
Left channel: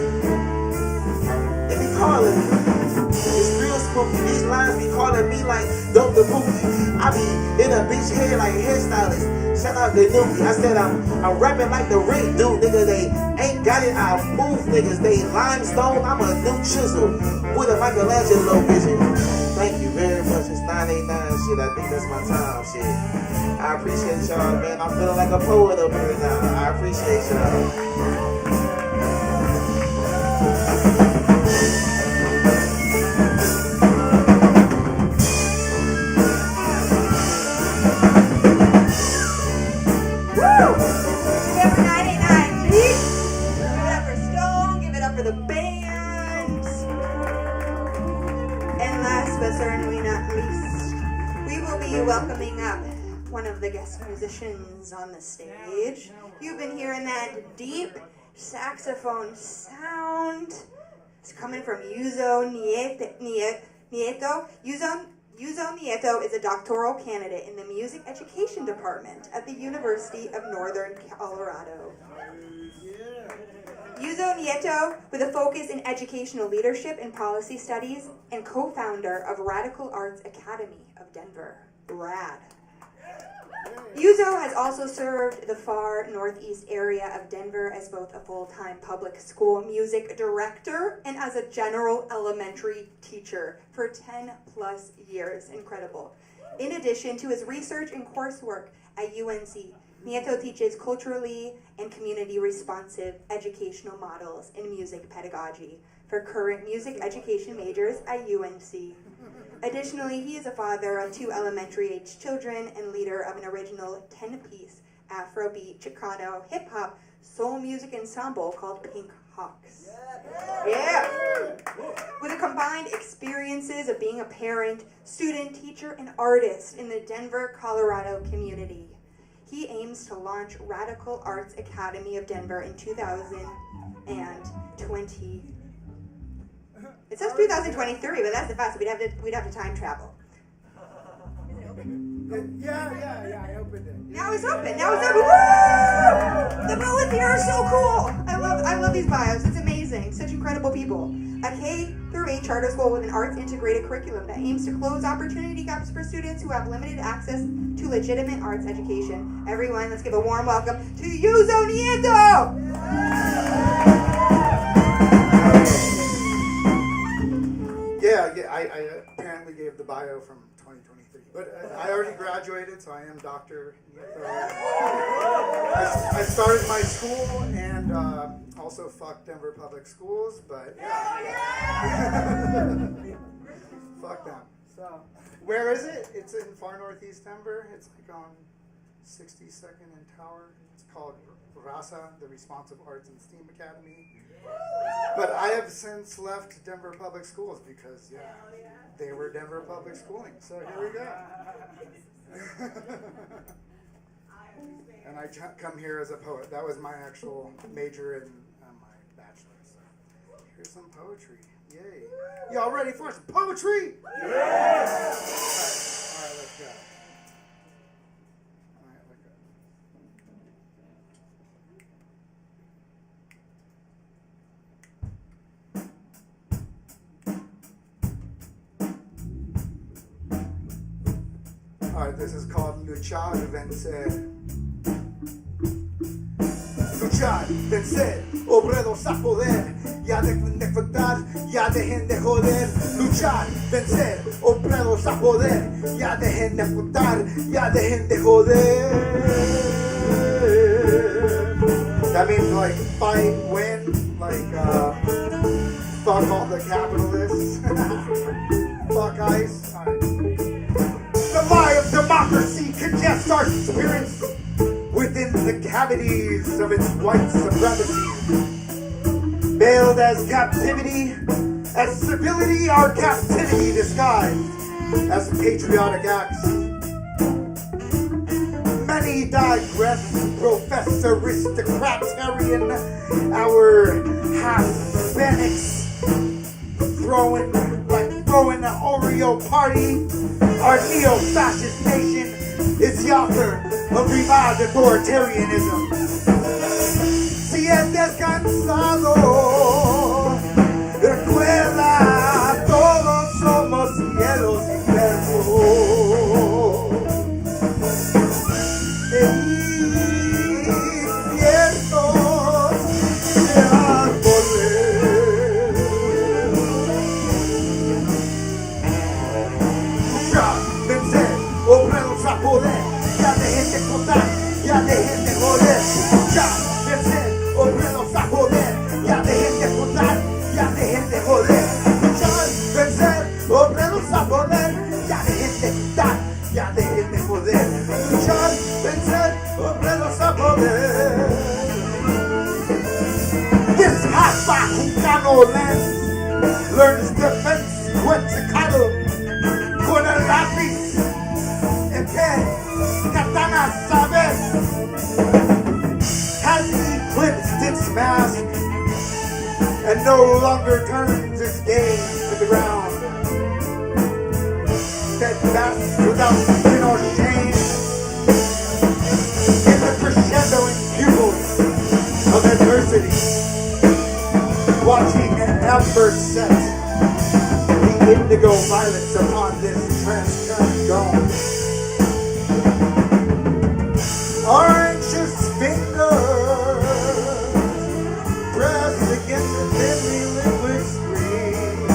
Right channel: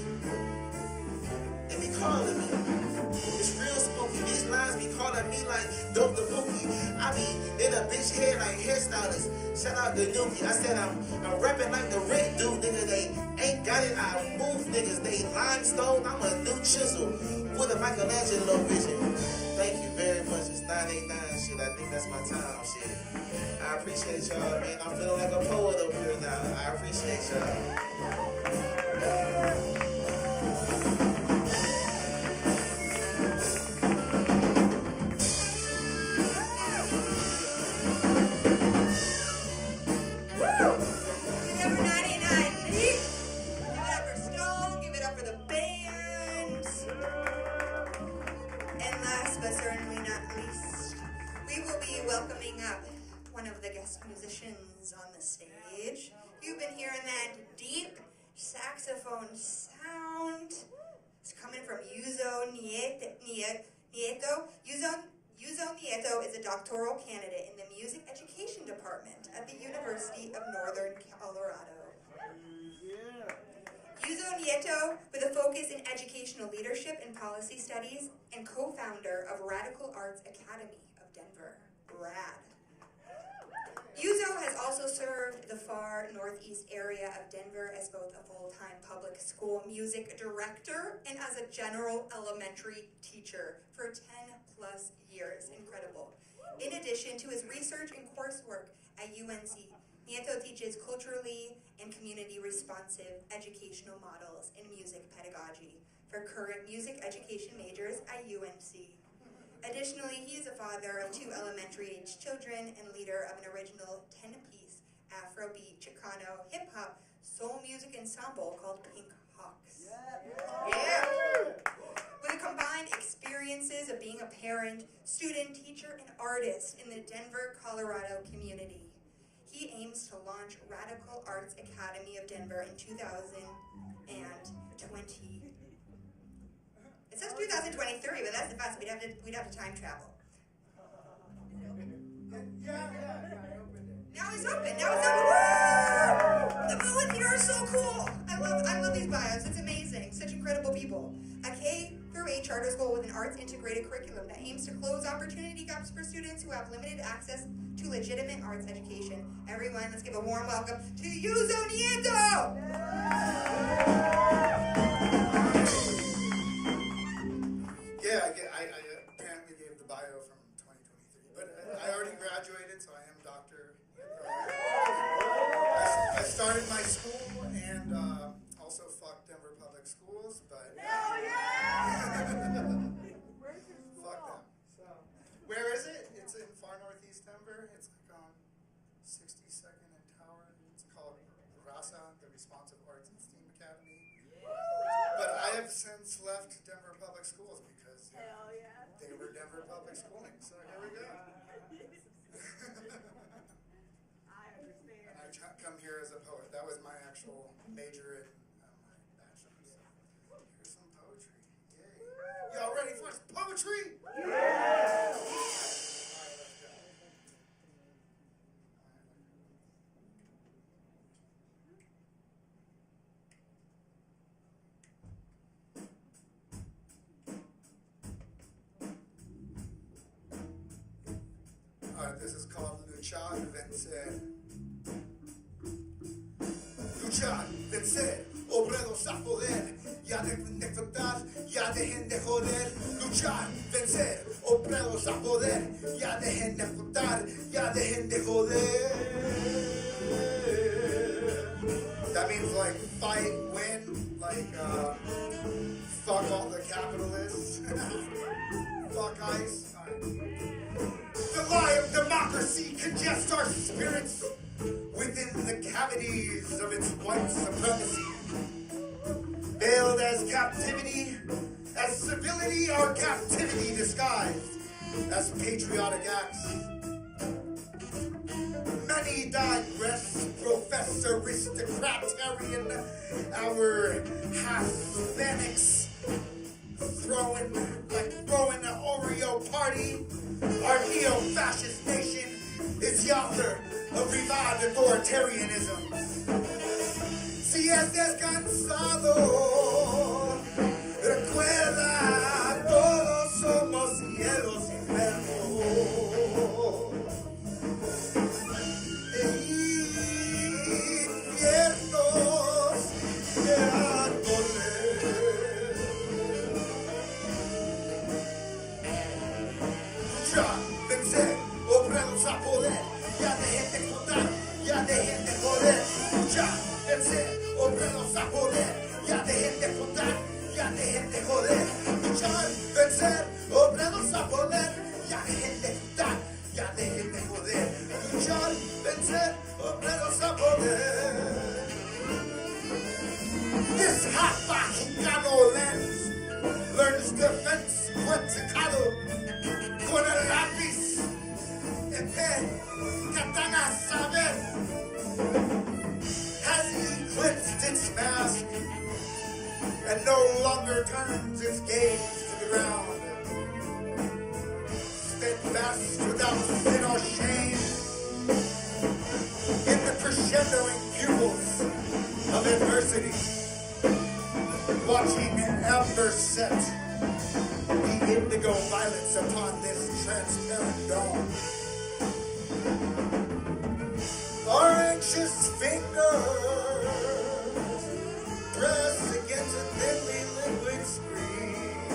It's real spooky. These lines be calling me like dope the pookie. I be in a bitch head like hairstylist. Shout out to Nuki. I said I'm rapping like the Rick dude, nigga. They ain't got it. I move niggas. They limestone. I'm a new chisel with a Michelangelo vision. Thank you very much. It's 989 shit. I think that's my time shit. I appreciate y'all, man. I'm feeling like a poet up here now. I appreciate y'all. Welcoming up one of the guest musicians on the stage. You've been hearing that deep saxophone sound. It's coming from Yuzo Nieto. Yuzo Nieto is a doctoral candidate in the music education department at the University of Northern Colorado. Yuzo Nieto, with a focus in educational leadership and policy studies, and co-founder of Radical Arts Academy of Denver. Rad. Yuzo has also served the far northeast area of Denver as both a full-time public school music director and as a general elementary teacher for 10 plus years. Incredible. In addition to his research and coursework at UNC, Nieto teaches culturally and community responsive educational models in music pedagogy for current music education majors at UNC. Additionally, he is a father of 2 elementary-age children and leader of an original 10-piece Afrobeat, Chicano, hip-hop, soul music ensemble called Pink Hawks. Yeah! With the combined experiences of being a parent, student, teacher, and artist in the Denver, Colorado community, he aims to launch Radical Arts Academy of Denver in 2020. It says 2023, but that's the fast. We'd have to time travel. Yeah, I opened it. Now it's open. Woo! The poets here are so cool. I love these bios. It's amazing. Such incredible people. A K-8 charter school with an arts integrated curriculum that aims to close opportunity gaps for students who have limited access to legitimate arts education. Everyone, let's give a warm welcome to Yuzo Nieto. I apparently gave the bio from 2023, but I already graduated, so I am Dr. Nieto. I started my school and also fucked Denver Public Schools, but fuck them. So, where is it? It's in far northeast Denver. It's like on 62nd and Tower. It's called RASA, the Responsive Arts and STEAM Academy. But I have since left Denver Public Schools because they were Denver Public Schooling. So here we go. And I come here as a poet. That was my actual major in my bachelor's. So here's some poetry. Yay. Y'all ready for some poetry? Yeah! All right, let's go. Alright, this is called Luchar y Vencer. Luchar, vencer, obreros a poder. Ya dejen de faltar, ya dejen de joder. Luchar, vencer, obreros a poder. Ya dejen de faltar, ya dejen de joder. That means like fight, win, like fuck all the capitalists. Fuck ICE. The lie of democracy congests our spirits within the cavities of its white supremacy. Veiled as captivity, as civility, our captivity disguised as patriotic acts. Many digress, profess aristocratarian, our half-Hispanics throwing an Oreo party. Our neo-fascist nation is the author of revived authoritarianism. Si estés cansado, recuerda, todos somos cielos y versos. Ya dejen de contar, ya dejen de joder. Ya, vencer, obreros a joder. Ya dejen de contar, ya dejen de joder. Luchar, vencer, obreros a joder. Ya dejen de contar, ya dejen de joder. Luchar, vencer, obreros a joder. This hot Chicano lens learns defense cuencicado con el lápiz en pie. Katana Sabes has eclipsed its mask and no longer turns its gaze to the ground. Steadfast without sin or shame in the crescendoing pupils of adversity, watching an ember set the indigo violets upon this transparent dome. Our anxious fingers press against a thinly liquid screen,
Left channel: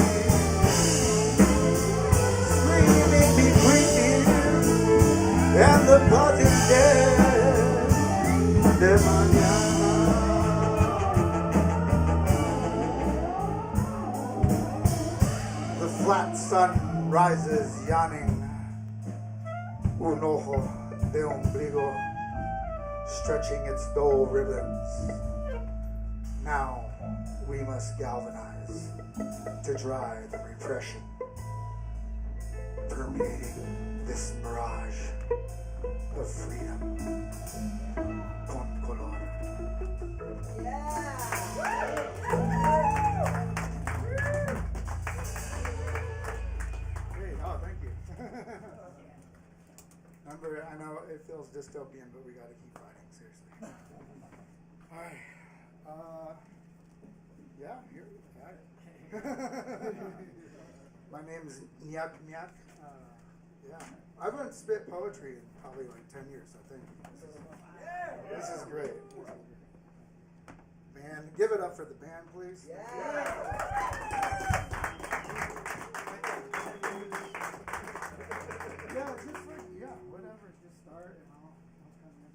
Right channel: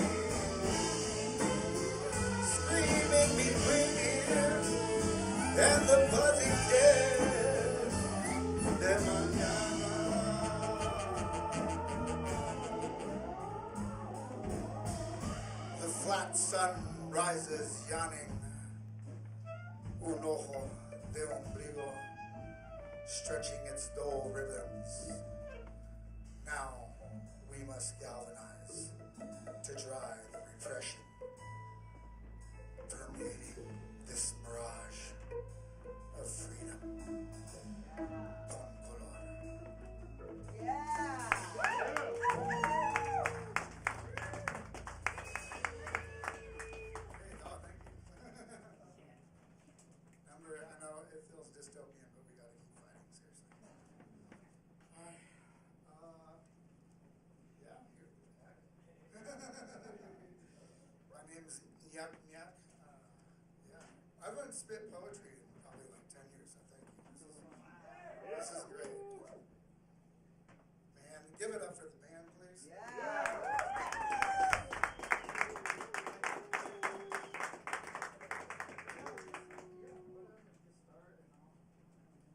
screaming between here and the buzzing dead. flat sun rises yawning. Un ojo de ombligo stretching its dull ribbons. Now we must galvanize to dry the repression permeating this mirage of freedom. Con color. Great. Oh, thank you. Remember, I know it feels dystopian, but we gotta keep fighting, seriously. Alright. Yeah, here, got it. My name is Nyak Nyak. Yeah. I haven't spit poetry in probably like 10 years, I think. This is great. Man, give it up for the band, please. Yeah, whatever. Just start and I'll come in.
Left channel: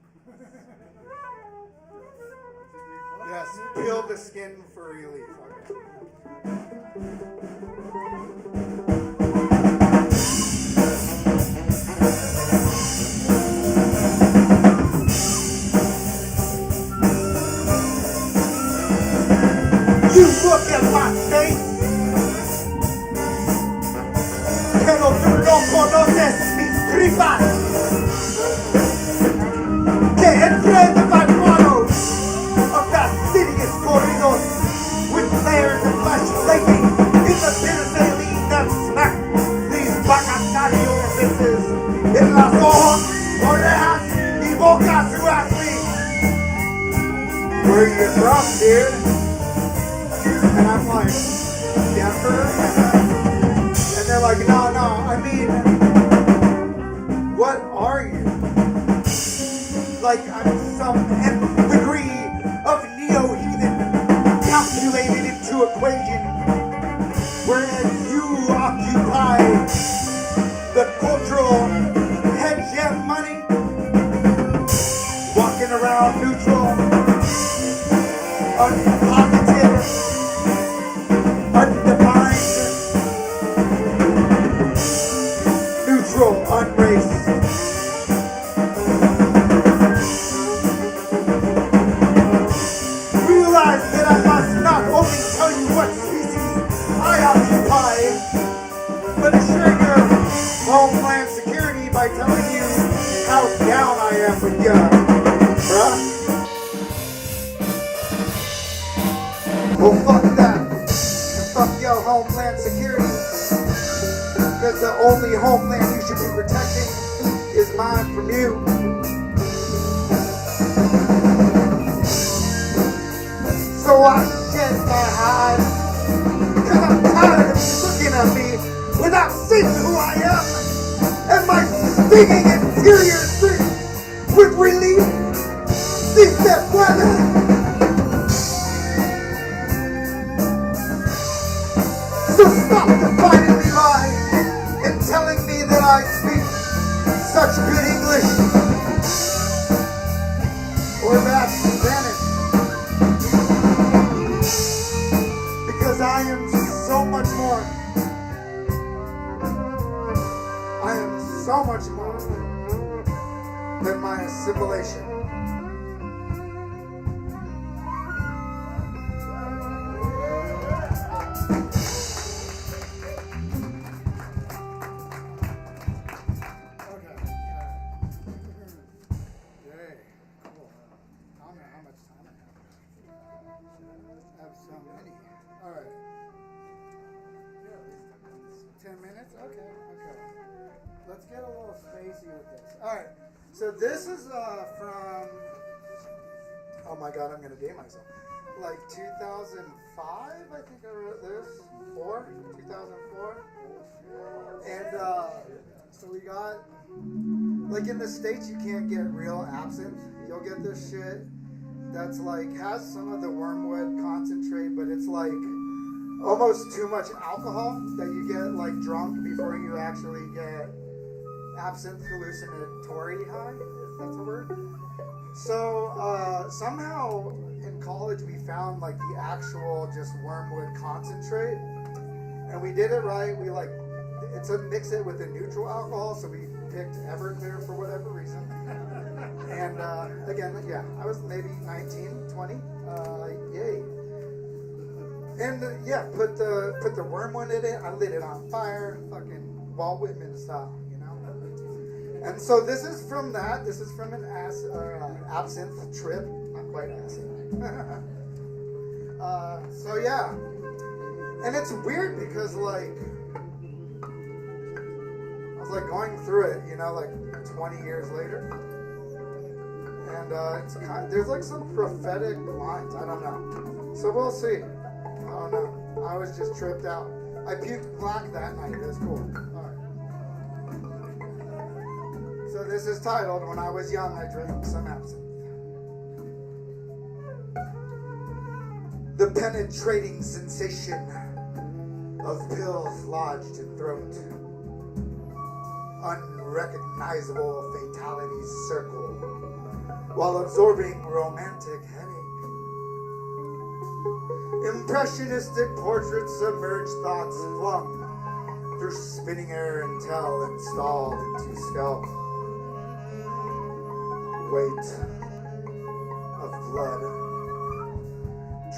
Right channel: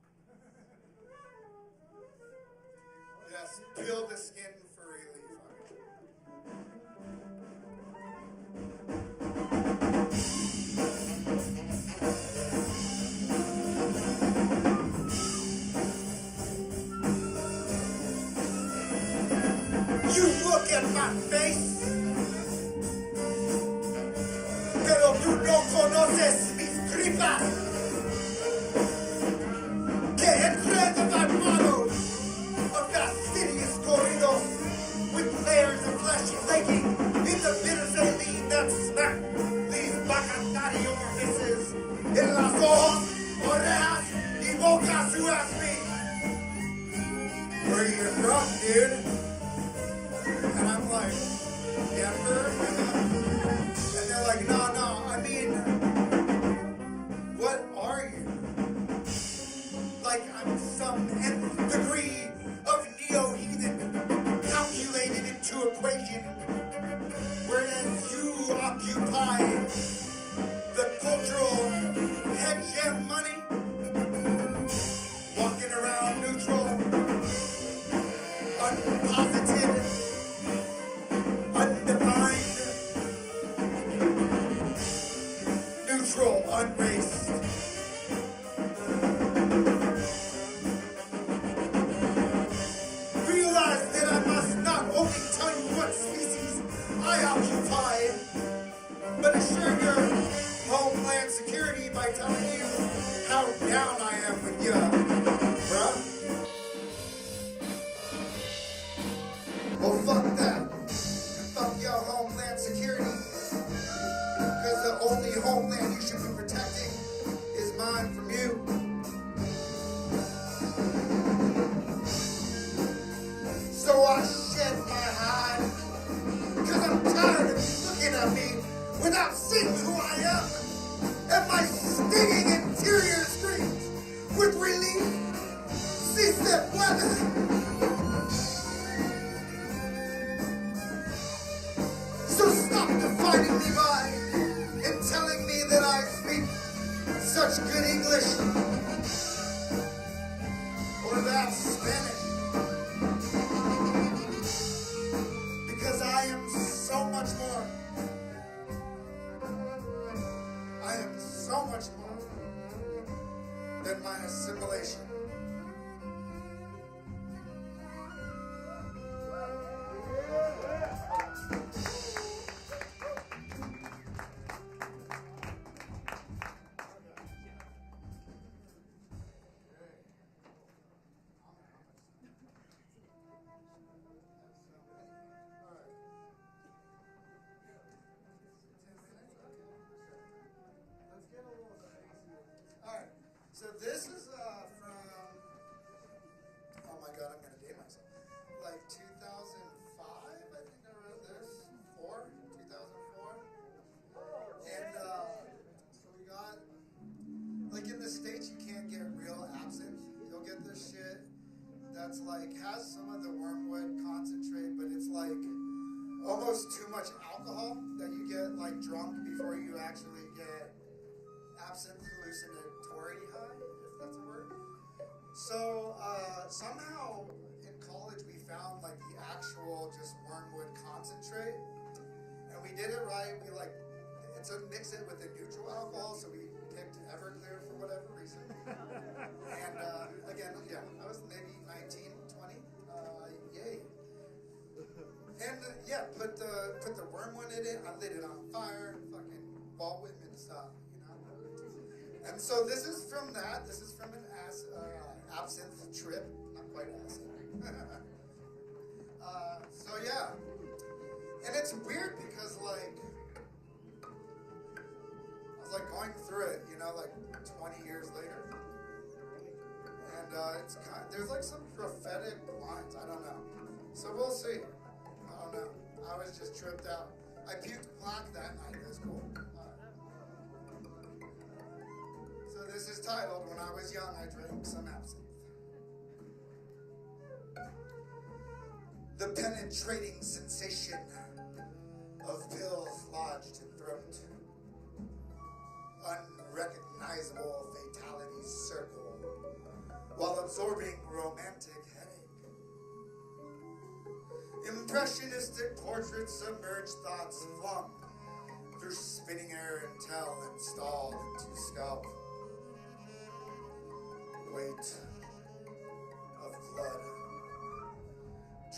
Yes, peel the skin for relief. You look at my face, pero tú no conoces mis tripas. Que entre the vibrators of fastidious corridors with layers of flesh flaking in the bitter saline that smack these bacacari orifices in las ojos, orejas, y bocas who ask me, where you from, dude? And I'm like, Denver? And they're like, no, I mean, what are you? Like I'm some nth degree of neo-heathen calculated into equation, whereas you occupy the cultural hegemony, walking around neutral, unpositive, undefined, neutral, unraced. Realize that I must not only tell you what species I occupy, but assure your homeland security by telling you how down I am with ya, bruh. Well, fuck that. Fuck your homeland security. Because the only homeland you should be protecting is mine from you. So I shed my hide. Because I'm tired of you looking at me without seeing who I am. And my stinging interior screams with relief. Si se puede. So stop defining me by and telling me that I speak such good English or bad Spanish. Because I am so much more. I am so much more than my assimilation. Let's get a little spacey with this. Alright, so this is from, oh my god, I'm going to date myself. Like 2005, I think I wrote this. 2004. And so we got, like in the States, you can't get real absinthe. You'll get this shit that's like, has some of the wormwood concentrate, but it's like almost too much alcohol that you get like drunk before you actually get absinthe hallucinatory high, if that's a word. So somehow in college we found like the actual just wormwood concentrate, And we did it right. We like, it's a mix it with a neutral alcohol, so we picked Everclear for whatever reason. And again, yeah, I was maybe 19, 20. Yay. And yeah, put the wormwood in it. I lit it on fire, fucking Walt Whitman style, you know. And so this is from that. This is from an absinthe trip. Not quite absinthe. So yeah, and it's weird because like I was like going through it, you know, like 20 years later, and it's there's like some prophetic lines. I don't know. So we'll see. I don't know. I was just tripped out. I puked black that night. That's cool. All right. So this is titled "When I Was Young, I Drank Some Absinthe." The penetrating sensation of pills lodged in throat. Unrecognizable fatalities circle while absorbing romantic headache. Impressionistic portraits submerged thoughts flung through spinning air until installed into scalp. Weight of blood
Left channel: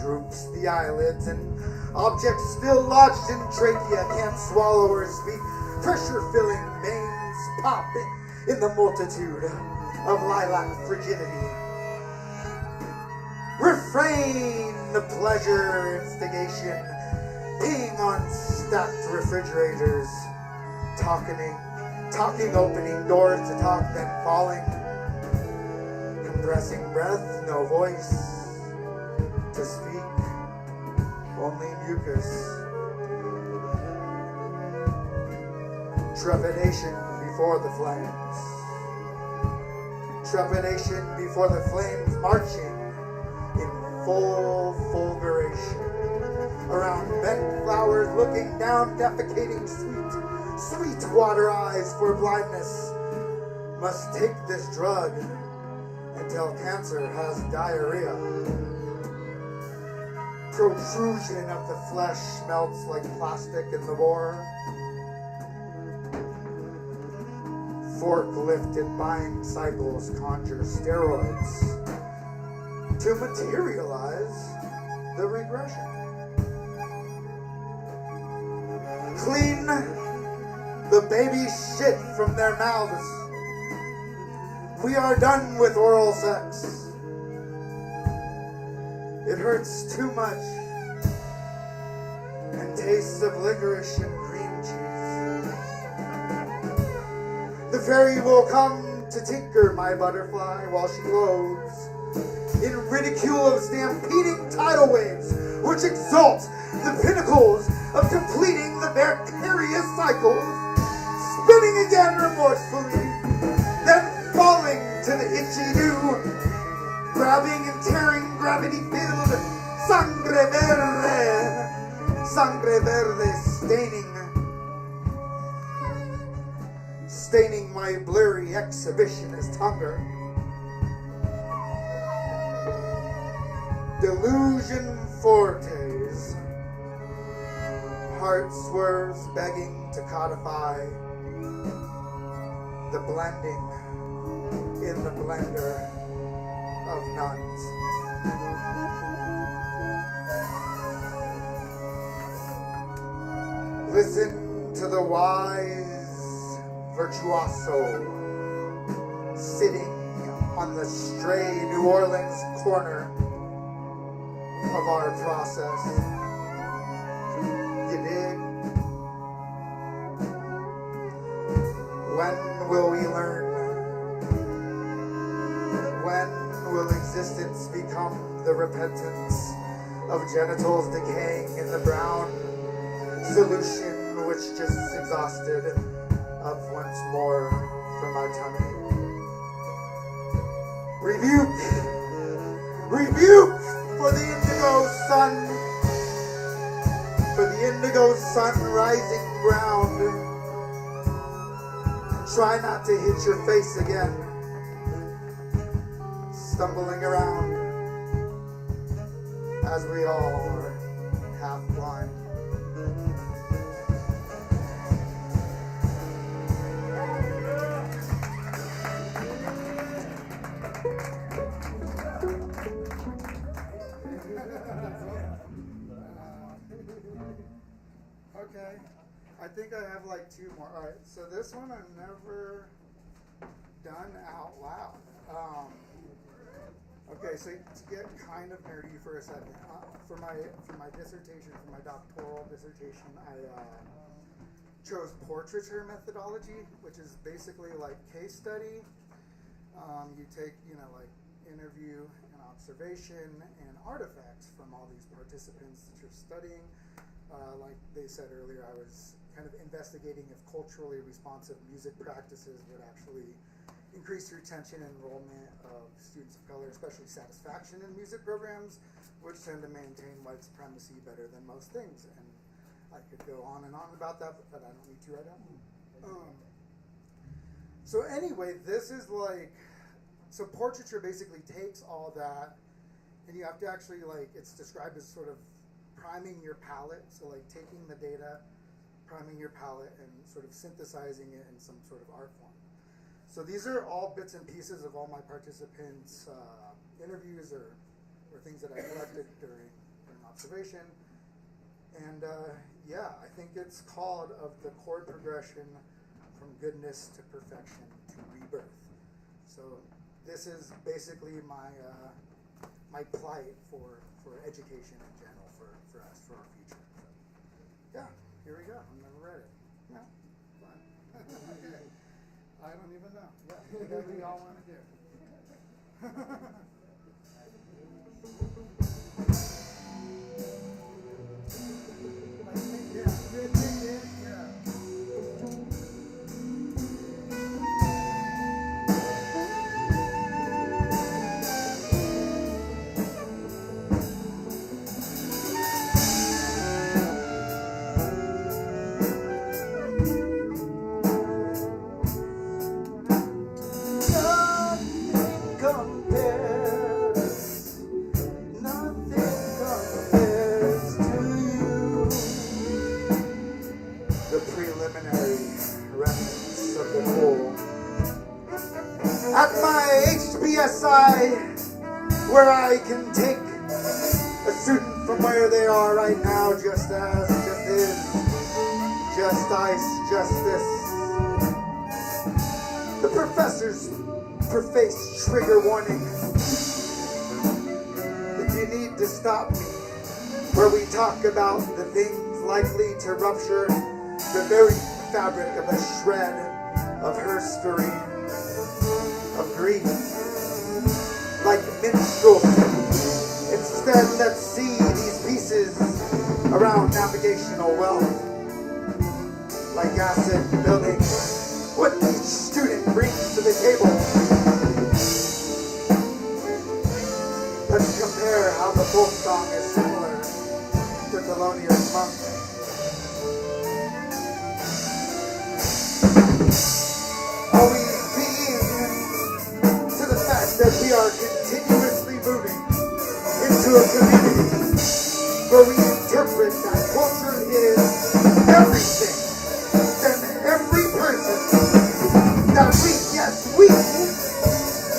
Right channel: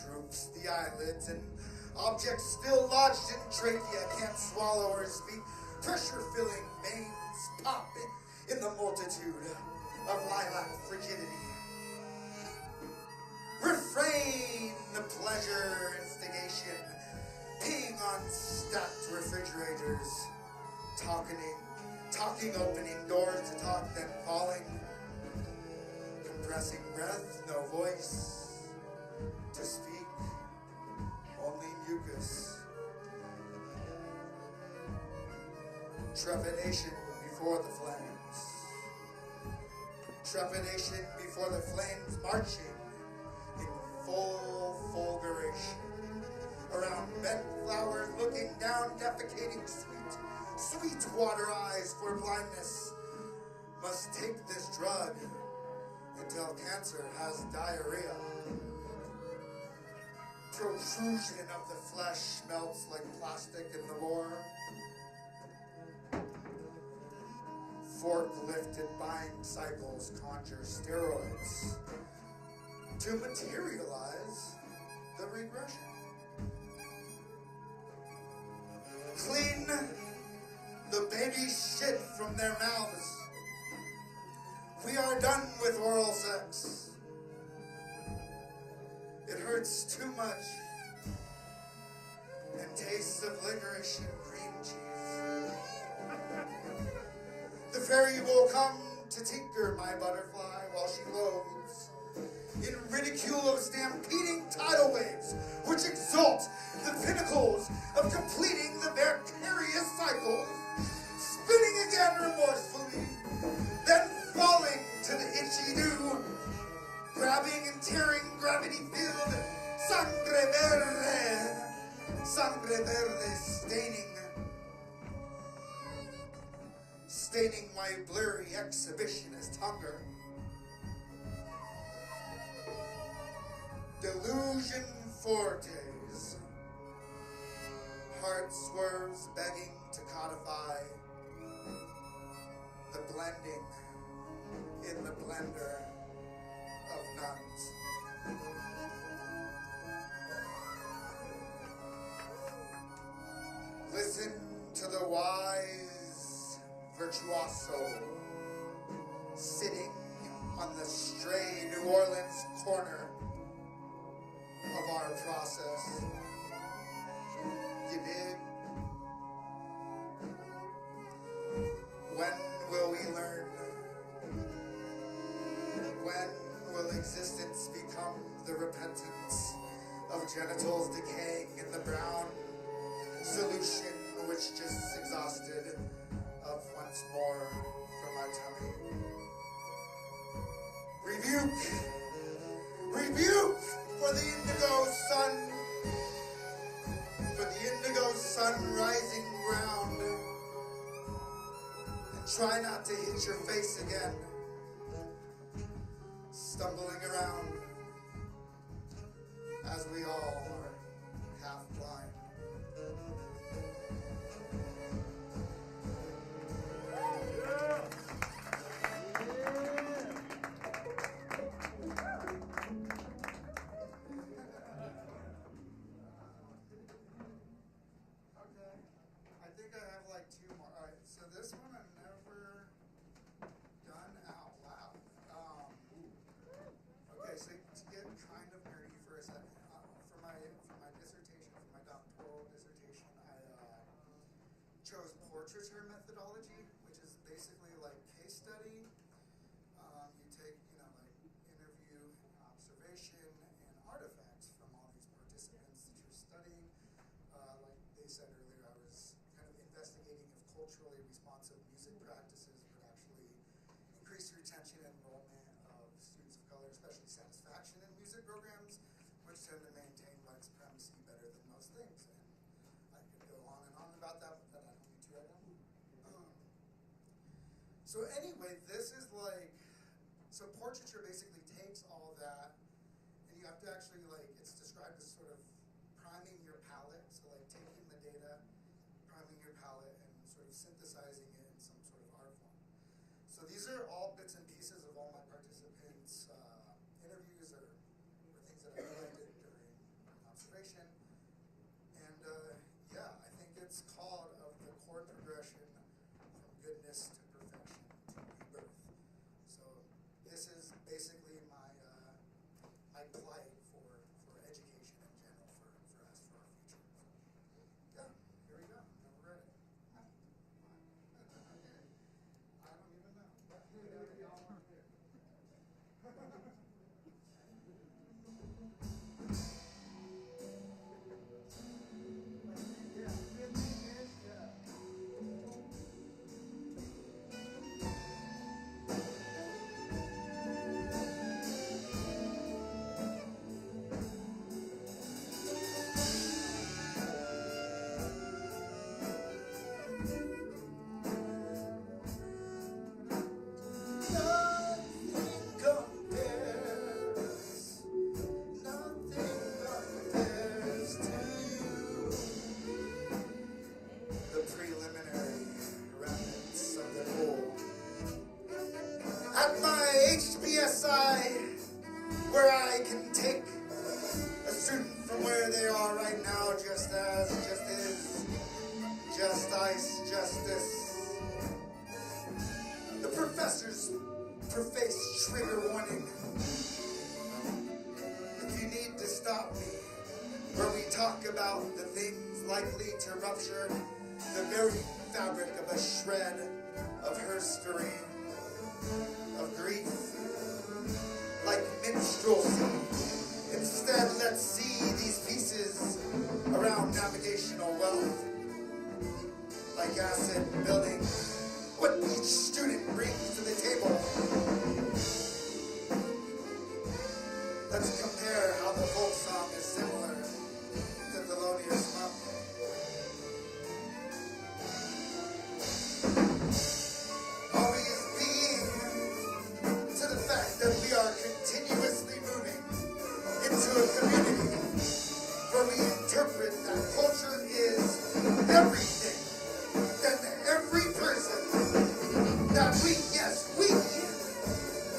droops the eyelids, and objects still lodged in trachea can't swallow or speak. Pressure-filling veins pop in the multitude of lilac frigidity. Refrain the pleasure instigation, peeing on stacked refrigerators, talking, opening doors to talk, then falling, compressing breath, no voice to speak, only mucus. Trepidation before the flames. Trepidation before the flames, marching in full fulguration. Around bent flowers, looking down, defecating sweet water eyes for blindness. Must take this drug until cancer has diarrhea. Protrusion of the flesh melts like plastic in the war. Fork-lifted buying cycles conjure steroids to materialize the regression. Clean the baby shit from their mouths. We are done with oral sex. It hurts too much and tastes of licorice and cream cheese. The fairy will come to tinker my butterfly while she loads in ridicule of stampeding tidal waves which exalt the pinnacles of completing the vicarious cycles, spinning again remorsefully, then falling to the itchy dew, grabbing and tearing gravity-filled sangre verde, staining my blurry exhibitionist hunger. Delusion fortes, heart swerves begging to codify the blending in the blender of nuns. Listen to the wise virtuoso sitting on the stray New Orleans corner of our process. You dig? When will we learn? When will existence become the repentance of genitals decaying in the brown solution which just exhausted up once more from our tummy? Rebuke for the indigo sun rising ground. And try not to hit your face again, stumbling around as we all are half blind. Okay. I think I have like two more. All right. So this one I've never done out loud. Okay. So to get kind of nerdy for a second, for my dissertation, for my doctoral dissertation, I chose portraiture methodology, which is basically like case study. You take, like interview and observation and artifacts from all these participants that you're studying. Like they said earlier, I was kind of investigating if culturally responsive music practices would actually increase retention and enrollment of students of color, especially satisfaction in music programs, which tend to maintain white supremacy better than most things. And I could go on and on about that, but I don't need to right now. So anyway, this is like, so portraiture basically takes all that, and you have to actually, like, it's described as sort of priming your palette, so like taking the data, priming your palette, and sort of synthesizing it in some sort of art form. So these are all bits and pieces of all my participants' interviews or things that I collected during observation. And yeah, I think it's called Of the Chord Progression from Goodness to Perfection to Rebirth. So this is basically my my plight for education in general, for us, for our future. So, yeah, here we go. I've never read it. No, fine. I don't even know. Yeah, whatever y'all want to do. Where I can take a student from where they are right now, just as, just is, just ice, just this. The professors preface trigger warning. If you need to stop me, where we talk about the things likely to rupture the very fabric of a shred of herstory, of grief. Like minstrelsy. Instead, let's see these pieces around navigational wealth. Like asset building, what each student brings to the table. Let's compare how the folk song is similar to Thelonious Monk. Always being to the fact that we are continuously moving into a community where we interpret that culture is everything, then every person that we, yes, we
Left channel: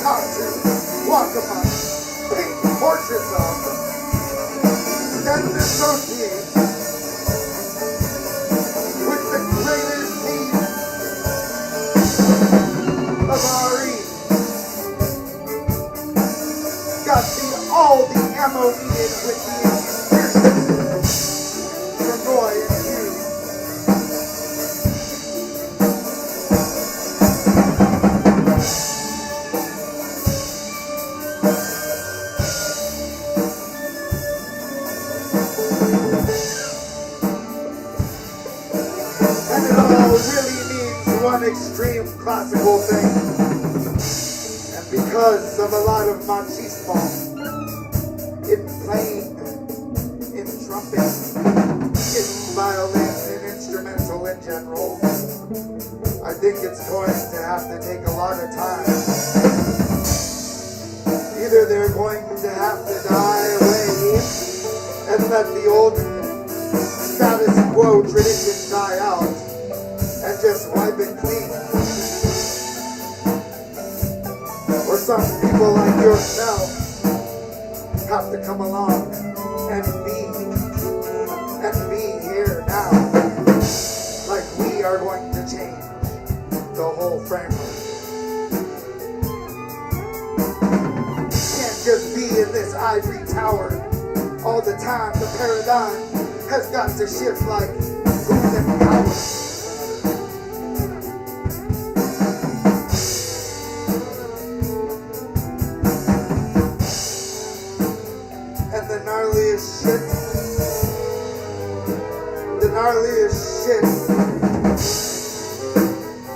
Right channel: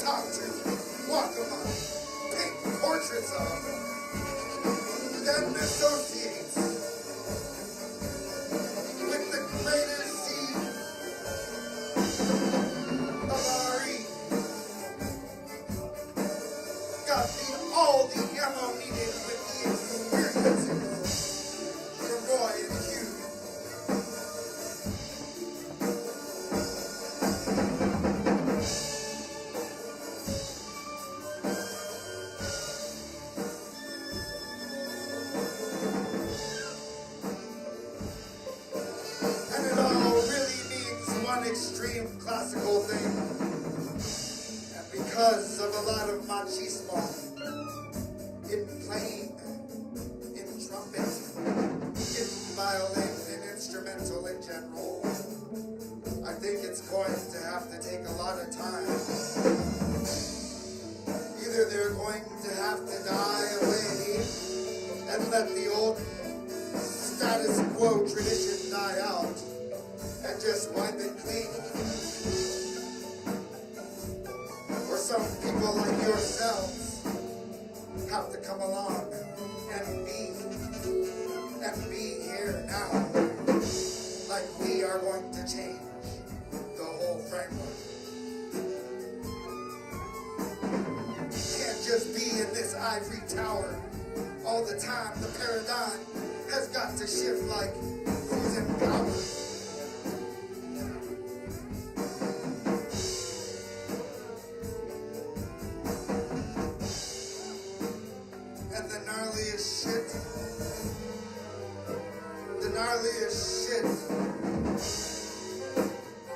talk to, walk among, paint portraits of, then associate with the greatest need of our age. Got all the ammo needed with the experiences for Roy and you. And it all really means one extreme classical thing. And because of a lot of machismo, in playing, in trumpet, in violin, in instrumental in general, I think it's going to have to take a lot of time. Either they're going to have to die away and let the old status quo tradition die out and just wipe it clean. Or some people like yourself have to come along and be here now. power. All the time, the paradigm has got to shift like who's in power. And the gnarliest shit,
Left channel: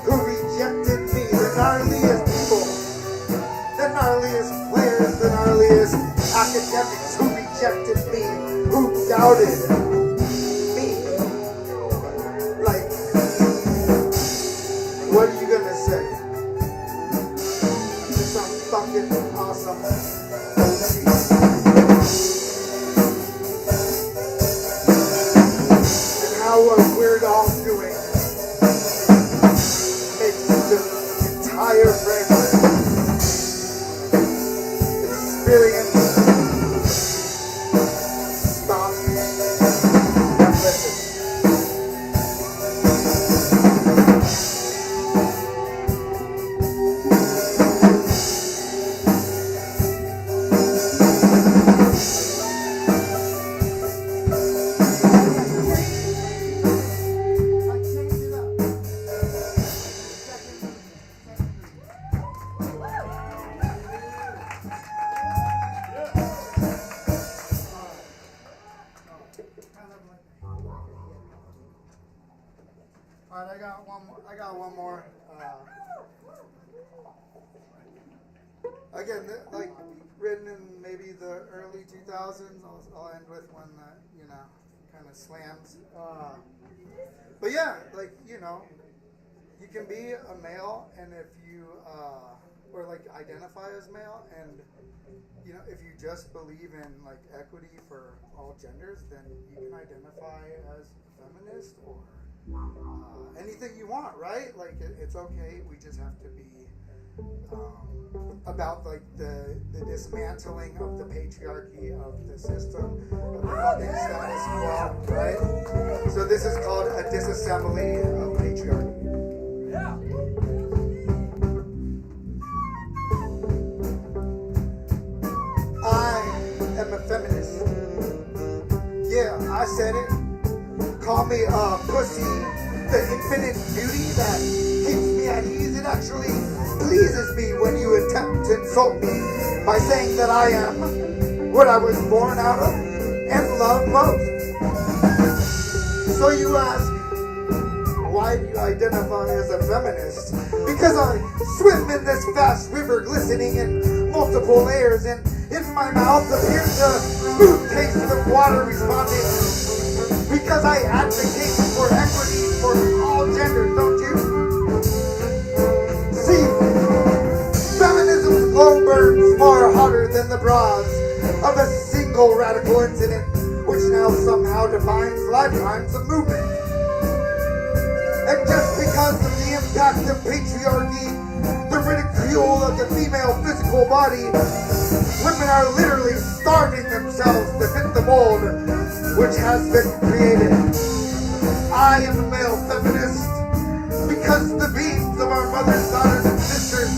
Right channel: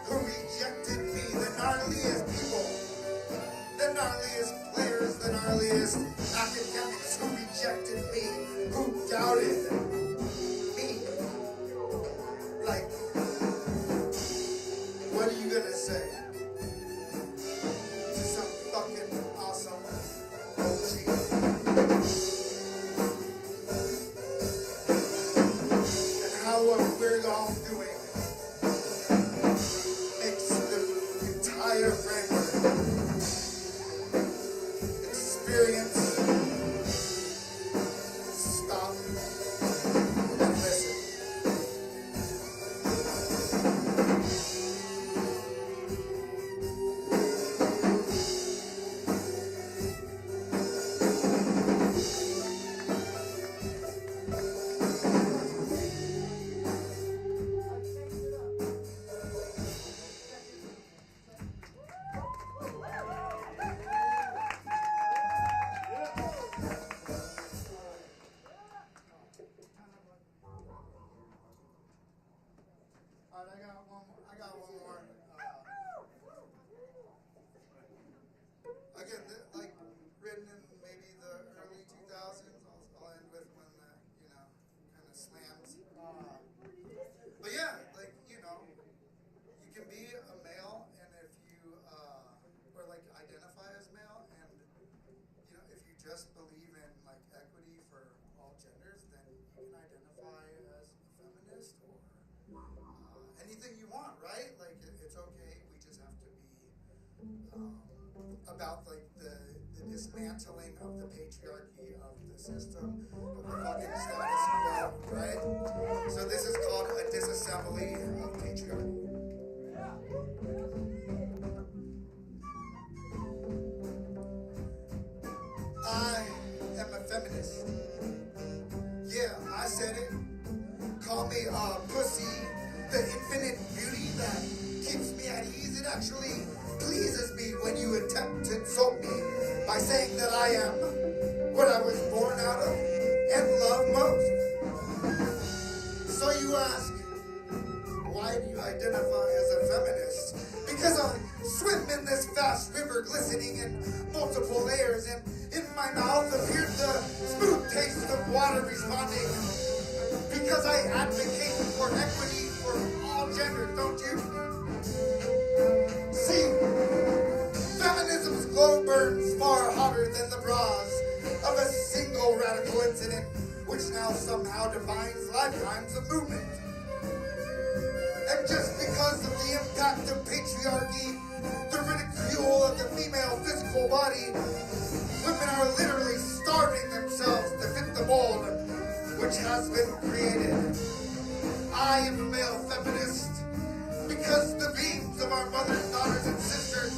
who rejected me, the gnarliest people, the gnarliest players, the gnarliest academics who rejected me, who doubted me. Like, what are you gonna say? It's some fucking awesome OG. What we're all doing makes the entire framework experience stop and listen. Alright, I got one more. Again, like written in maybe the early 2000s. I'll end with one that, you know, kind of slams. But yeah, like, you know, you can be a male, and if you or like identify as male, and you know, if you just believe in like equity for all genders, then you can identify as feminist or anything you want, right? Like it's okay. We just have to be about like the dismantling of the patriarchy of the system, of the fucking status quo, right? So this is called a disassembly of patriarchy. Yeah. I am a feminist. Yeah, I said it. Call me a pussy, the infinite beauty that keeps me at ease. It actually pleases me when you attempt to insult me by saying that I am what I was born out of and love most. So you ask, why do you identify as a feminist? Because I swim in this vast river glistening in multiple layers, and in my mouth appears the smooth taste of water responding. Because I advocate for equity for all genders, don't you? See, feminism's glow burns far hotter than the bras of a single radical incident, which now somehow defines lifetimes of movement. And just because of the impact of patriarchy, the ridicule of the female physical body, women are literally starving themselves to fit the mold which has been created. I am a male feminist because the beams of our mothers, daughters, and sisters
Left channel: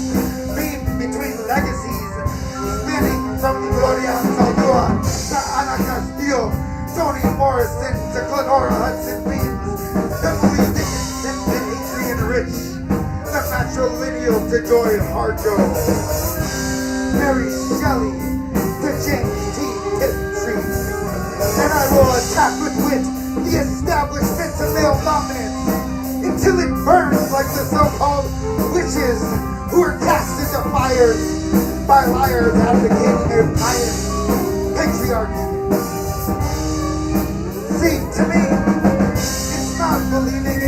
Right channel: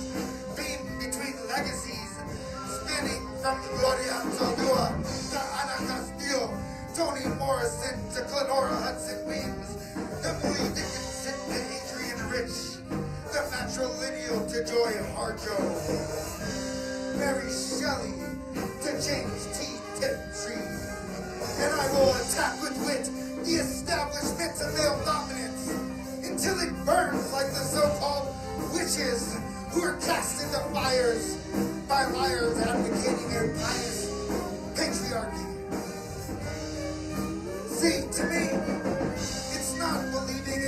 beam between legacies, spanning from Gloria Saldua to Ana Castillo, Toni Morrison to Glenora Hudson Beams, Emily Dickinson to Adrienne Rich, the matrilineal to Joy Harjo, Mary Shelley to James T. Tiptree. And I will attack with wit the establishment of male dominance until it burns like the so-called witches who are cast into fires by liars advocating their pious patriarchy. See, to me, it's not believing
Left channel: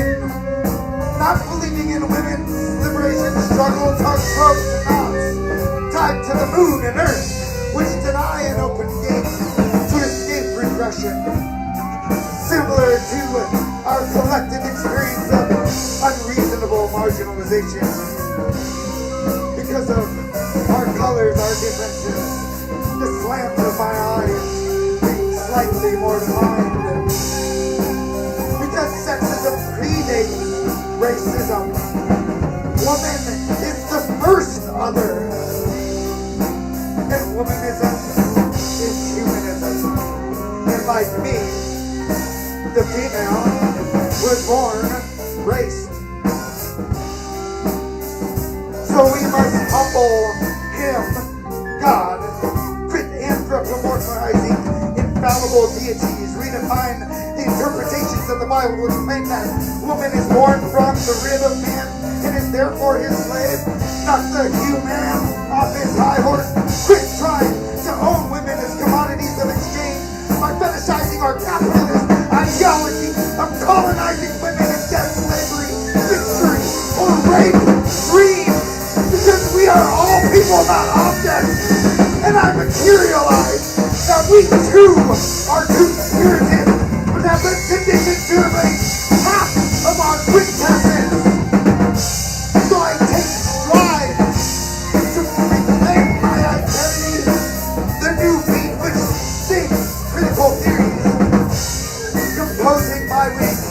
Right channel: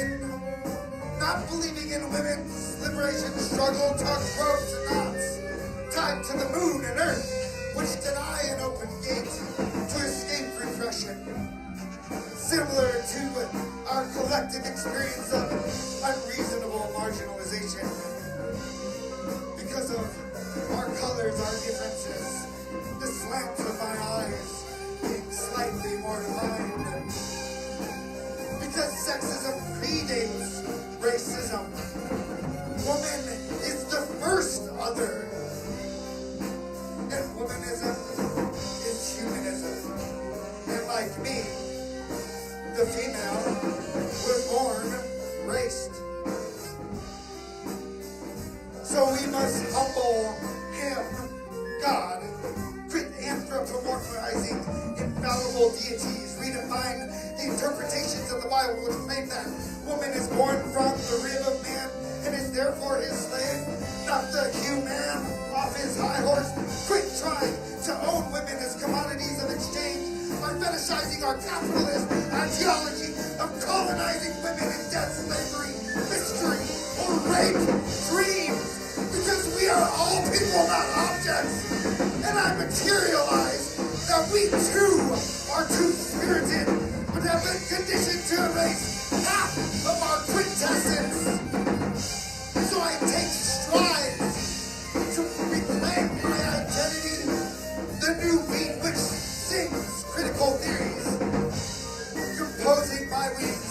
in women's liberation struggle tugs ropes and knots tied to the moon and earth, which deny an open gate to escape repression. Similar to our collective experience of unreasonable marginalization. Because of our colors, our differences, the slants of my eyes being slightly more defined. Because sexism predates racism. Woman is the first other. And womanism is humanism. the female was born raced. So we must humble him, God, quit anthropomorphizing infallible deities, redefine the interpretations of the Bible which claim that woman is born from the rib of man and is therefore his slave, not the human off his high horse. Quit trying to own women as commodities of exchange by fetishizing our capitalist ideology of colonizing women in death, slavery, mystery, or rape, dreams, because we are all people, not objects. And I materialize that we too are two-spirited, but have been conditioned to erase half of our quintessence. So I take strides to reclaim my identity, the new beat which sings critical theories, composing my wings,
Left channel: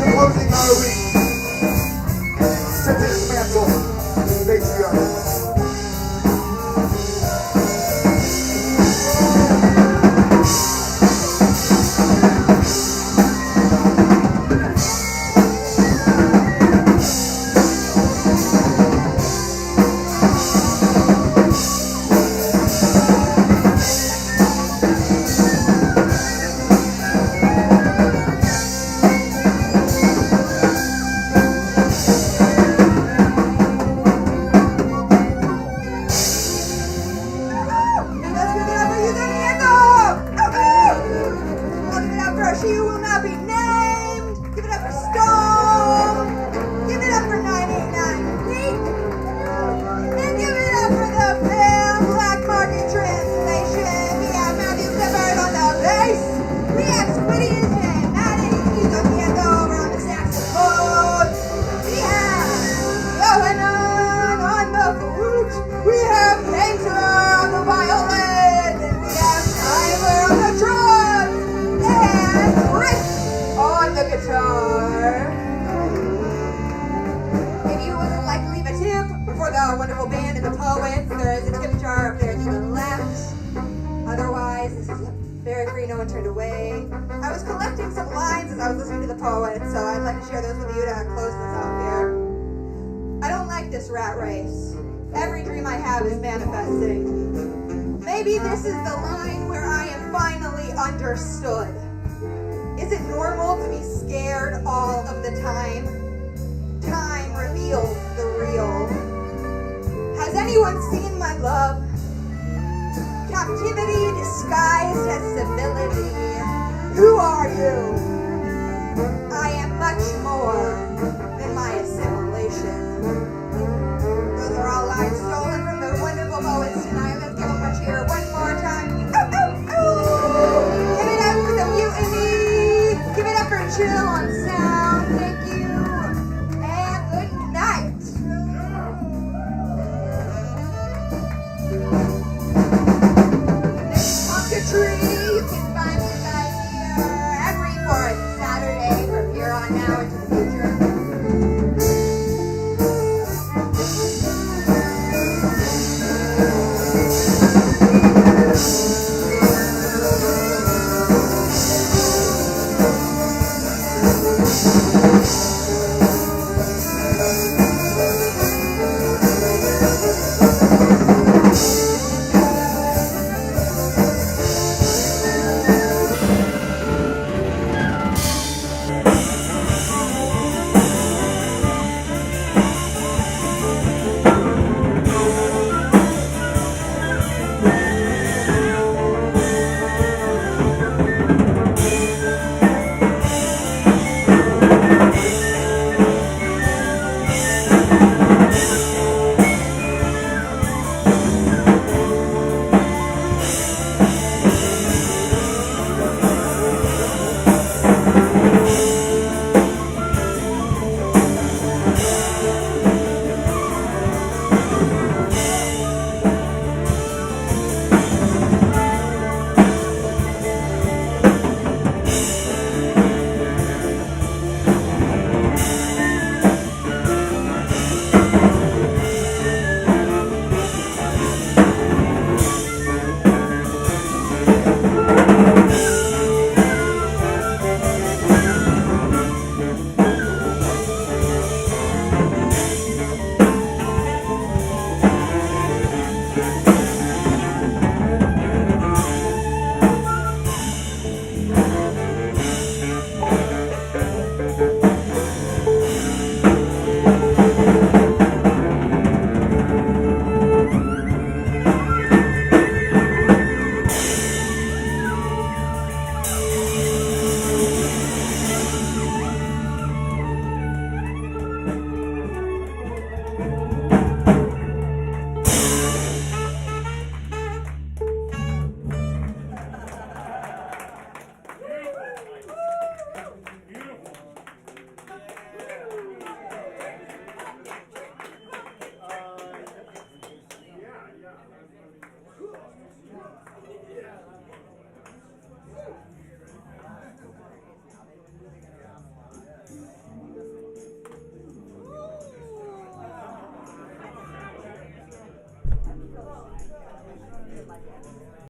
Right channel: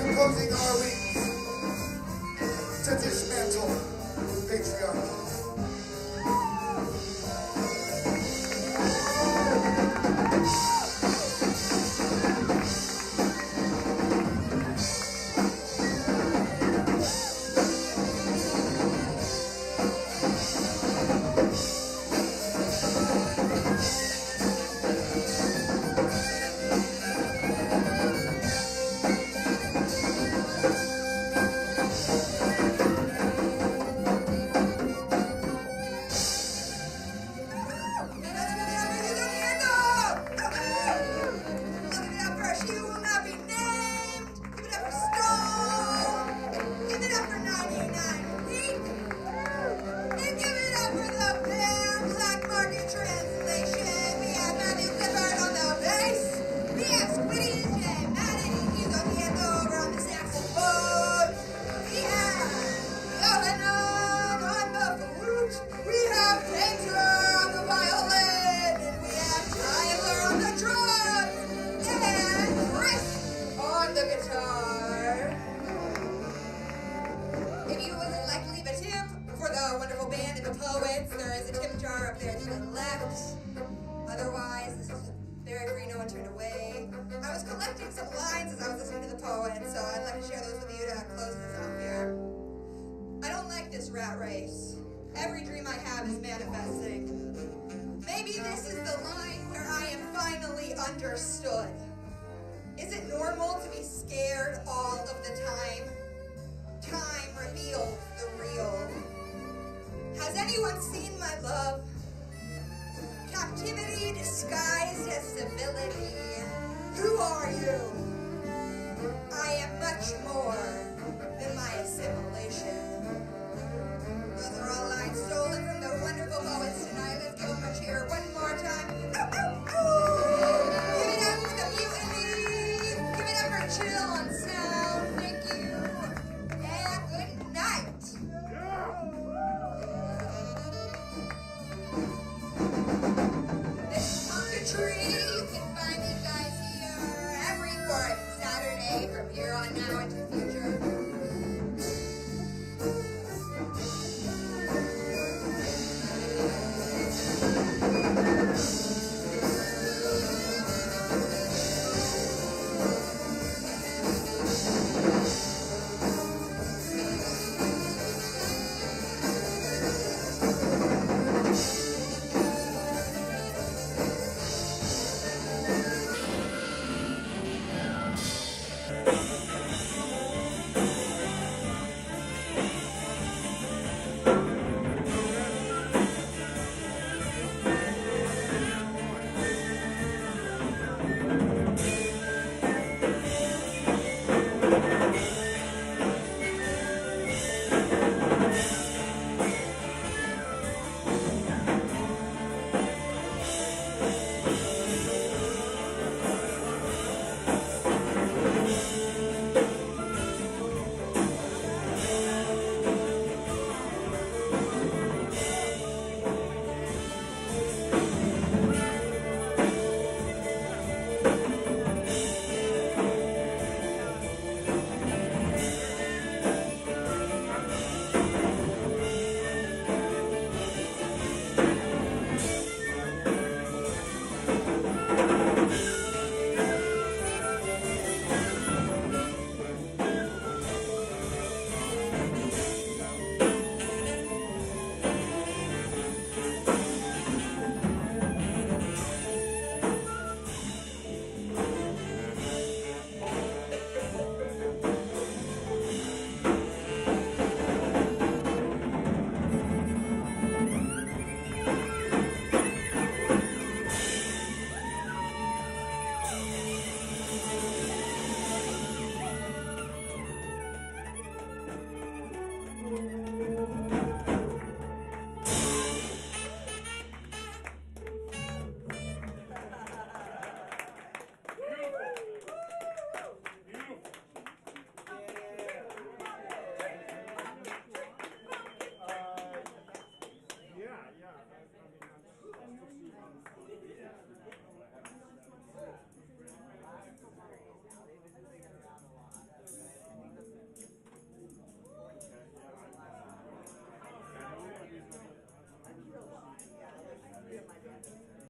composing our wings to dismantle patriarchy. She will not be named. Give it up for Stone. Give it up for 989 Pink. And give it up for the film Black Market Translation. We have Matthew Clifford on the bass. We have Squiddy and Maddie tocando over on the saxophone. We have Johanan on the flute. We have Painter on the violin. And we have Tyler on the drums. And Chris on the guitar. If you would like to leave a tip for the wonderful band and the poets, there is a tip jar up there to the left. Otherwise, this is very free, no one turned away. I was collecting some lines as I was listening to the poets, so I'd like to share those with you to close this off here. I don't like this rat race. Every dream I have is manifesting. Maybe this is the line where I am finally understood. Is it normal to be scared all of the time? Time reveals the real. Has anyone seen my love? Captivity disguised as civility. Who are you?